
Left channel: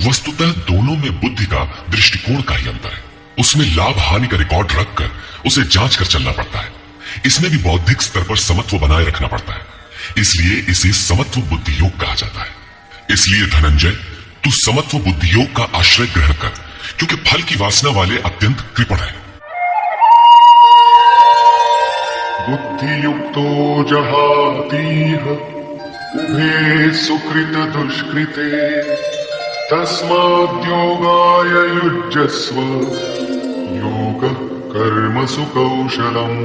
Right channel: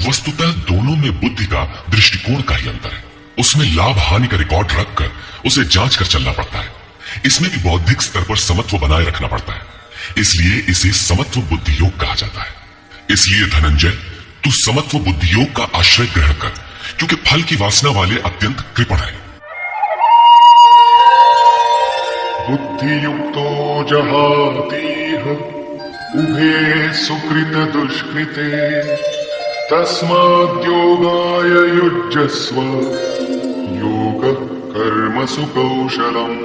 वस्तुतः दोनों में बुद्धि का दृष्टिकोण का ही अंतर है। उसमें लाभ हानि का रिकॉर्ड रखकर उसे जांच कर चलना पड़ता है। इसमें भी बौद्धिक स्तर पर समत्व बनाए रखना पड़ता है, इसलिए इसे समत्व बुद्धि योग कहा जाता है। इसलिए धनंजय, तू समत्व बुद्धि योग का आश्रय ग्रहण कर, क्योंकि फल की वासना वाले अत्यंत कृपण है। बुद्धियुक्तो जहातीह उभे सुकृत दुष्कृते तस्माद्योगाय युज्यस्व योगः कर्मसु कौशलम्।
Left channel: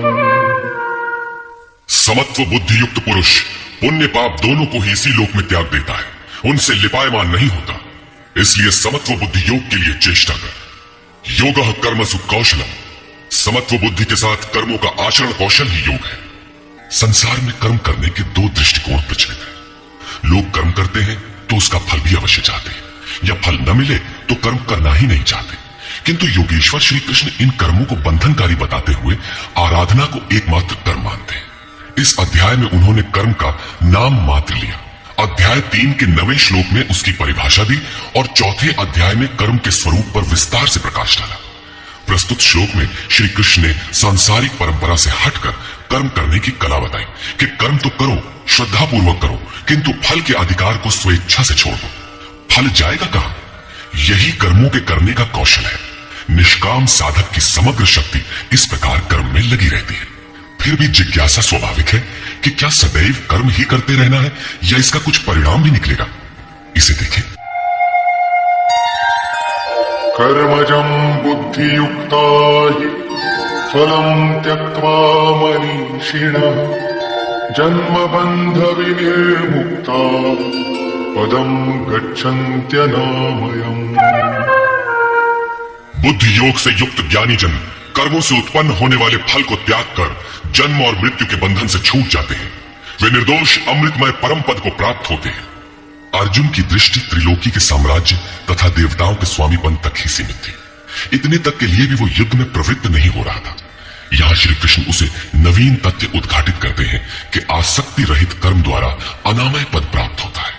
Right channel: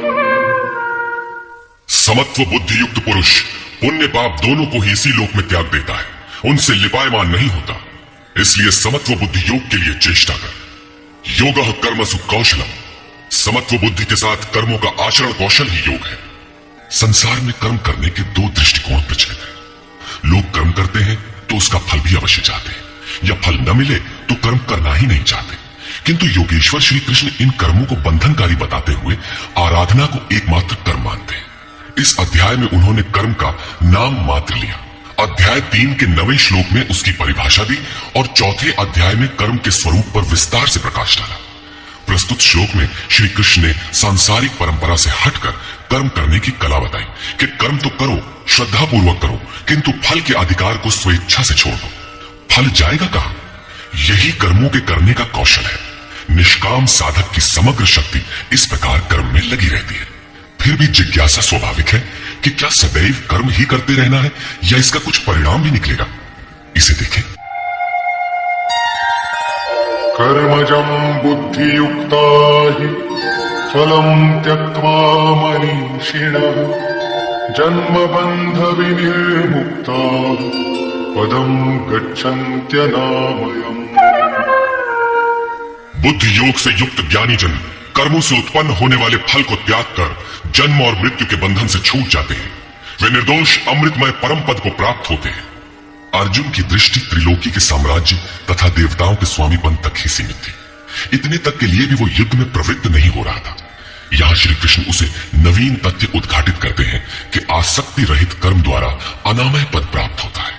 समत्व बुद्धि युक्त पुरुष पुण्य पाप दोनों को ही इसी लोक में त्याग देता है, उनसे लिपायमान नहीं होता। इसलिए समत्व बुद्धि योग के लिए चेष्टा कर। योगः कर्मसु कौशलम, समत्व बुद्धि के साथ कर्मों का आचरण कौशल ही योग है। संसार में कर्म करने के दो दृष्टिकोण प्रचलित हैं। लोग कर्म करते हैं तो उसका फल भी अवश्य चाहते हैं, या फल न मिले तो कर्म करना ही नहीं चाहते। किंतु योगेश्वर श्री कृष्ण इन कर्मों को बंधनकारी बताते हुए आराधना को एकमात्र कर्म मानते हैं। इस अध्याय में उन्होंने कर्म का नाम मात्र लिया। अध्याय 3 के 9वें श्लोक में उसकी परिभाषा दी और चौथे अध्याय में कर्म के स्वरूप पर विस्तार से प्रकाश डाला। प्रस्तुत श्लोक में श्री कृष्ण ने सांसारिक परंपरा से हटकर कर्म करने की कला बताई कि कर्म तो करो, श्रद्धा पूर्वक करो, किंतु फल के अधिकार को स्वेच्छा से छोड़ दो। फल जाएगा कहां? यही कर्मों के करने का कौशल है। निष्काम साधक की समग्र शक्ति इस प्रकार कर्म में लगी रहती है। फिर भी जिज्ञासा स्वाभाविक है कि क्या सदैव कर्म ही करते रहना है या इसका कुछ परिणाम भी निकलेगा। इसे देखें। कर्मजं बुद्धियुक्ता हि फलं त्यक्त्वा मनीषिणः जन्मबन्ध विनिर्मुक्ता पदं गच्छन्त्यनामयम्। बुद्धि योग से युक्त ज्ञानी जन कर्मों से उत्पन्न होने वाले फल को त्याग कर जन्म और मृत्यु के बंधन से छूट जाते हैं। वे निर्दोष अमृतमय परम पद को प्राप्त होते हैं। अर्जुन की दृष्टि त्रिलोकी के साम्राज्य तथा देवताओं के स्वामीपन तक ही सीमित थी। इतने तक के लिए भी वो युद्ध में प्रवृत्त नहीं हो रहा था। यहाँ श्री कृष्ण उसे नवीन तथ्य उद्घाटित करते हैं कि आसक्ति रहित कर्म द्वारा अनामय पद प्राप्त होता है।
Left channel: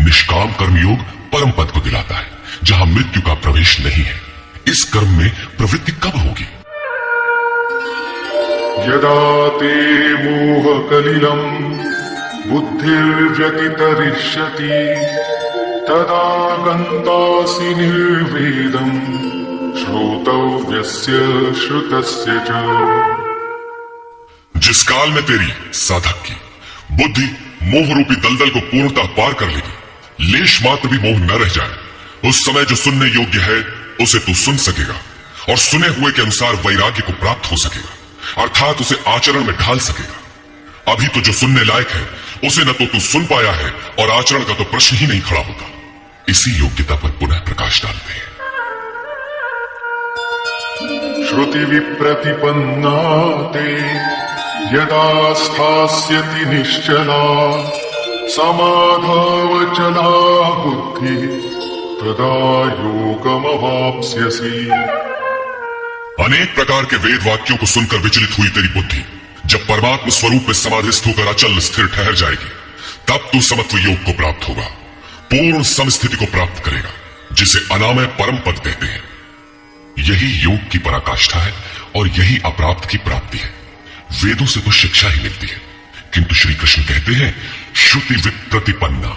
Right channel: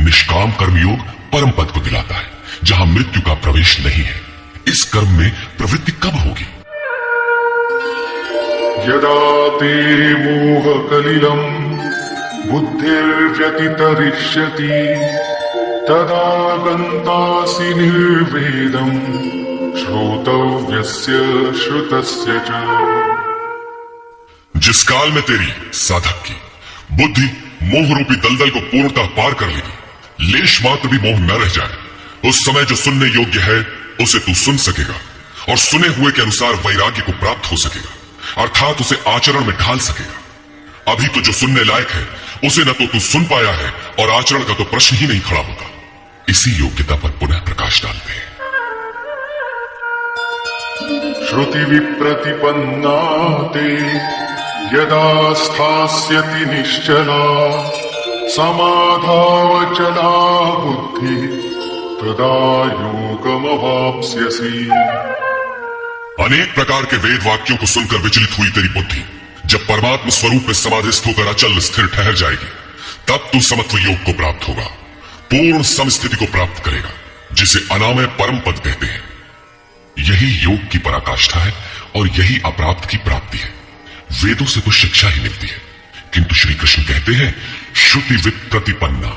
निष्काम कर्मयोग परम पद को दिलाता है, जहां मृत्यु का प्रवेश नहीं है। इस कर्म में प्रवृत्ति कब होगी? यदा ते मोहकलिलं बुद्धिर्व्यतितरिष्यति तदा गन्तासि निर्वेदं श्रोतव्यस्य श्रुतस्य च। जिस काल में तेरी साधक की बुद्धि मोह रूपी दलदल को पूर्णतः पार कर लेगी, लेश मात्र भी मोह न रह जाए, उस समय जो सुनने योग्य है उसे तू सुन सकेगा और सुने हुए के अनुसार वैराग्य को प्राप्त हो सकेगा, अर्थात उसे आचरण में ढाल सकेगा। अभी तो जो सुनने लायक है उसे न तो तू सुन पाया है और आचरण का तो प्रश्न ही नहीं खड़ा होता। इसी योग्यता पर पुनः प्रकाश डालते हैं। श्रुति विप्रतिपन्ना ते यदा स्थास्यति निश्चला समाधावचला बुद्धि तदा योगमवाप्स्यसि। अनेक प्रकार के वेद वाक्यों को सुनकर विचलित हुई तेरी बुद्धि जब परमात्म स्वरूप में समाधिस्थ होकर अचल स्थिर ठहर जाएगी, तब तू समत्व योग को प्राप्त होगा, पूर्ण समस्थिति को प्राप्त करेगा, जिसे अनामय परम पद कहते हैं। यही योग की पराकाष्ठा है और यही अप्राप्त की प्राप्ति है। वेदों से तो शिक्षा ही मिलती है, किंतु श्री कृष्ण कहते हैं श्रुति विप्रतिपन्ना।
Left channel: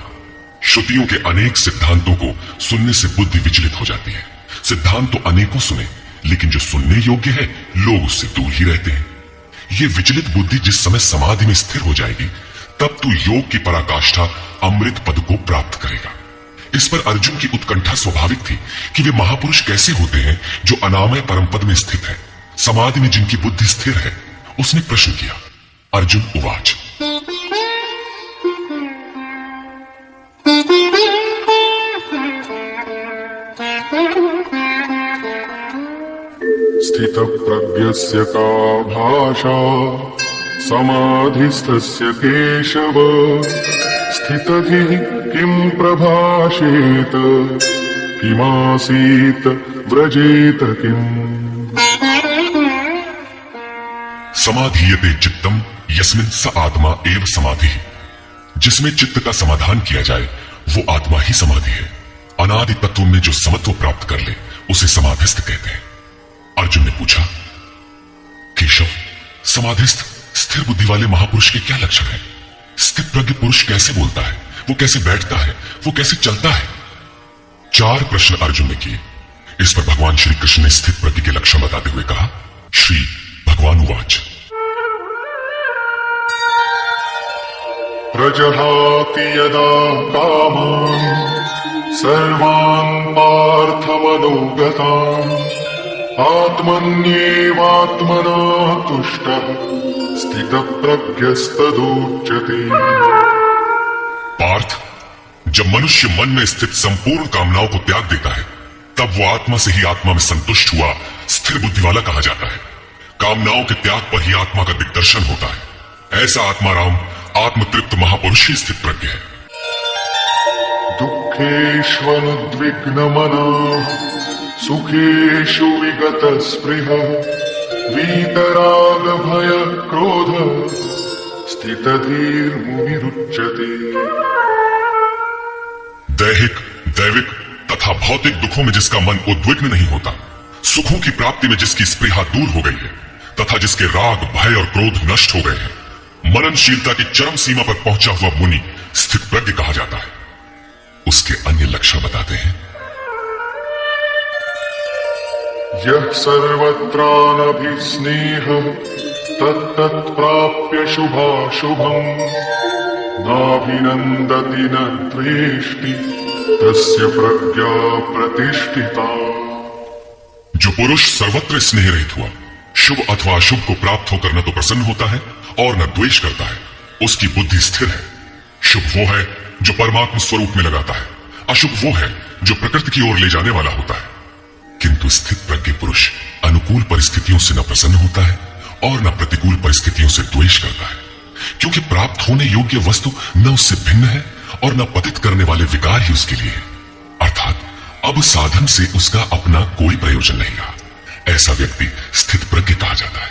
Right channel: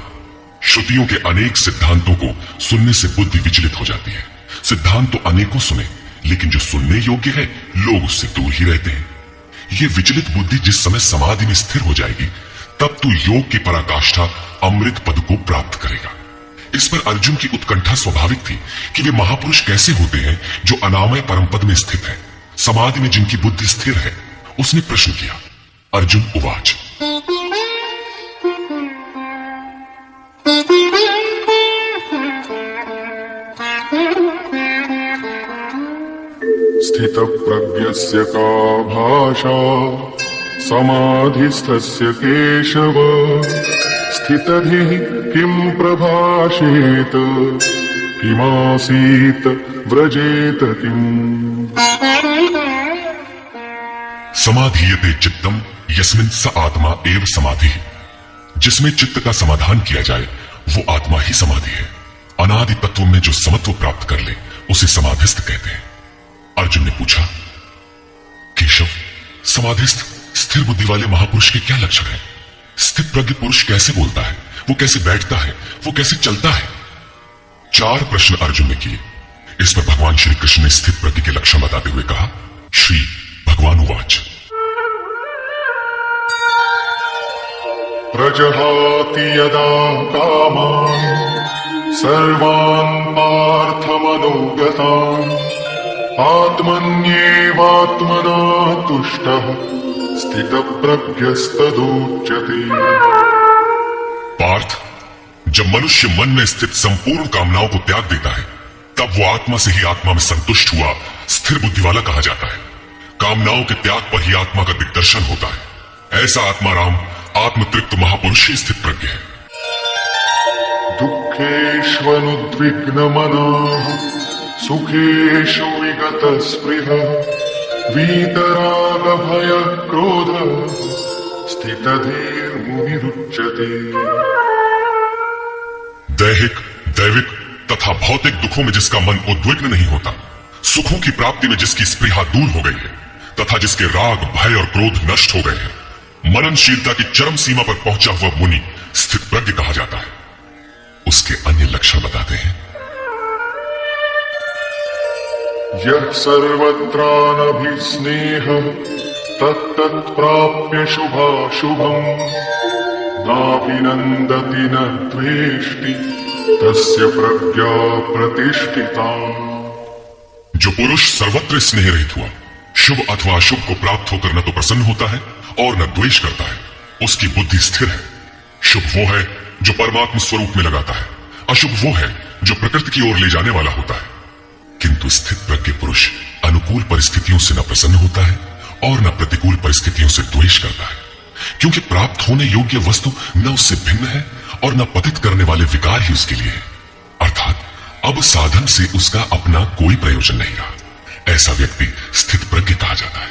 श्रुतियों के अनेक सिद्धांतों को सुनने से बुद्धि विचलित हो जाती है। सिद्धांत तो अनेकों सुने, लेकिन जो सुनने योग्य है लोग उससे दूर ही रहते हैं। ये विचलित बुद्धि जिस समय समाधि में स्थिर हो जाएगी, तब तू योग की पराकाष्ठा अमृत पद को प्राप्त करेगा। इस पर अर्जुन की उत्कंठा स्वाभाविक थी कि वे महापुरुष कैसे होते हैं जो अनामय परम पद में स्थित है, समाधि में जिनकी बुद्धि स्थिर है। उसने प्रश्न किया। अर्जुन उवाच। स्थितप्रज्ञस्य का भाषा समाधिस्थस्य केशव स्थितधिः किं प्रभाषेत किमासीत व्रजेत किम्। समाधीयते चित्तम यस्मिन् स आत्मा एव समाधि। जिसमें चित्त का समाधान किया जाए वो आत्मा ही समाधि है। अनादि तत्व में जो समत्व प्राप्त कर ले उसे समाधिस्थ कहते हैं। अर्जुन ने पूछा, केशव, समाधिस्थ स्थिर बुद्धि वाले महापुरुष के क्या लक्षण है? स्थित प्रज्ञ पुरुष कैसे बोलता है, वो कैसे बैठता है, वो कैसे चलता है? 4 प्रश्न अर्जुन ने किए। इस पर भगवान श्री कृष्ण ने स्थित प्रज्ञ के लक्षण बताते हुए कहा, श्री भगवान उवाच, प्रजहाति यदा कामान् सर्वान् पार्थमनोगतान् आत्मन्येवात्मना तुष्टः स्थितप्रज्ञस्तदुच्यते। पार्थ, जब मनुष्य मन में स्थित संपूर्ण कामनाओं को त्याग देता है, तब वो आत्मा से ही आत्मा में संतुष्ट हुआ स्थिर बुद्धि वाला कहा जाता है। कामनाओं के त्याग पर ही आत्मा का दिग्दर्शन होता है। ऐसा आत्माराम आत्मतृप्त महापुरुष ही स्थित प्रज्ञ है। दुःखेष्वनुद्विग्नमनः सुखेषु विगतस्पृहः वीतरागभयक्रोध स्थितधीर्मुनिरुच्यते। दैहिक, दैविक तथा भौतिक दुखों में जिसका मन उद्विग्न नहीं होता, सुखों की प्राप्ति में जिसकी स्पृहा दूर हो गई है तथा जिसके राग, भय और क्रोध नष्ट हो गए हैं, मननशीलता की चरम सीमा पर पहुंचा हुआ मुनि स्थित प्रज्ञ कहा जाता है। उसके अन्य लक्षण बताते हैं, यः सर्वत्रानभिस्नेहः तत्तत्प्राप्य शुभाशुभम् नाभिनन्दति न द्वेष्टि तस्य प्रज्ञा प्रतिष्ठिता। जो पुरुष सर्वत्र स्नेह रहित हुआ, शुभ अथवा अशुभ को प्राप्त होकर न तो प्रसन्न होता है और न द्वेष करता है, उसकी बुद्धि स्थिर है। शुभ वो है जो परमात्मा स्वरूप में लगाता है, अशुभ वो है जो प्रकृति की ओर ले जाने वाला होता है। किंतु स्थित प्रज्ञ पुरुष अनुकूल परिस्थितियों से न प्रसन्न होता है और न प्रतिकूल परिस्थितियों से द्वेष करता है, क्योंकि प्राप्त होने योग्य वस्तु न उससे भिन्न है और न पतित करने वाले विकार ही उसके लिए है। अर्थात अब साधन से उसका अपना कोई प्रयोजन नहीं रहा। ऐसा व्यक्ति स्थित प्रज्ञ कहा जाता है।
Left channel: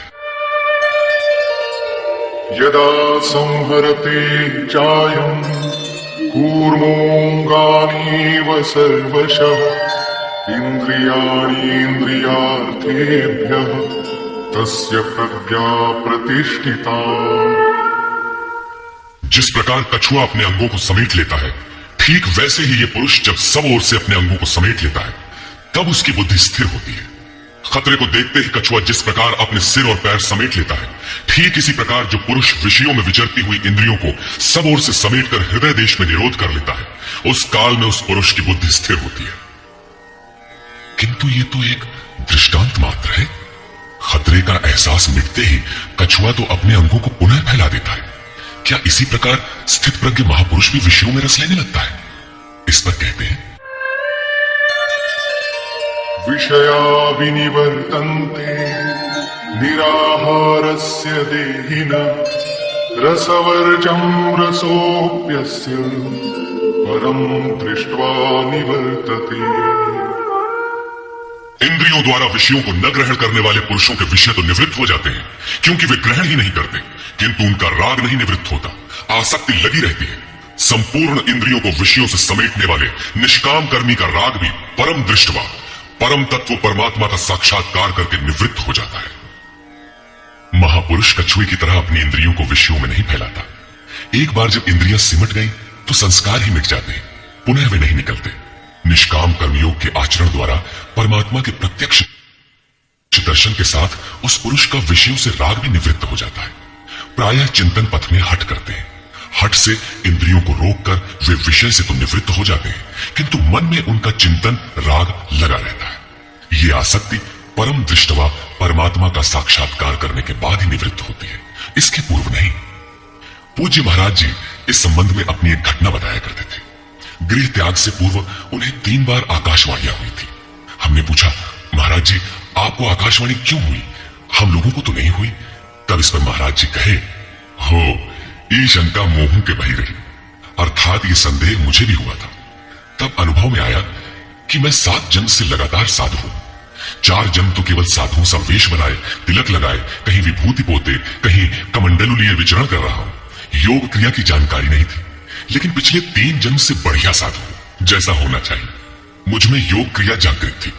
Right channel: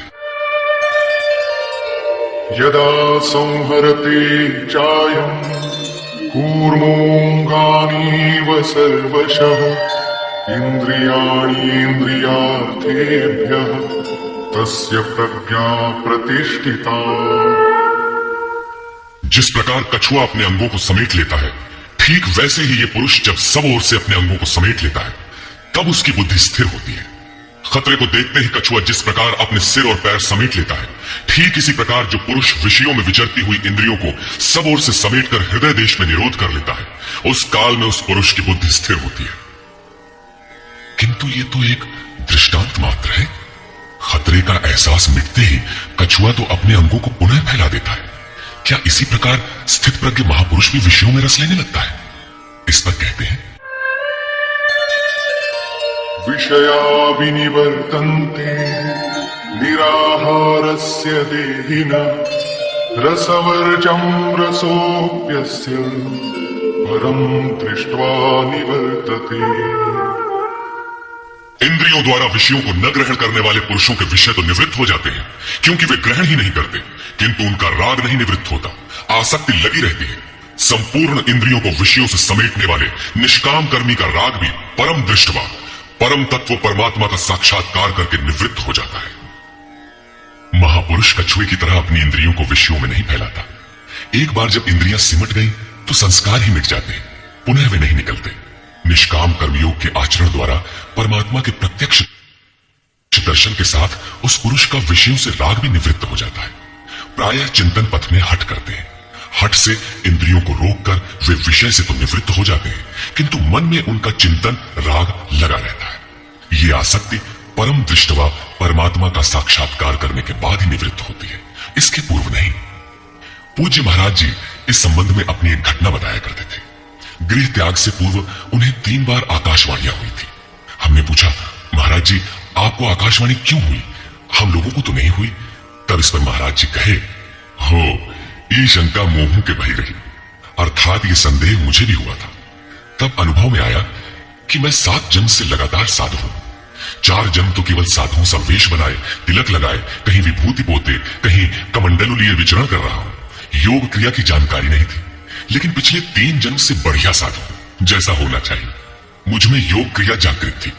यदा संहरति चायं कूर्मोऽङ्गानीव सर्वशः इन्द्रियाणीन्द्रियार्थेभ्यः तस्य प्रज्ञा प्रतिष्ठिता। जिस प्रकार कछुआ अपने अंगों को समेट लेता है, ठीक वैसे ही ये पुरुष जब सब ओर से अपने अंगों को समेट लेता है, तब उसकी बुद्धि स्थिर होती है। खतरे को देखते ही कछुआ जिस प्रकार अपने सिर और पैर समेट लेता है, ठीक इसी प्रकार जो पुरुष विषयों में विचरती हुई इंद्रियों को सब ओर से समेटकर हृदय देश में निरोध कर लेता है, उस काल में उस पुरुष की बुद्धि स्थिर होती है। किंतु ये तो एक दृष्टांत मात्र है। खतरे का एहसास मिटते ही कछुआ तो अपने अंगों को पुनः फैला देता है। क्या इसी प्रकार स्थित प्रज्ञ महापुरुष भी विषयों में रस लेने लगता है? इस पर कहते हैं, विषया विनिवर्तन्ते निराहारस्य देहिनः रसवर्जं रसोऽप्यस्य परं दृष्ट्वा निवर्तते। इंद्रियों द्वारा विषयों को न ग्रहण करने वाले पुरुषों के विषय तो निवृत्त हो जाते हैं, क्योंकि वे ग्रहण ही नहीं करते, किंतु उनका राग नहीं निवृत्त होता, आसक्ति लगी रहती है। संपूर्ण इंद्रियों को विषयों से समेटने वाले निष्काम कर्मी का राग भी परम दृष्टवा, परम तत्व परमात्मा का साक्षात्कार करके निवृत्त हो जाता है। महापुरुष कछुए की तरह अपनी इंद्रियों को विषयों में नहीं फैलाता। एक बार जब इंद्रियां सिमट गई तो संस्कार ही मिट जाते हैं, पुनः वे नहीं निकलते। निष्काम कर्मयोग के आचरण द्वारा परमात्मा के प्रत्यक्ष दर्शन के साथ उस पुरुष का विषयों से राग भी निवृत्त हो जाता है। प्रायः चिंतन पथ में हठ करते हैं। हठ से इंद्रियों को रोककर वे विषय से तो निवृत्त हो जाते हैं, किंतु मन में उनका चिंतन राग लगा रहता है। ये आसक्ति परम दृष्टवा परमात्मा का साक्षात्कार करने के बाद ही निवृत्त होती है, इसके पूर्व नहीं। पूज्य महाराज जी इस संबंध में अपनी एक घटना बताया करते थे। गृह त्याग से पूर्व उन्हें 3 बार आकाशवाणियां हुई थी। हमने पूछा, महाराज जी आपको आकाशवाणी क्यों हुई, हम लोगों को तो नहीं हुई? तब इस पर महाराज जी कहे, हो ये शंका मोह के बही रही, अर्थात ये संदेह मुझे भी हुआ था। तब अनुभव में आया कि मैं 7 जन्म से लगातार साधु हूं। 4 जन्म तो केवल साधुओं सा वेश बनाए, तिलक लगाए, कहीं विभूति पोते, कहीं कमंडलू लिए विचरण कर रहा हूं। योग क्रिया की जानकारी नहीं थी, लेकिन पिछले 3 जन्म से बढ़िया साधु, जैसा होना चाहिए। मुझ में योग क्रिया जागृत थी।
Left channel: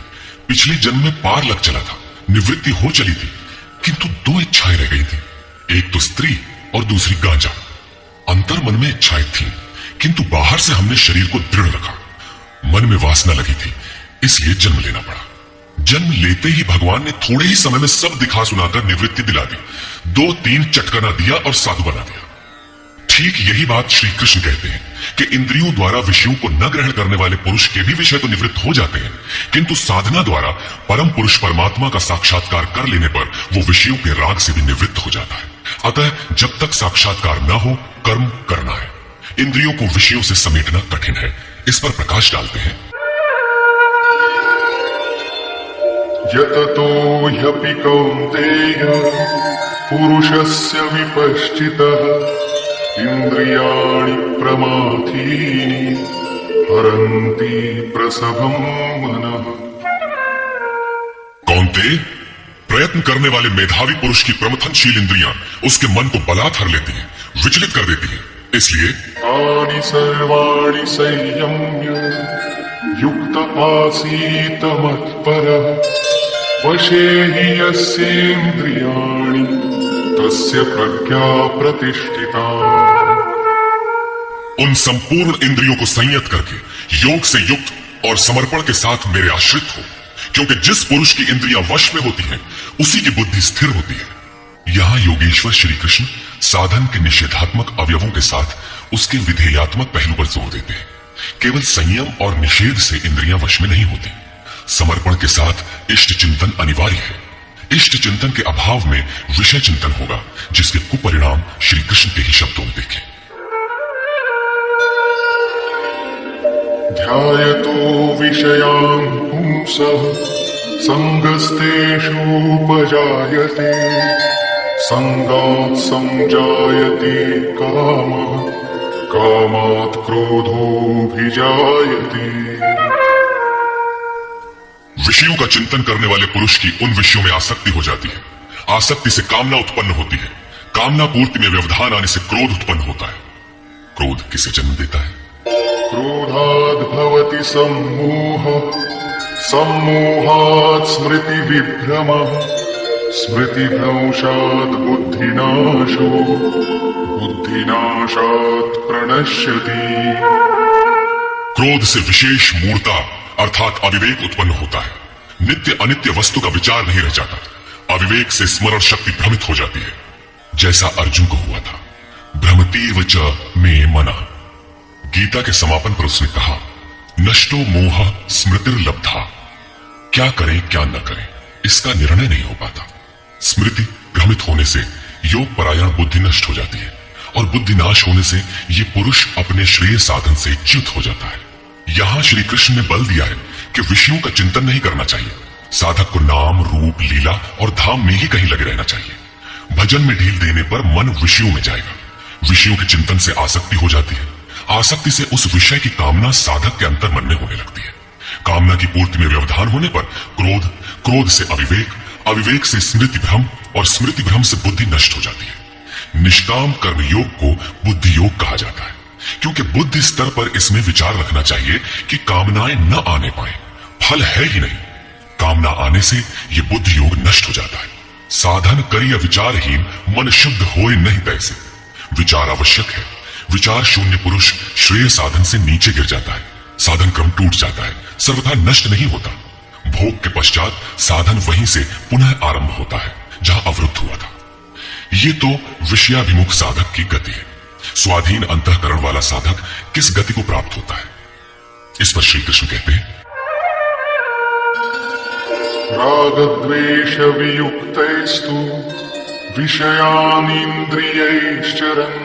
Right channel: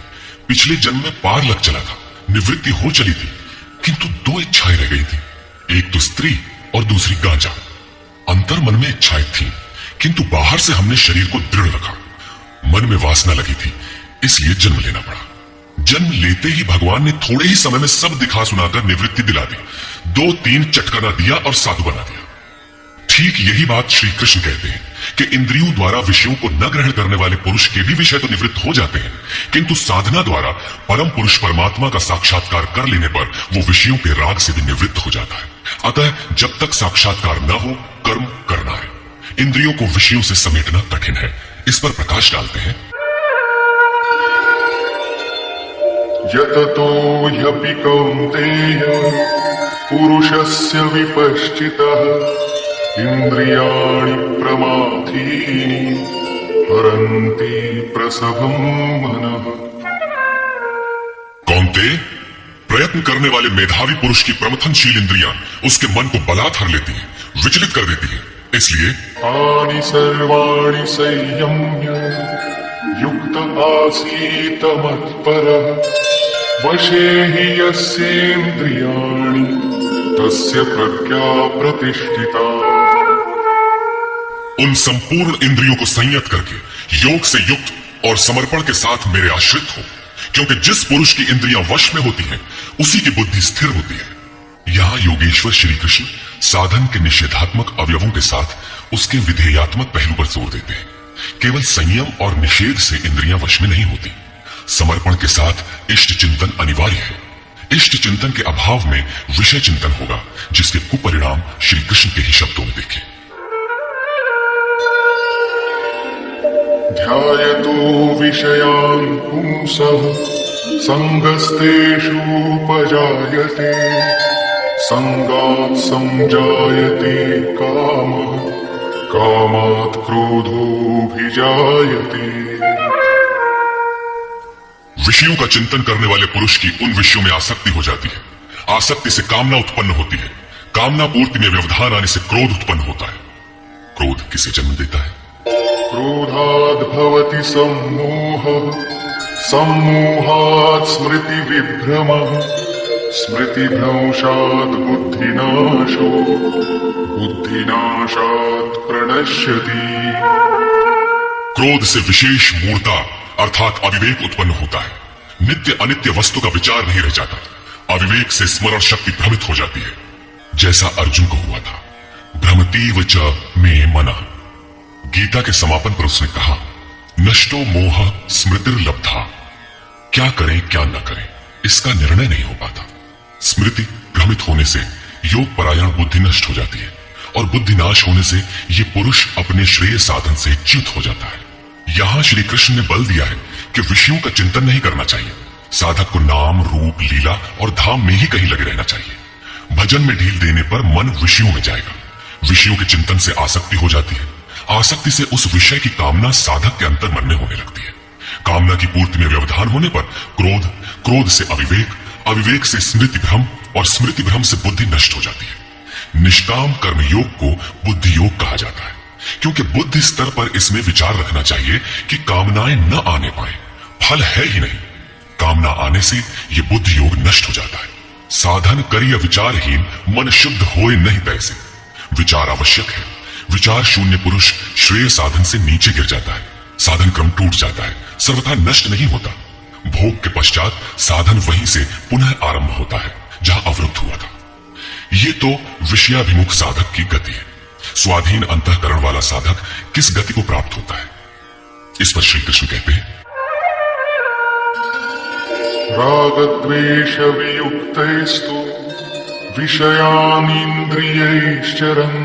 पिछले जन्म में पार लग चला था, निवृत्ति हो चली थी, किंतु 2 इच्छाएं रह गई थी। एक तो स्त्री और दूसरी गांजा। अंतर मन में इच्छाएं थी, किंतु बाहर से हमने शरीर को दृढ़ रखा। मन में वासना लगी थी, इसलिए जन्म लेना पड़ा। जन्म लेते ही भगवान ने थोड़े ही समय में सब दिखा सुनाकर निवृत्ति दिला दी, 2-3 चटकाना दिया और साधु बना दिया। ठीक यही बात श्री कृष्ण कहते हैं कि इंद्रियों द्वारा विषयों को न ग्रहण करने वाले पुरुष के भी विषय तो निवृत्त हो जाते हैं, किंतु साधना द्वारा परम पुरुष परमात्मा का साक्षात्कार कर लेने पर वो विषयों के राग से भी निवृत्त हो जाता है। अतः जब तक साक्षात्कार न हो, कर्म करना है। इंद्रियों को विषयों से समेटना कठिन है। इस पर प्रकाश डालते हैं। यततो ह्यपि कौन्तेय पुरुषस्य विपश्चितः इंद्रियाणि प्रमाथीनि हरन्ति प्रसभं मनः। कौन्तेय, प्रयत्न करने वाले मेधावी पुरुष की प्रमथनशील इंद्रियां उसके मन को बलात् हर लेती हैं, विचलित कर देती हैं। इसलिए तानि सर्वाणि संयम्य युक्त आसीत मत्परः वशे हि यस्येन्द्रियाणि तस्य प्रज्ञा प्रतिष्ठिता। उन संपूर्ण इंद्रियों को संयत करके योग से युक्त और समर्पण के साथ मेरे आश्रित हो, क्योंकि जिस पुरुष की इंद्रियां वश में होती हैं, उसी की बुद्धि स्थिर होती है। यहाँ योगेश्वर श्री कृष्ण साधन के निषेधात्मक अवयवों के साथ उसके विधेयात्मक पहलू पर जोर देते हैं। केवल संयम और निषेध से इंद्रियां वश में नहीं होती, समर्पण के साथ इष्ट चिंतन अनिवार्य है। इष्ट चिंतन के अभाव में विषय चिंतन होगा, जिसके कुपरिणाम श्री कृष्ण के ही शब्दों में देखें। ध्यायतो विषयान् पुंसः संगस्तेषु उपजायते संगात् संजायते कामः कामात् क्रोधोऽभिजायते। विषयों का चिंतन करने वाले पुरुष की उन विषयों में आसक्ति हो जाती है। आसक्ति से कामना उत्पन्न होती है। कामना पूर्ति में व्यवधान आने से क्रोध उत्पन्न होता है। क्रोध किसे जन्म देता है? क्रोधाद् भवति सम्मोहः सम्मोहात् स्मृति विभ्रमः स्मृतिभ्रंशात् बुद्धिनाशो बुद्धिनाशात् प्रणश्यति। क्रोध से विशेष मूर्ता अर्थात अविवेक उत्पन्न होता है। नित्य अनित्य वस्तु का विचार नहीं रह जाता। अविवेक से स्मरण शक्ति भ्रमित हो जाती है, जैसा अर्जुन को हुआ था। भ्रमतीव च मे मनः। गीता के समापन पर उसने कहा, नष्टो मोह स्मृतिर्लब्धा। क्या करें क्या न करें, इसका निर्णय नहीं हो पाता। स्मृति भ्रमित होने से योग परायण बुद्धि नष्ट हो जाती है, और बुद्धि नाश होने से ये पुरुष अपने श्रेय साधन से च्युत हो जाता है। यहां श्री कृष्ण ने बल दिया है कि विषयों का चिंतन नहीं करना चाहिए। साधक को नाम, रूप, लीला और धाम में ही कहीं लगे रहना चाहिए। भजन में ढील देने पर मन विषयों में जाएगा। विषयों के चिंतन से आसक्ति हो जाती है। आसक्ति से उस विषय की कामना साधक के अंतर मन में होने लगती है। कामना की पूर्ति में व्यवधान होने पर क्रोध, क्रोध से अविवेक, अविवेक से स्मृति भ्रम और स्मृति भ्रम से बुद्धि नष्ट हो जाती है। निष्काम कर्म योग को बुद्धि योग कहा जाता है, क्योंकि बुद्धि स्तर पर इसमें विचार रखना चाहिए कि कामनाएं न आने पाए। फल है ही नहीं। कामना आने से ये बुद्धि योग नष्ट हो जाता है। साधन करिय विचारहीन मन शुद्ध होए नहीं तैसे। विचार आवश्यक है। विचार शून्य पुरुष श्रेय साधन से नीचे गिर जाता है। साधन क्रम टूट जाता है, सर्वथा नष्ट नहीं होता। भोग के पश्चात साधन वहीं से पुनः आरंभ होता है जहां अवरुद्ध हुआ था। ये तो विषयाभिमुख साधक की गति है। स्वाधीन अंतःकरण वाला साधक किस गति को प्राप्त होता है? इस पर श्री कृष्ण कहते हैं, रागद्वेष वियुक्तैस्तु विषयानीन्द्रियैश्चरन्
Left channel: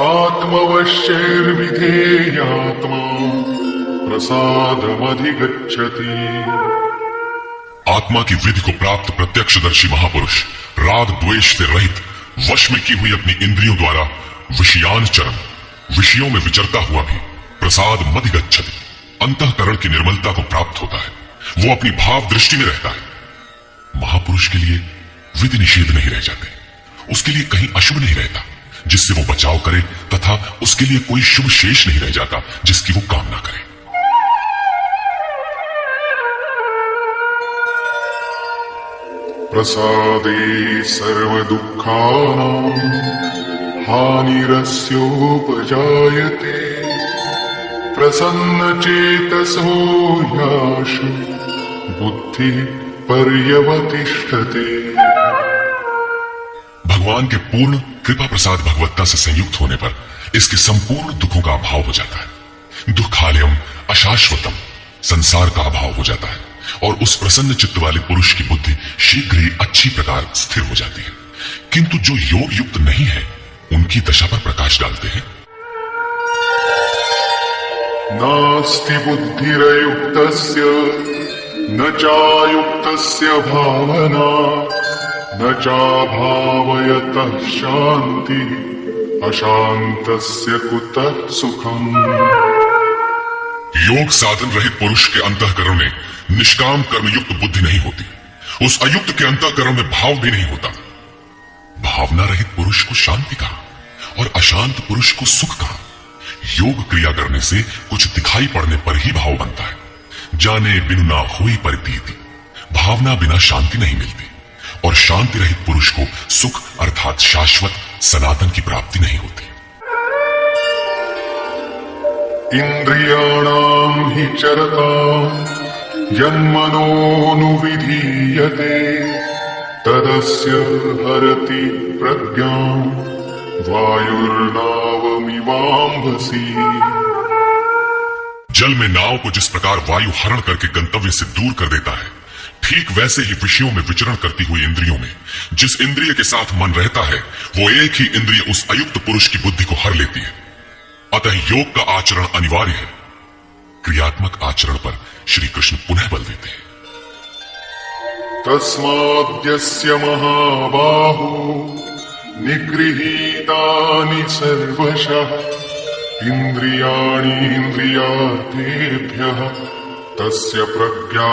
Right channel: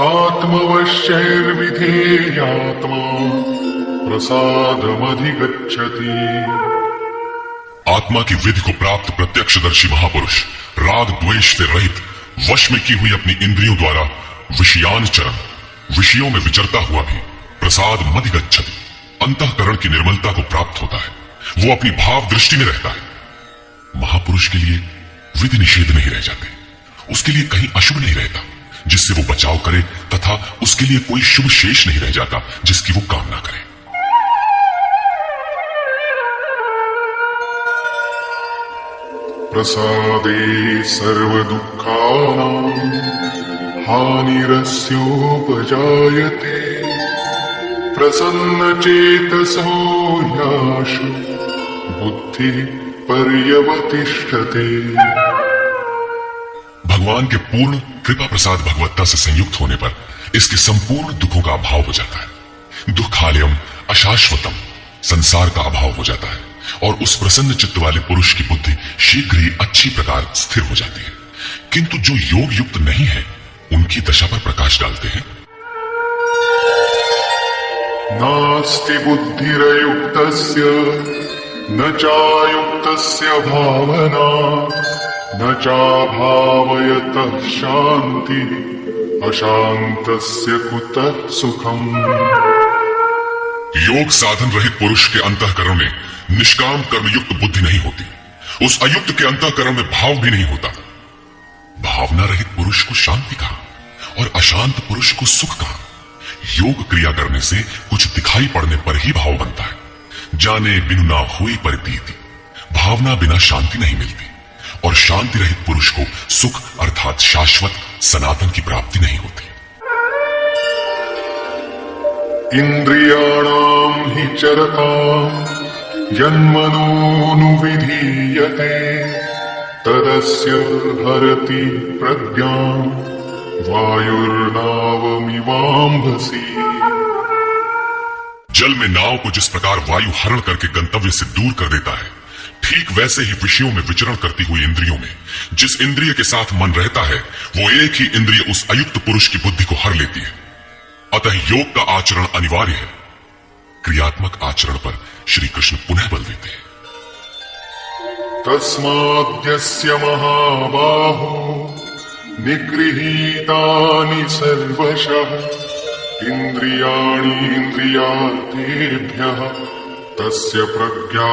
आत्मवश्यैर्विधेयात्मा प्रसादमधिगच्छति। आत्मा की विधि को प्राप्त प्रत्यक्षदर्शी महापुरुष राग द्वेष से रहित वश में की हुई अपनी इंद्रियों द्वारा विषयानुचरण, विषयों में विचरता हुआ भी प्रसाद मधिगच्छति, अंतःकरण की निर्मलता को प्राप्त होता है। वो अपनी भाव दृष्टि में रहता है। महापुरुष के लिए विधि निषेध नहीं रह जाते। उसके लिए कहीं अशुभ नहीं रहता जिससे वो बचाव करे, तथा उसके लिए कोई शुभ शेष नहीं रह जाता जिसकी वो कामना करे। प्रसादे सर्वदुःखानां हानिरस्योपजायते प्रसन्नचेतसो ह्याशु बुद्धि पर्यवतिष्ठते। भगवान के पूर्ण कृपा प्रसाद भगवत्ता से संयुक्त होने पर इसके संपूर्ण दुखों का अभाव हो जाता है। दुखालयम अशाश्वतम संसार का अभाव हो जाता है और उस प्रसन्न चित्त वाले पुरुष की बुद्धि शीघ्र ही अच्छी प्रकार स्थिर हो जाती है। किंतु जो योग युक्त नहीं है उनकी दशा पर प्रकाश डालते हैं। नास्ति बुद्धिरयुक्तस्य न चायुक्तस्य भावना न चाभावयतः शांति अशांतस्य कुतः सुखम। योग साधन रहित पुरुष के अंतःकरण में निष्काम कर्मयुक्त बुद्धि नहीं होती। उस अयुक्त के अंतःकरण में भाव भी नहीं होता। भावना रहित पुरुष को शांति कहा और अशांत पुरुष को सुख कहा। योग क्रिया करने से कुछ दिखाई पड़ने पर ही भाव बनता है। जाने बिनु ना हुई परितीति, भावना बिना शांति नहीं मिलती और शांति रहित पुरुष को सुख अर्थात शाश्वत सनातन की प्राप्ति नहीं होती। इंद्रियाणां हि चरतां यन्मनोनुविधीयते तदस्य हरति प्रज्ञां वायुर्नावमिवाम्भसि। जल में नाव को जिस प्रकार वायु हरण करके गंतव्य से दूर कर देता है, ठीक वैसे ही विषयों में विचरण करती हुई इंद्रियों में जिस इंद्रिय के साथ मन रहता है वो एक ही इंद्रिय उस अयुक्त पुरुष की बुद्धि को हर लेती है। अतः योग का आचरण अनिवार्य है। क्रियात्मक आचरण पर श्री कृष्ण पुनः बल देते हैं। तस्माद्यस्य महाबाहो निगृहीतानि सर्वशः इंद्रियाणीन्द्रियार्थेभ्यः तस्य प्रज्ञा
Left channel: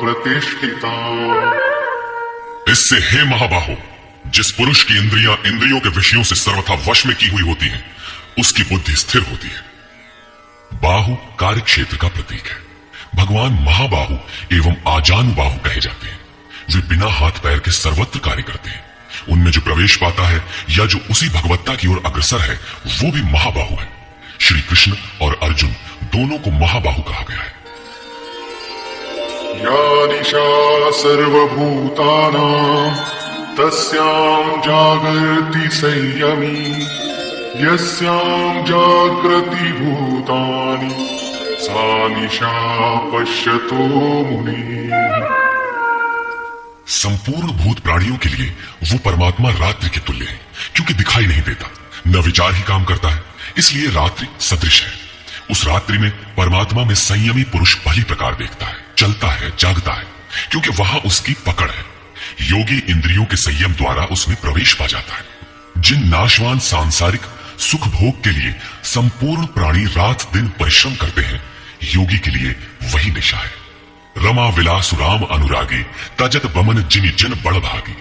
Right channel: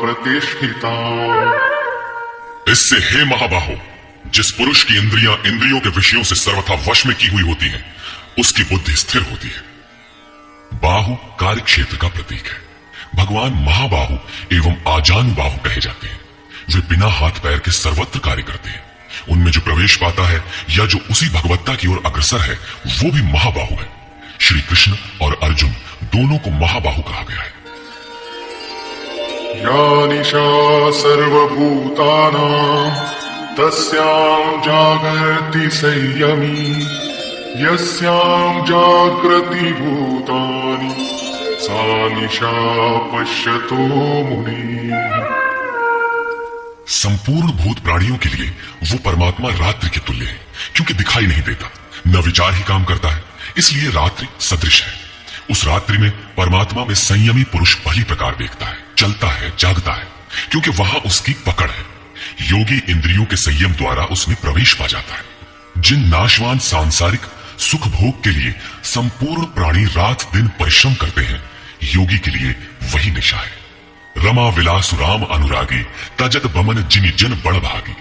प्रतिष्ठिता। इससे हे महाबाहो, जिस पुरुष की इंद्रियां इंद्रियों के विषयों से सर्वथा वश में की हुई होती हैं, उसकी बुद्धि स्थिर होती है। बाहु कार्य क्षेत्र का प्रतीक है। भगवान महाबाहु एवं आजानुबाहु कहे जाते हैं। वे बिना हाथ पैर के सर्वत्र कार्य करते हैं। उनमें जो प्रवेश पाता है या जो उसी भगवत्ता की ओर अग्रसर है वो भी महाबाहु है। श्री कृष्ण और अर्जुन दोनों को महाबाहु कहा गया है। या निशा सर्वभूतानां तस्यां जागर्ति संयमी यस्यां जागृति भूतानि सा निशा पश्यतो मुनि। संपूर्ण भूत प्राणियों के लिए वो परमात्मा रात्रि के तुल्य है, क्योंकि दिखाई नहीं देता, न विचार ही काम करता है, इसलिए रात्रि सदृश है। उस रात्रि में परमात्मा में संयमी पुरुष भली प्रकार देखता है, चलता है, जागता है, क्योंकि वहां उसकी पकड़ है। योगी इंद्रियों के संयम द्वारा उसमें प्रवेश पा जाता है। जिन नाशवान सांसारिक सुख भोग के लिए संपूर्ण प्राणी रात दिन परिश्रम करते हैं, योगी के लिए वही निशा है। रमा विलास राम अनुरागी तजत बमन जिनि जन बड़ भागी।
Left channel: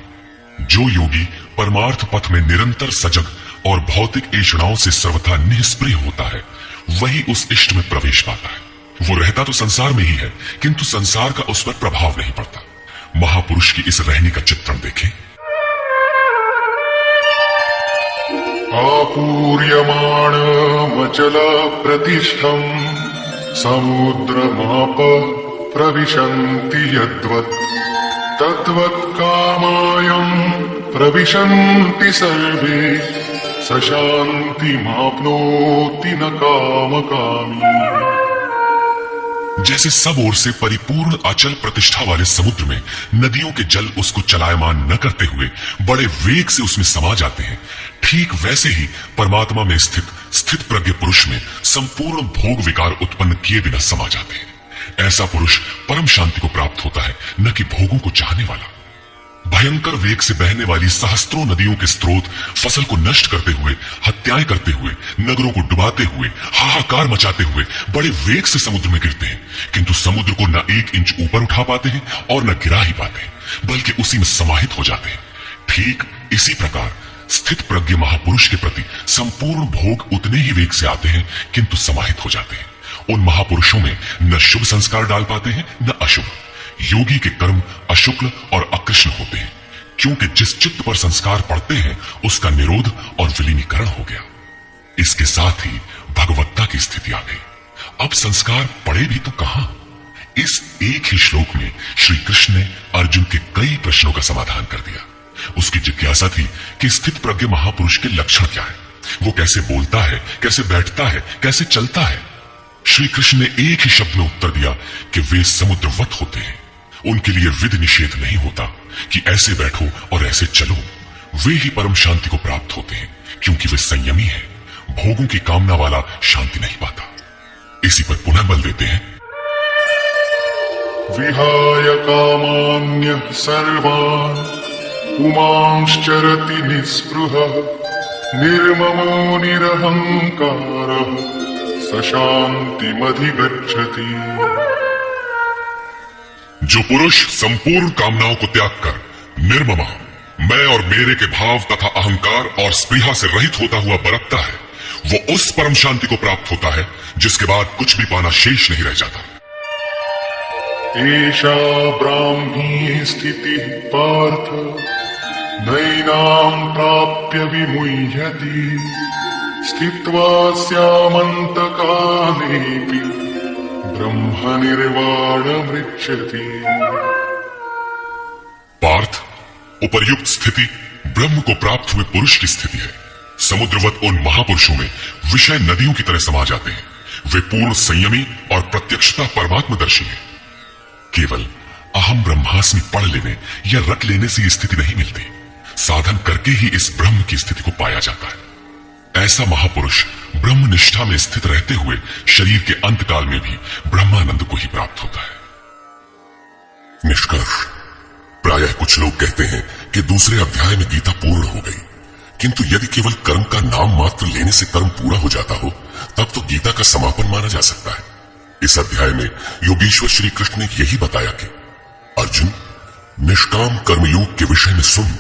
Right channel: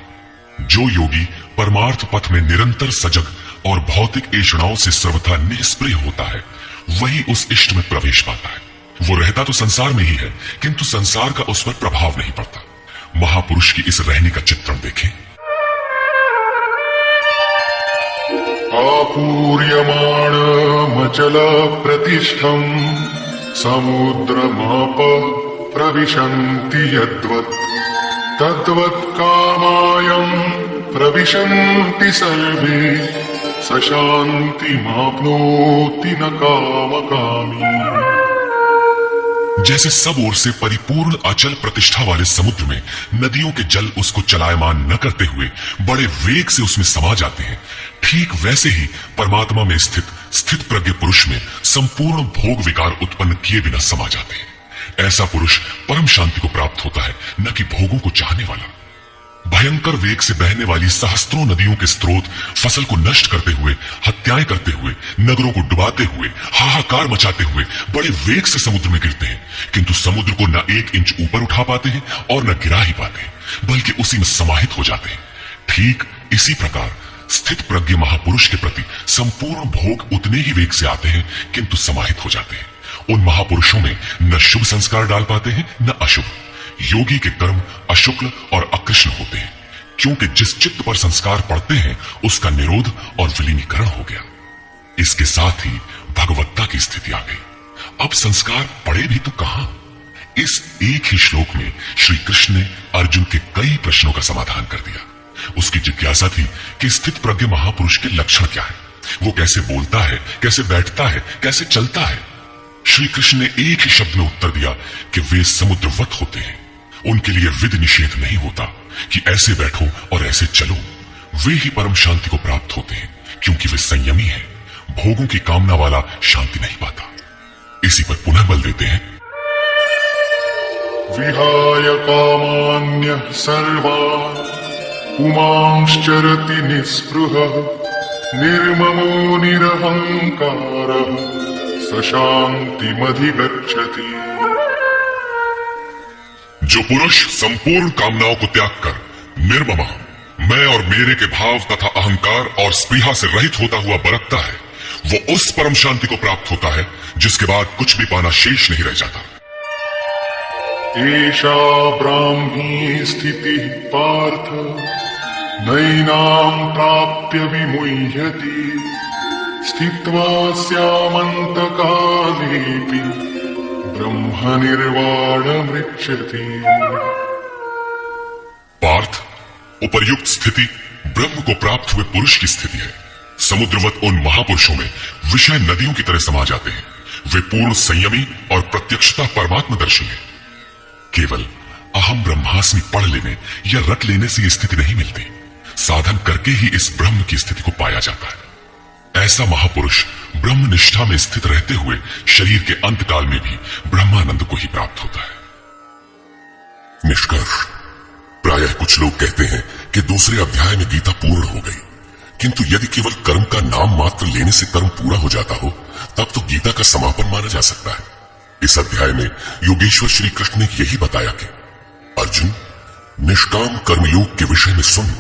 जो योगी परमार्थ पथ में निरंतर सजग और भौतिक ऐषणाओं से सर्वथा निष्प्रिय होता है, वही उस इष्ट में प्रवेश पाता है। वो रहता तो संसार में ही है, किंतु संसार का उस पर प्रभाव नहीं पड़ता। महापुरुष की इस रहने का चित्रण देखें। आपूर्यमाणमचल प्रतिष्ठं समुद्रमाप प्रविशन्ति यद्वत् तद्वत् कामायं प्रविशन्ति सर्वे स शान्तिमाप्नोति न कामकामी। जैसे सब ओर से परिपूर्ण अचल प्रतिष्ठा वाले समुद्र में नदियों के जल उसको चलायमान न करते हुए बड़े वेग से उसमें समा जाते हैं, ठीक वैसे ही परमात्मा में स्थित प्रज्ञ पुरुष में संपूर्ण भोग विकार उत्पन्न किए बिना समा जाते हैं। ऐसा पुरुष परम शांति को प्राप्त होता है, न कि भोगों को चाहने वाला। भयंकर वेग से बहने वाली सहस्त्रों नदियों के स्रोत फसल को नष्ट करते हुए, हत्याएं करते हुए, नगरों को डुबाते हुए, हाहाकार मचाते हुए बड़े वेग से समुद्र में गिरते हैं, किंतु समुद्र को न 1 इंच ऊपर उठा पाते हैं और न गिरा ही पाते, बल्कि उसी में समाहित हो जाते हैं। ठीक इसी प्रकार स्थित प्रज्ञ महापुरुष के प्रति संपूर्ण भोग उतने ही वेग से आते हैं, किंतु समाहित हो जाते हैं। उन महापुरुषों में न शुभ संस्कार डाल पाते हैं न अशुभ, योगी के कर्म अशुक्ल और अकृष्ण होते हैं, क्योंकि जिस चित्त पर संस्कार पड़ते हैं उसका निरोध और विलीनीकरण हो गया। इसके साथ ही भगवत्ता की स्थिति आ गई। अब संस्कार पड़े भी तो कहां? इस एक ही श्लोक में श्री कृष्ण ने अर्जुन के कई प्रश्नों का समाधान कर दिया। उसकी जिज्ञासा थी कि स्थित प्रज्ञ महापुरुष के लक्षण क्या है, वो कैसे बोलता है, कैसे बैठता है, कैसे चलता है। श्री कृष्ण ने एक ही शब्द में उत्तर दिया कि वे समुद्रवत होते हैं। उनके लिए विध निषेध नहीं होता कि ऐसे बैठो और ऐसे चलो। वे ही परम शांति को प्राप्त होते हैं, क्योंकि वे संयमी हैं। भोगों की कामना वाला शांति नहीं पाता। इसी पर पुनः बल देते हैं, विहाय कामान्यः सर्वान् पुमांश्चरति निःस्पृहः निर्ममो निरहंकारः स शान्तिमधिगच्छति। जो पुरुष संपूर्ण कामनाओं को त्याग कर निर्ममा, मैं और मेरे के भाव तथा अहंकार और स्पृहा से रहित होता हुआ बरतता है, वो उस परम शांति को प्राप्त होता है जिसके बाद कुछ भी पाना शेष नहीं रह जाता। एषा ब्राह्मी स्थितिः पार्थ नैनां प्राप्य विमुह्यति स्थित्वा स्यामन्तकामेऽपि ब्रह्म निर्वाणमृच्छति। पार्थ, उपर्युक्त स्थिति ब्रह्म को प्राप्त हुए पुरुष की स्थिति है। समुद्रवत उन महापुरुषों में विषय नदियों की तरह समा जाते हैं। वे पूर्ण संयमी और प्रत्यक्षता परमात्मदर्शी हैं। केवल अहम ब्रह्मास्मि पढ़ लेने या रट लेने से ये स्थिति नहीं मिलती। साधन करके ही इस ब्रह्म की स्थिति को पाया जाता है। ऐसा महापुरुष ब्रह्म निष्ठा में स्थित रहते हुए शरीर के अंतकाल में भी ब्रह्मानंद को ही प्राप्त होता है। निष्कर्ष, प्रायः कुछ लोग कहते हैं कि दूसरे अध्याय में गीता पूर्ण हो गई, किंतु यदि केवल कर्म का नाम मात्र लेने से कर्म पूरा हो जाता हो तब तो गीता का समापन माना जा सकता है। इस अध्याय में योगेश्वर श्री कृष्ण ने यही बताया कि अर्जुन, निष्काम कर्मयोग के विषय में सुन,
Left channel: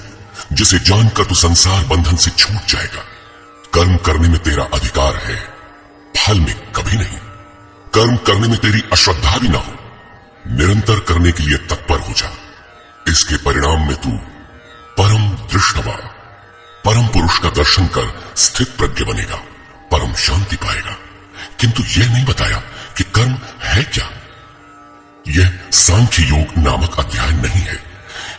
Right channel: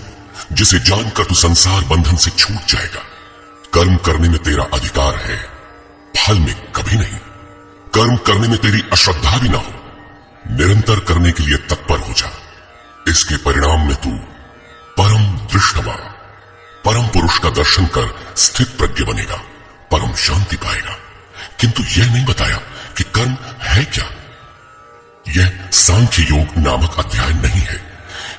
जिसे जानकर तू संसार बंधन से छूट जाएगा। कर्म करने में तेरा अधिकार है, फल में कभी नहीं। कर्म करने में तेरी अश्रद्धा भी ना हो, निरंतर करने के लिए तत्पर हो जा। इसके परिणाम में तू परम दृष्टवा, परम पुरुष का दर्शन कर स्थित प्रज्ञ बनेगा, परम शांति पाएगा। किंतु यह नहीं बताया कि कर्म है क्या। यह सांख्य योग नामक अध्याय नहीं है।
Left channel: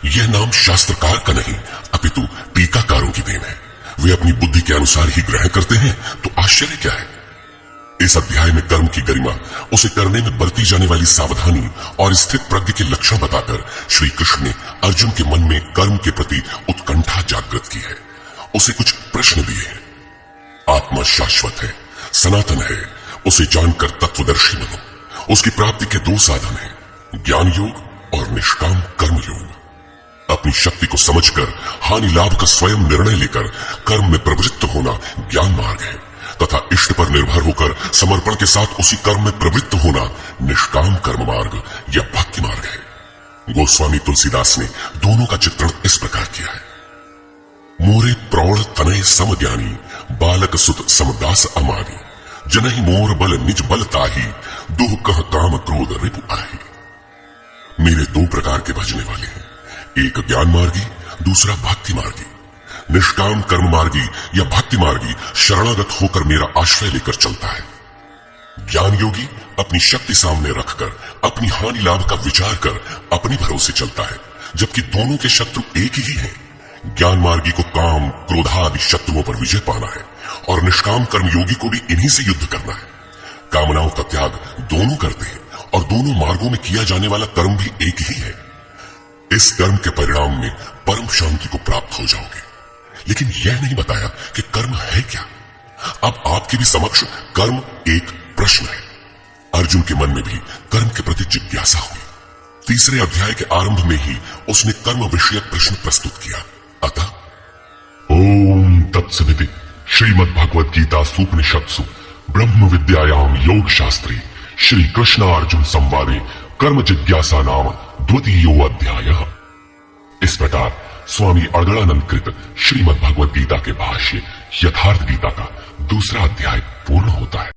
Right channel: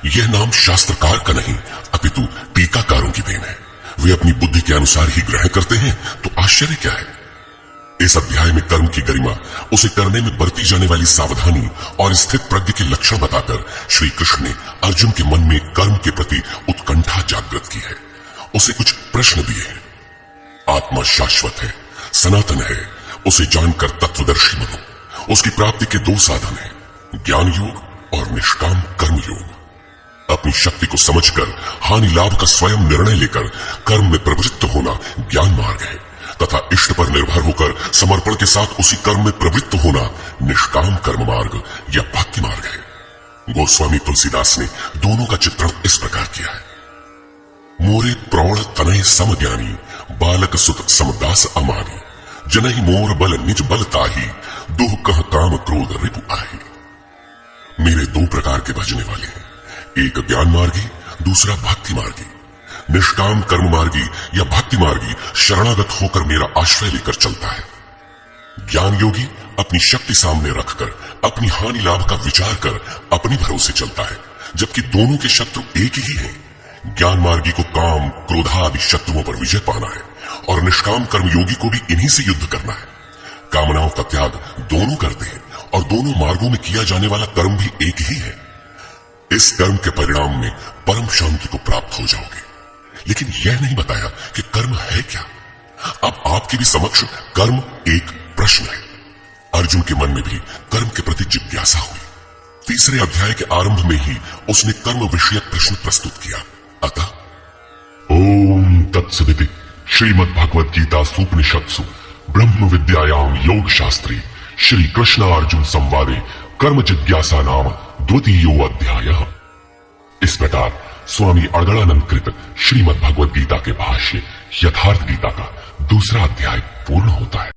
यह नाम शास्त्रकार का नहीं अपितु टीकाकारों की देन है। वे अपनी बुद्धि के अनुसार ही ग्रहण करते हैं, तो आश्चर्य क्या है। इस अध्याय में कर्म की गरिमा, उसे करने में बरती जाने वाली सावधानी और स्थित प्रज्ञ के लक्षण बताकर श्री कृष्ण ने अर्जुन के मन में कर्म के प्रति उत्कंठा जागृत की है। उसे कुछ प्रश्न दिए हैं। आत्मा शाश्वत है, सनातन है, उसे जानकर तत्वदर्शी बनो। उसकी प्राप्ति के दो साधन हैं, ज्ञान योग और निष्काम कर्म योग। अपनी शक्ति को समझकर हानि लाभ का स्वयं निर्णय लेकर कर्म में प्रवृत्त होना ज्ञान मार्ग है, तथा इष्ट पर निर्भर होकर समर्पण के साथ उसी कर्म में प्रवृत्त होना निष्काम कर्म मार्ग या भक्ति मार्ग है। गोस्वामी तुलसीदास ने दोनों का चित्रण इस प्रकार किया है। मोरे प्रौढ़ तनय सम ज्ञानी बालक सुत समदास अमानी जनहि मोर बल निज बल ताही दुह कह काम क्रोध रिपु आही। मेरे दो प्रकार के भजने वाले हैं, एक ज्ञान मार्गी, दूसरा भक्ति मार्गी। निष्काम कर्म मार्गी या भक्ति मार्गी शरणागत होकर मेरा आश्रय लेकर चलता है। ज्ञान योगी अपनी शक्ति सामने रखकर अपनी हानि लाभ का विचार कर अपने भरोसे चलता है, जबकि दोनों के शत्रु एक ही हैं। ज्ञान मार्गी को काम क्रोधादि शत्रुओं पर विजय पाना है और निष्काम कर्म योगी को भी इन्हीं से युद्ध करना है। कामनाओं का त्याग दोनों करते हैं और दोनों मार्गों में किया जाने वाला कर्म भी एक ही है। इस कर्म के परिणाम में परम शांति को प्राप्त हो जाओगे। लेकिन यह नहीं बताया कि कर्म है क्या। अब आपके भी समक्ष कर्म एक प्रश्न है। अर्जुन के मन में भी कर्म के प्रति जिज्ञासा हुई। तीसरे अध्याय के आरंभ में ही उसने कर्म विषयक प्रश्न प्रस्तुत किया। अतः ओम तत्सदिति श्रीमद् भगवद गीता सूपनिषत्सु ब्रह्म विद्यायाम योग शास्त्री श्री कृष्ण अर्जुन संवादे कर्म जिज्ञासा नाम द्वितीयो अध्यायः। इस प्रकार स्वामी अड़गड़ानंद कृत श्रीमद् भगवद गीता के भाष्य यथार्थ गीता का दूसरा अध्याय पूर्ण होता है।